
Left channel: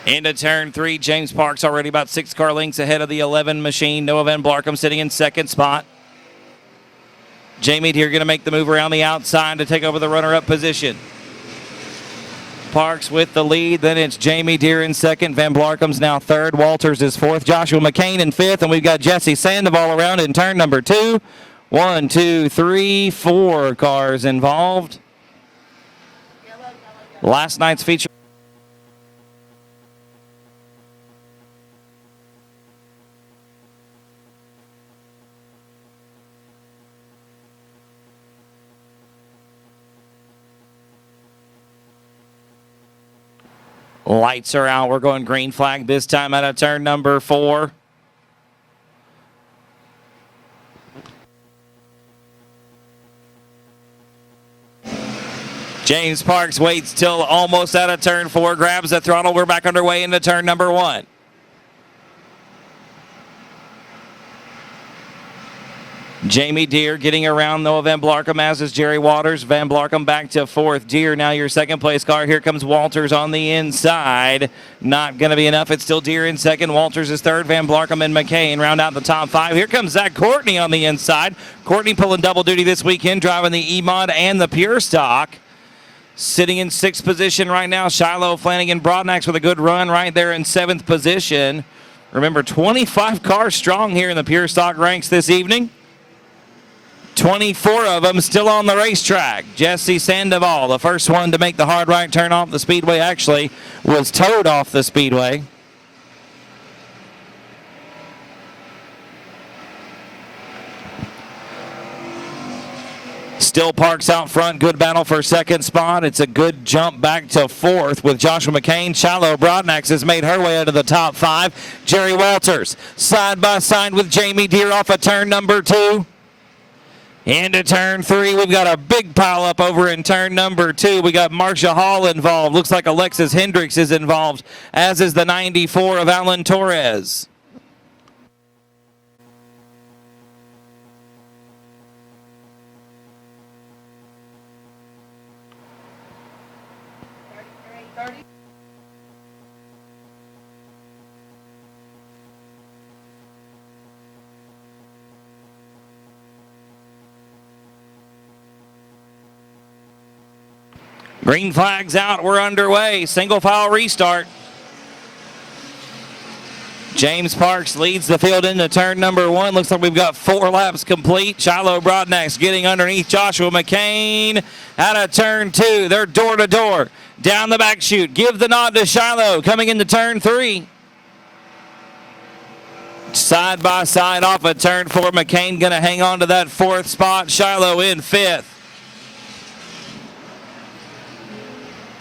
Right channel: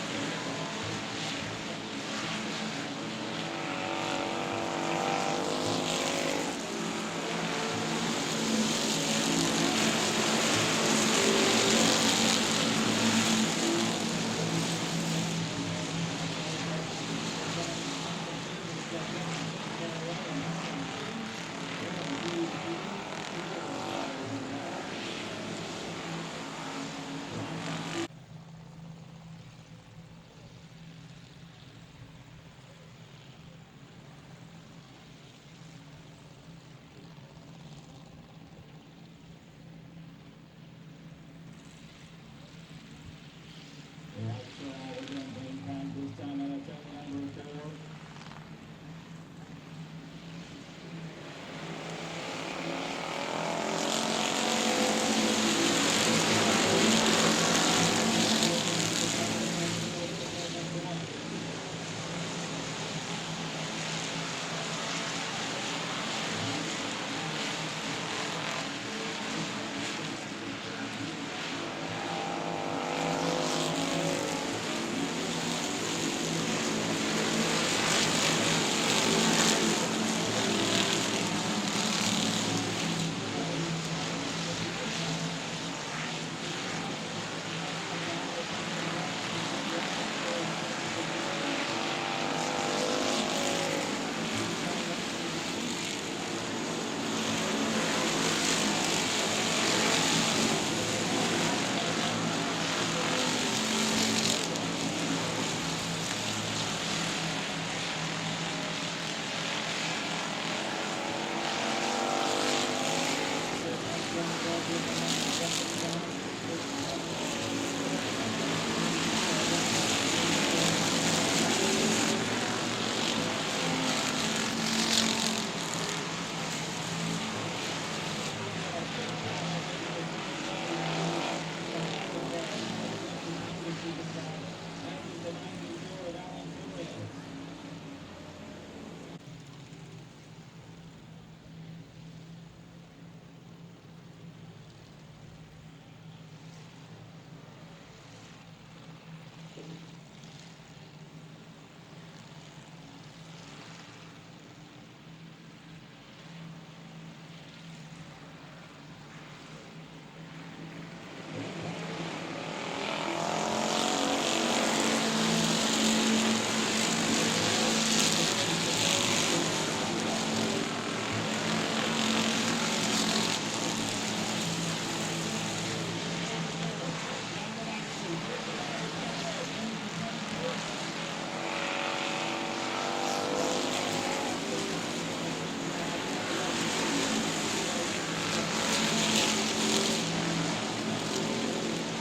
Into turn 3, James Parks already about 6 car lengths ahead of the 11 machine. Noah Van Blarcom sitting in second spot. Jamie Deere going to make the move around the outside to take over the runner-up position. Parks with the lead, then it's Jamie Deere in second. Van Blarcom's now third. Walters is fourth. Joshua McCain in fifth, and we've got Jesse Sandoval around in turn number 2. 1, 2, 3, 4 cars involved. Last night's feature. Lights are out. We're going green flag this time out of turn number 4. James Parks waits till almost out of turn 4, grabs the throttle. We're back underway into turn number 1. Jamie Deere getting around Noah Van Blarcom, as is Jerry Waters. Van Blarcom back to 4th. Deere now your second place car. Here comes Walters on the inside. Not going to be enough. It's still Deere in second. Walters is third. Van Blarcom and McCain round out the top 5. Here comes Zach Courtney on the inside. Courtney pulling double duty this weekend, driving the E-Mod and the Pure Stock. Sitting in 6th position right now, Shiloh Flanagan Broadnax with a good run right there in 7th position. Remember, 25 cars strong here in the Pure Stock ranks this evening. 24 of them still on the racetrack. Jesse Sandoval, the first one to make the hard right turn off the speedway, actually was towed off the speedway. Still Parks out front. Good battle for second spot. It's a good jump back to 4th with Joshua McCain. Shiloh Broadnax has made her way into the top 5. Jerry Walters side by side with Jamie Deere off of turn number 2. Into turn 3, we've got a big pile up over in turn number 2. We got Marcia Hall involved. Looks like Alexis Hendricks is involved, as is the 94 of Alan Torres. Green flag's out. We're underway. Single file restart. James Parks leads the field into turn number 1. Looks like we've got 4 laps complete. Shiloh Broadnax getting underneath Joshua McCain. Out of turn 2. They're door to door. Down the back chute. Give the nod to Shiloh coming into turn 3. Side by side off of turn 4. McCain going to hang on to that 4th spot. Shiloh in 5th.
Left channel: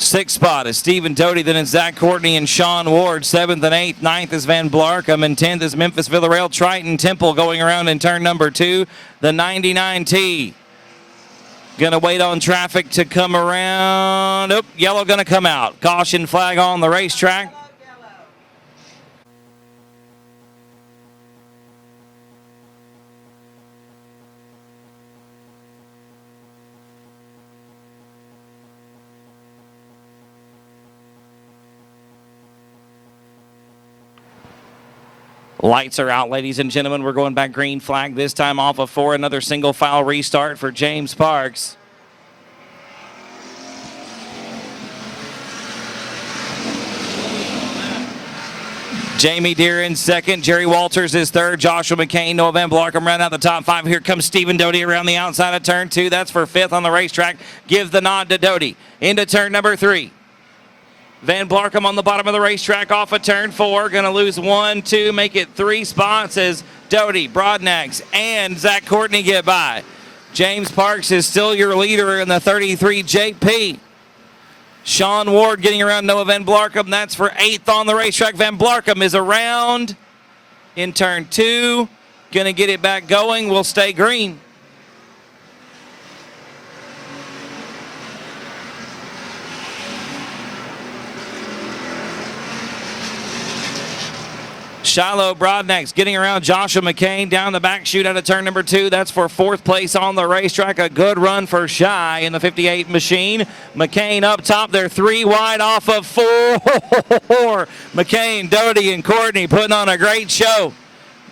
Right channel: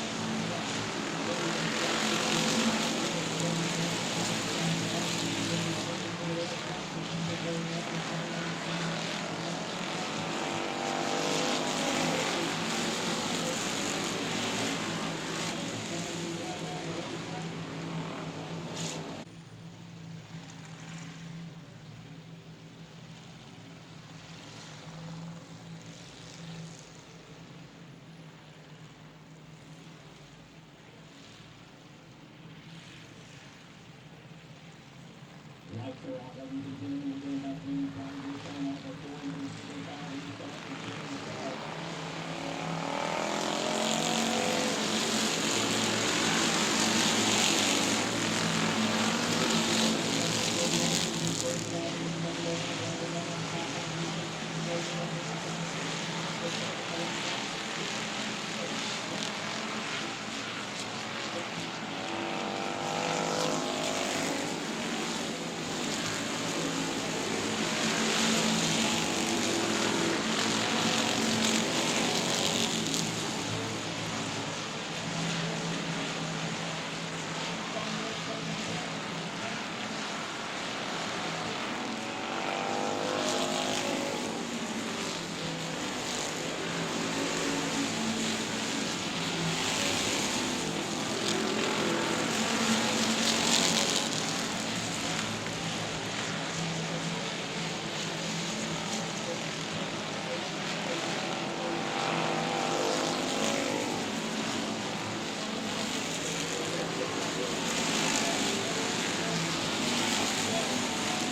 6th spot is Stephen Doty, then it's Zach Courtney and Sean Ward. 7th and 8th. 9th is Van Blarcom, and 10th is Memphis Villarreal. Triton Temple going around in turn number 2. The 99T. Gonna wait on traffic to come around. Oh, yellow gonna come out. Caution flag on the racetrack. Lights are out, ladies and gentlemen. We're going back green flag, this time off of 4. Another single file restart for James Parks. Jamie Deere in second. Jerry Walters is third. Joshua McCain, Noah Van Blarkum round out the top five. Here comes Stephen Doty around the outside of turn 2. That's for 5th on the racetrack. Gives the nod to Doty. Into turn number 3. Van Blarkum on the bottom of the racetrack off of turn 4. Going to lose 1, 2, make it 3 spots as Doty, Broadnax, and Zach Courtney get by. James Parks is still your leader in the 33 JP. Sean Ward getting around Noah Van Blarkum. That's for 8th on the racetrack. Van Blarkum is around in turn 2. Going to get it back going. Will stay green. Shiloh Broadnax getting around Joshua McCain down the back chute out of turn number 2. That's for 4th place on the racetrack. A good run for Shy in the 58 machine. McCain up top. They're 3 wide off of 4. McCain, Doty, and Courtney putting on a great show.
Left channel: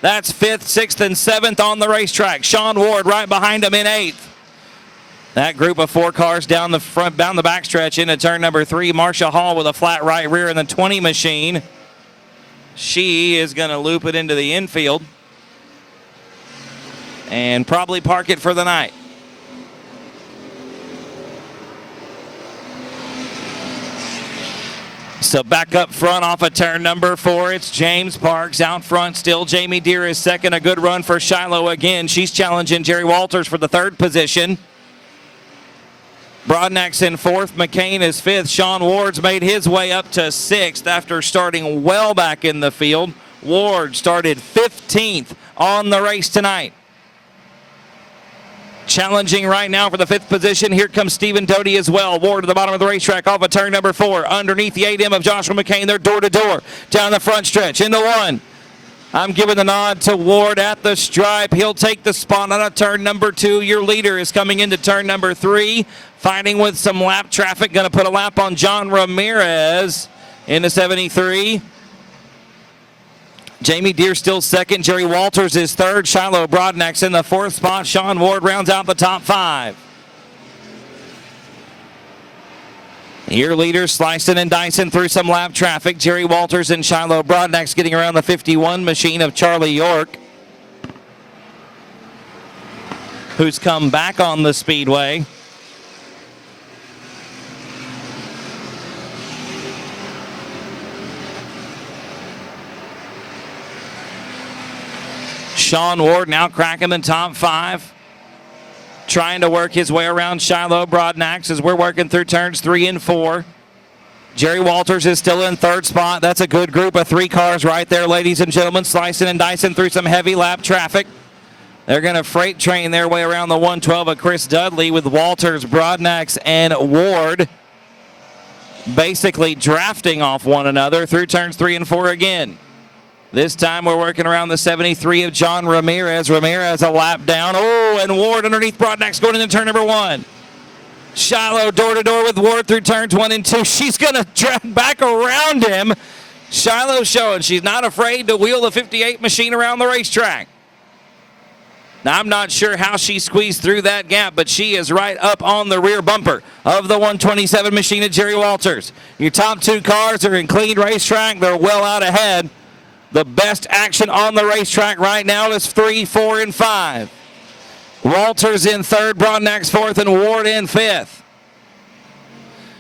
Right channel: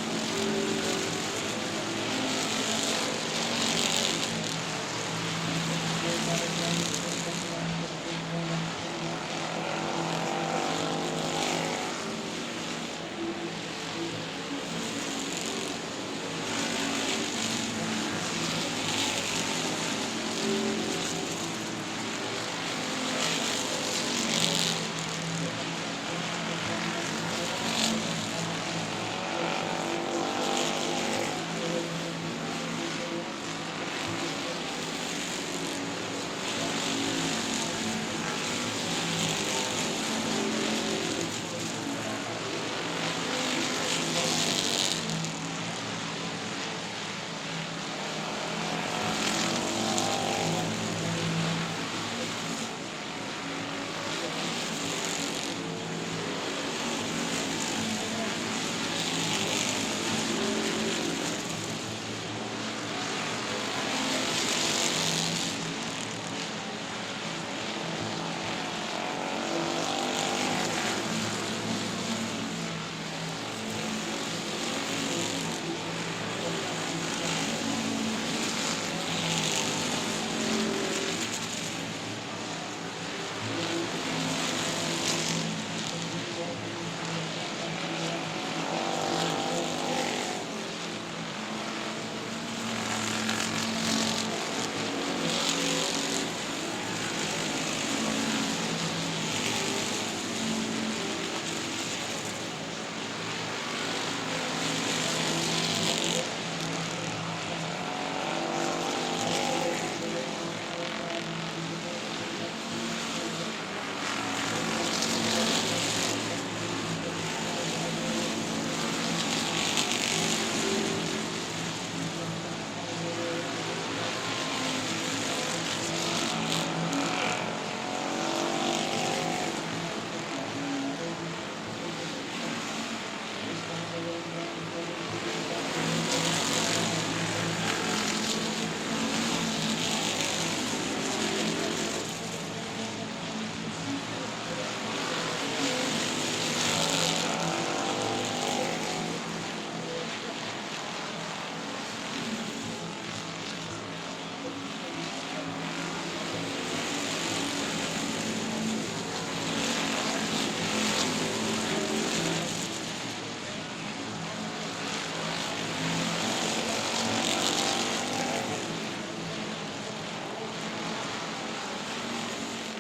That's 5th, 6th, and 7th on the racetrack. Sean Ward right behind him in 8th. That group of 4 cars down the front, down the backstretch into turn number 3. Marsha Hall with a flat right rear in the 20 machine. She is going to loop it into the infield and probably park it for the night. So back up front off of turn number 4, it's James Parks. Out front still, Jamie Deere is second. A good run for Shiloh again. She's challenging Jerry Walters for the 3rd position. Broadnax in 4th. McCain is 5th. Sean Ward's made his way up to 6th after starting well back in the field. Ward started 15th on the race tonight. Challenging right now for the 5th position. Here comes Stephen Doty as well. Ward to the bottom of the racetrack off of turn number 4. Underneath the 8M of Joshua McCain. They're door to door down the front stretch. Into 1. I'm giving the nod to Ward at the stripe. He'll take the spot out of turn number 2. Your leader is coming into turn number 3. Fighting with some lap traffic. Going to put a lap on John Ramirez into 73. Jamie Deere still second. Jerry Walters is third. Shiloh Broadnax in the 4th spot. Sean Ward rounds out the top 5. Your leaders slicing and dicing through some lap traffic. Jerry Walters and Shiloh Broadnax getting around the 51 machine of Charlie York, who's come back on the speedway. Sean Ward now cracking the top 5. Trying to work his way around Shiloh Broadnax as we're working through turns 3 and 4. Jerry Walters is still in 3rd spot. That's a good group of 3 cars right there, ladies and gentlemen, slicing and dicing through some heavy lap traffic. They're going to freight train their way around the 112 of Chris Dudley with Walters, Broadnax, and Ward basically drafting off one another through turns 3 and 4 again. This time we're working around the 73 of John Ramirez. Ramirez a lap down. Oh, and Ward underneath Broadnax going into turn number 1. Shiloh door to door with Ward through turns 1 and 2. She's going to drive back around him. Shiloh showing she's not afraid to wheel the 58 machine around the racetrack. Now, I'm not sure how she squeezed through that gap, but she is right up on the rear bumper of the 127 machine of Jerry Walters. Your top 2 cars are in clean racetrack. They're well out ahead. The best action on the racetrack right now is 3, 4, and 5. Walters in 3rd, Broadnax 4th, and Ward in 5th.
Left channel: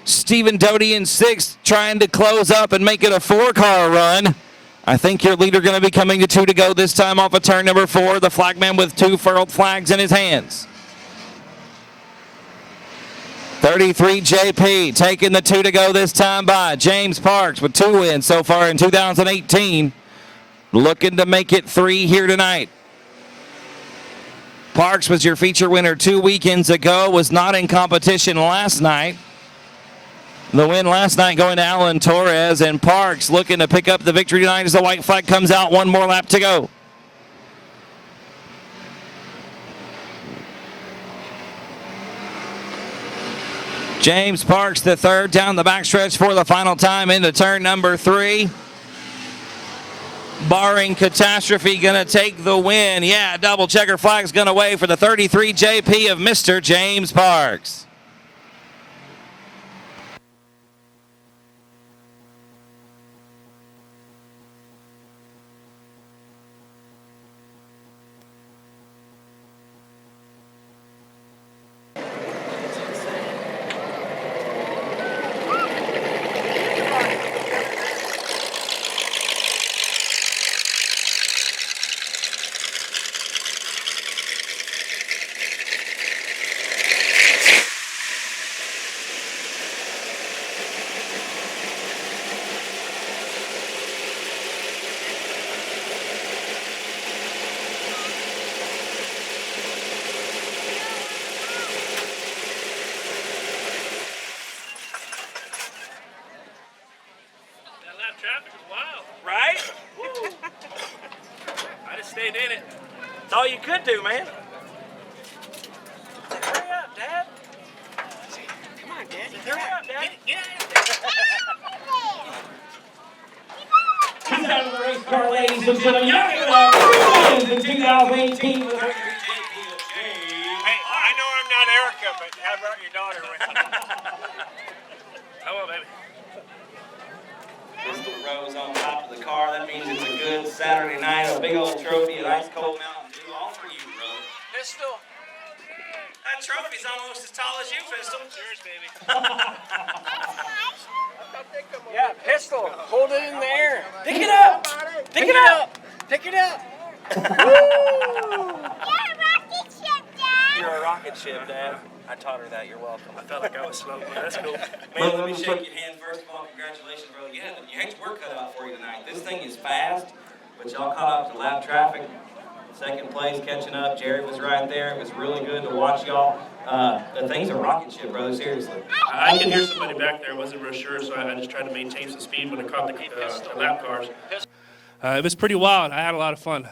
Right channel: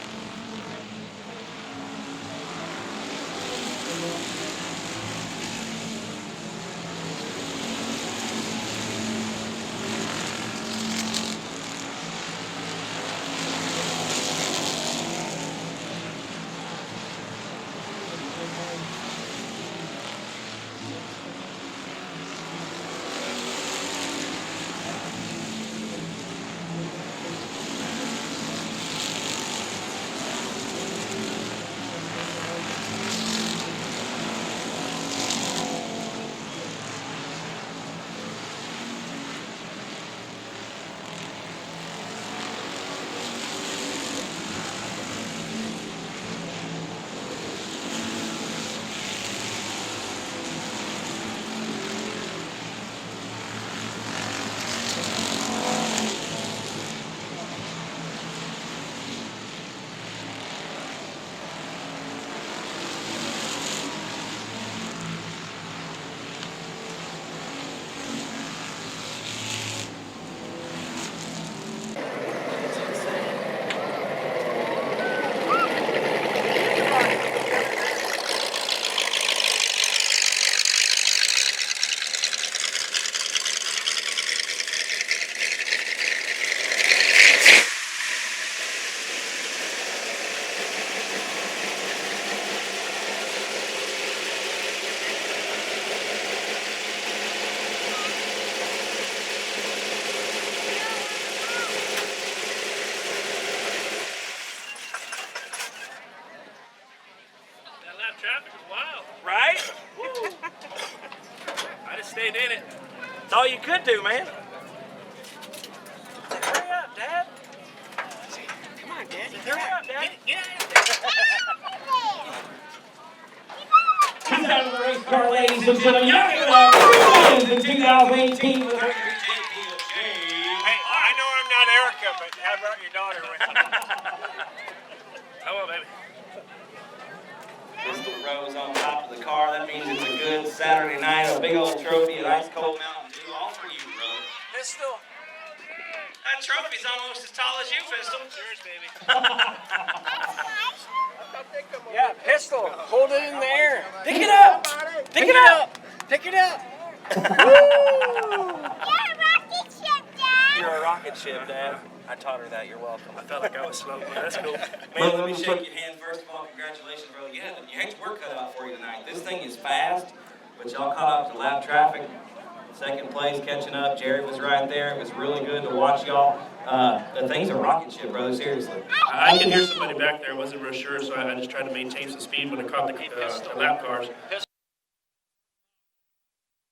Stephen Doty in 6th, trying to close up and make it a 4-car run. I think your leader going to be coming to 2 to go this time off of turn number 4. The flagman with 2 furled flags in his hands. 33 JP taking the 2 to go this time by James Parks with 2 wins so far in 2018. Looking to make it 3 here tonight. Parks was your feature winner 2 weekends ago, was not in competition last night. The win last night going to Alan Torres, and Parks looking to pick up the victory tonight as the white flag comes out. 1 more lap to go. James Parks the 3rd down the backstretch for the final time into turn number 3. Barring catastrophe, going to take the win. Yeah, double checker flag's going to wave for the 33 JP of Mr. James Parks. you did it. That's all you could do, man. Hurry up, Dad. Come on, Dad. Hurry up, Dad. Get He's out of the race car, ladies and gentlemen. Y'all give it up for wins in 2018 with her. Hey, I know I'm not Erica, but how about your daughter with you? Come on, baby. Pistol Rose on top of the car. That means it's a good Saturday night. A big old trophy, an ice cold Mountain Dew, all for you, Rose. Pistol. That trophy's almost as tall as you, Pistol. Yours, baby. Yeah, Pistol. Hold it in the air. Pick it up. Pick it up. Pick it up. You're a rocket ship, Dad. I taught her that. You're welcome. I felt like I was slow, but that's cool. Man, let me shake your hand first of all. Congratulations, brother. You had your work cut out for you tonight. This thing is fast, but y'all caught up to lap traffic. Second place, catching up. Jerry was right there. It was really good to watch y'all. The thing's a rocket ship, brother. Seriously. I could hear somebody back there. I wasn't real sure, so I just tried to maintain some speed when I caught the lap cars. It was pretty wild. I had a lot of fun.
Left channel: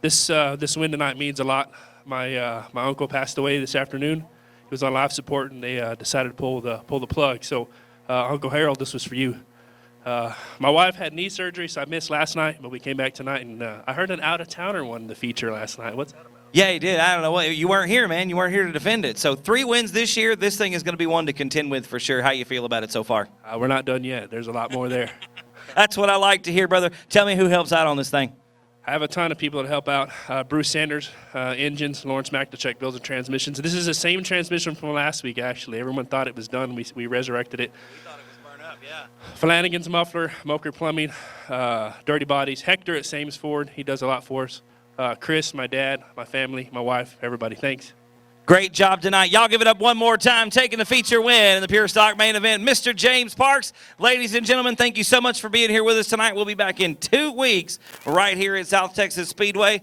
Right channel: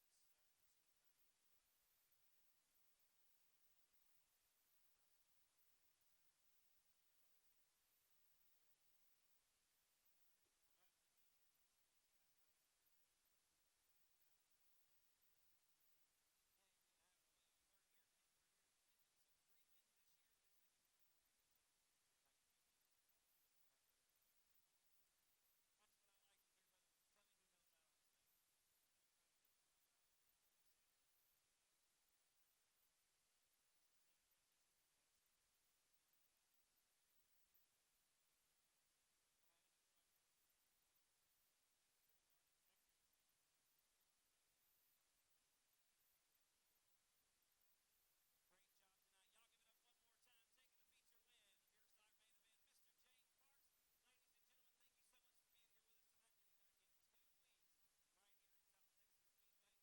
This win tonight means a lot. My uncle passed away this afternoon. He was on life support, and they decided to pull the plug. So, Uncle Harold, this was for you. My wife had knee surgery, so I missed last night, but we came back tonight, and I heard an out-of-towner won the feature last night. What's that about? Yeah, he did. I don't know what. You weren't here, man. You weren't here to defend it. So 3 wins this year. This thing is going to be one to contend with for sure. How you feel about it so far? We're not done yet. There's a lot more there. That's what I like to hear, brother. Tell me who helps out on this thing. I have a ton of people that help out. Bruce Sanders, engines. Lawrence McDechek builds and transmissions. This is the same transmission from last week, actually. Everyone thought it was done. We resurrected it. We thought it was burned up, yeah. Flanagan's Muffler, Moker Plumbing, Dirty Bodies. Hector at Sames Ford. He does a lot for us. Chris, my dad, my family, my wife, everybody. Thanks. Great job tonight. Y'all give it up one more time, taking the feature win in the Pure Stock main event, Mr. James Parks. Ladies and gentlemen, thank you so much for being here with us tonight. We'll be back in 2 weeks right here at South Texas Speedway.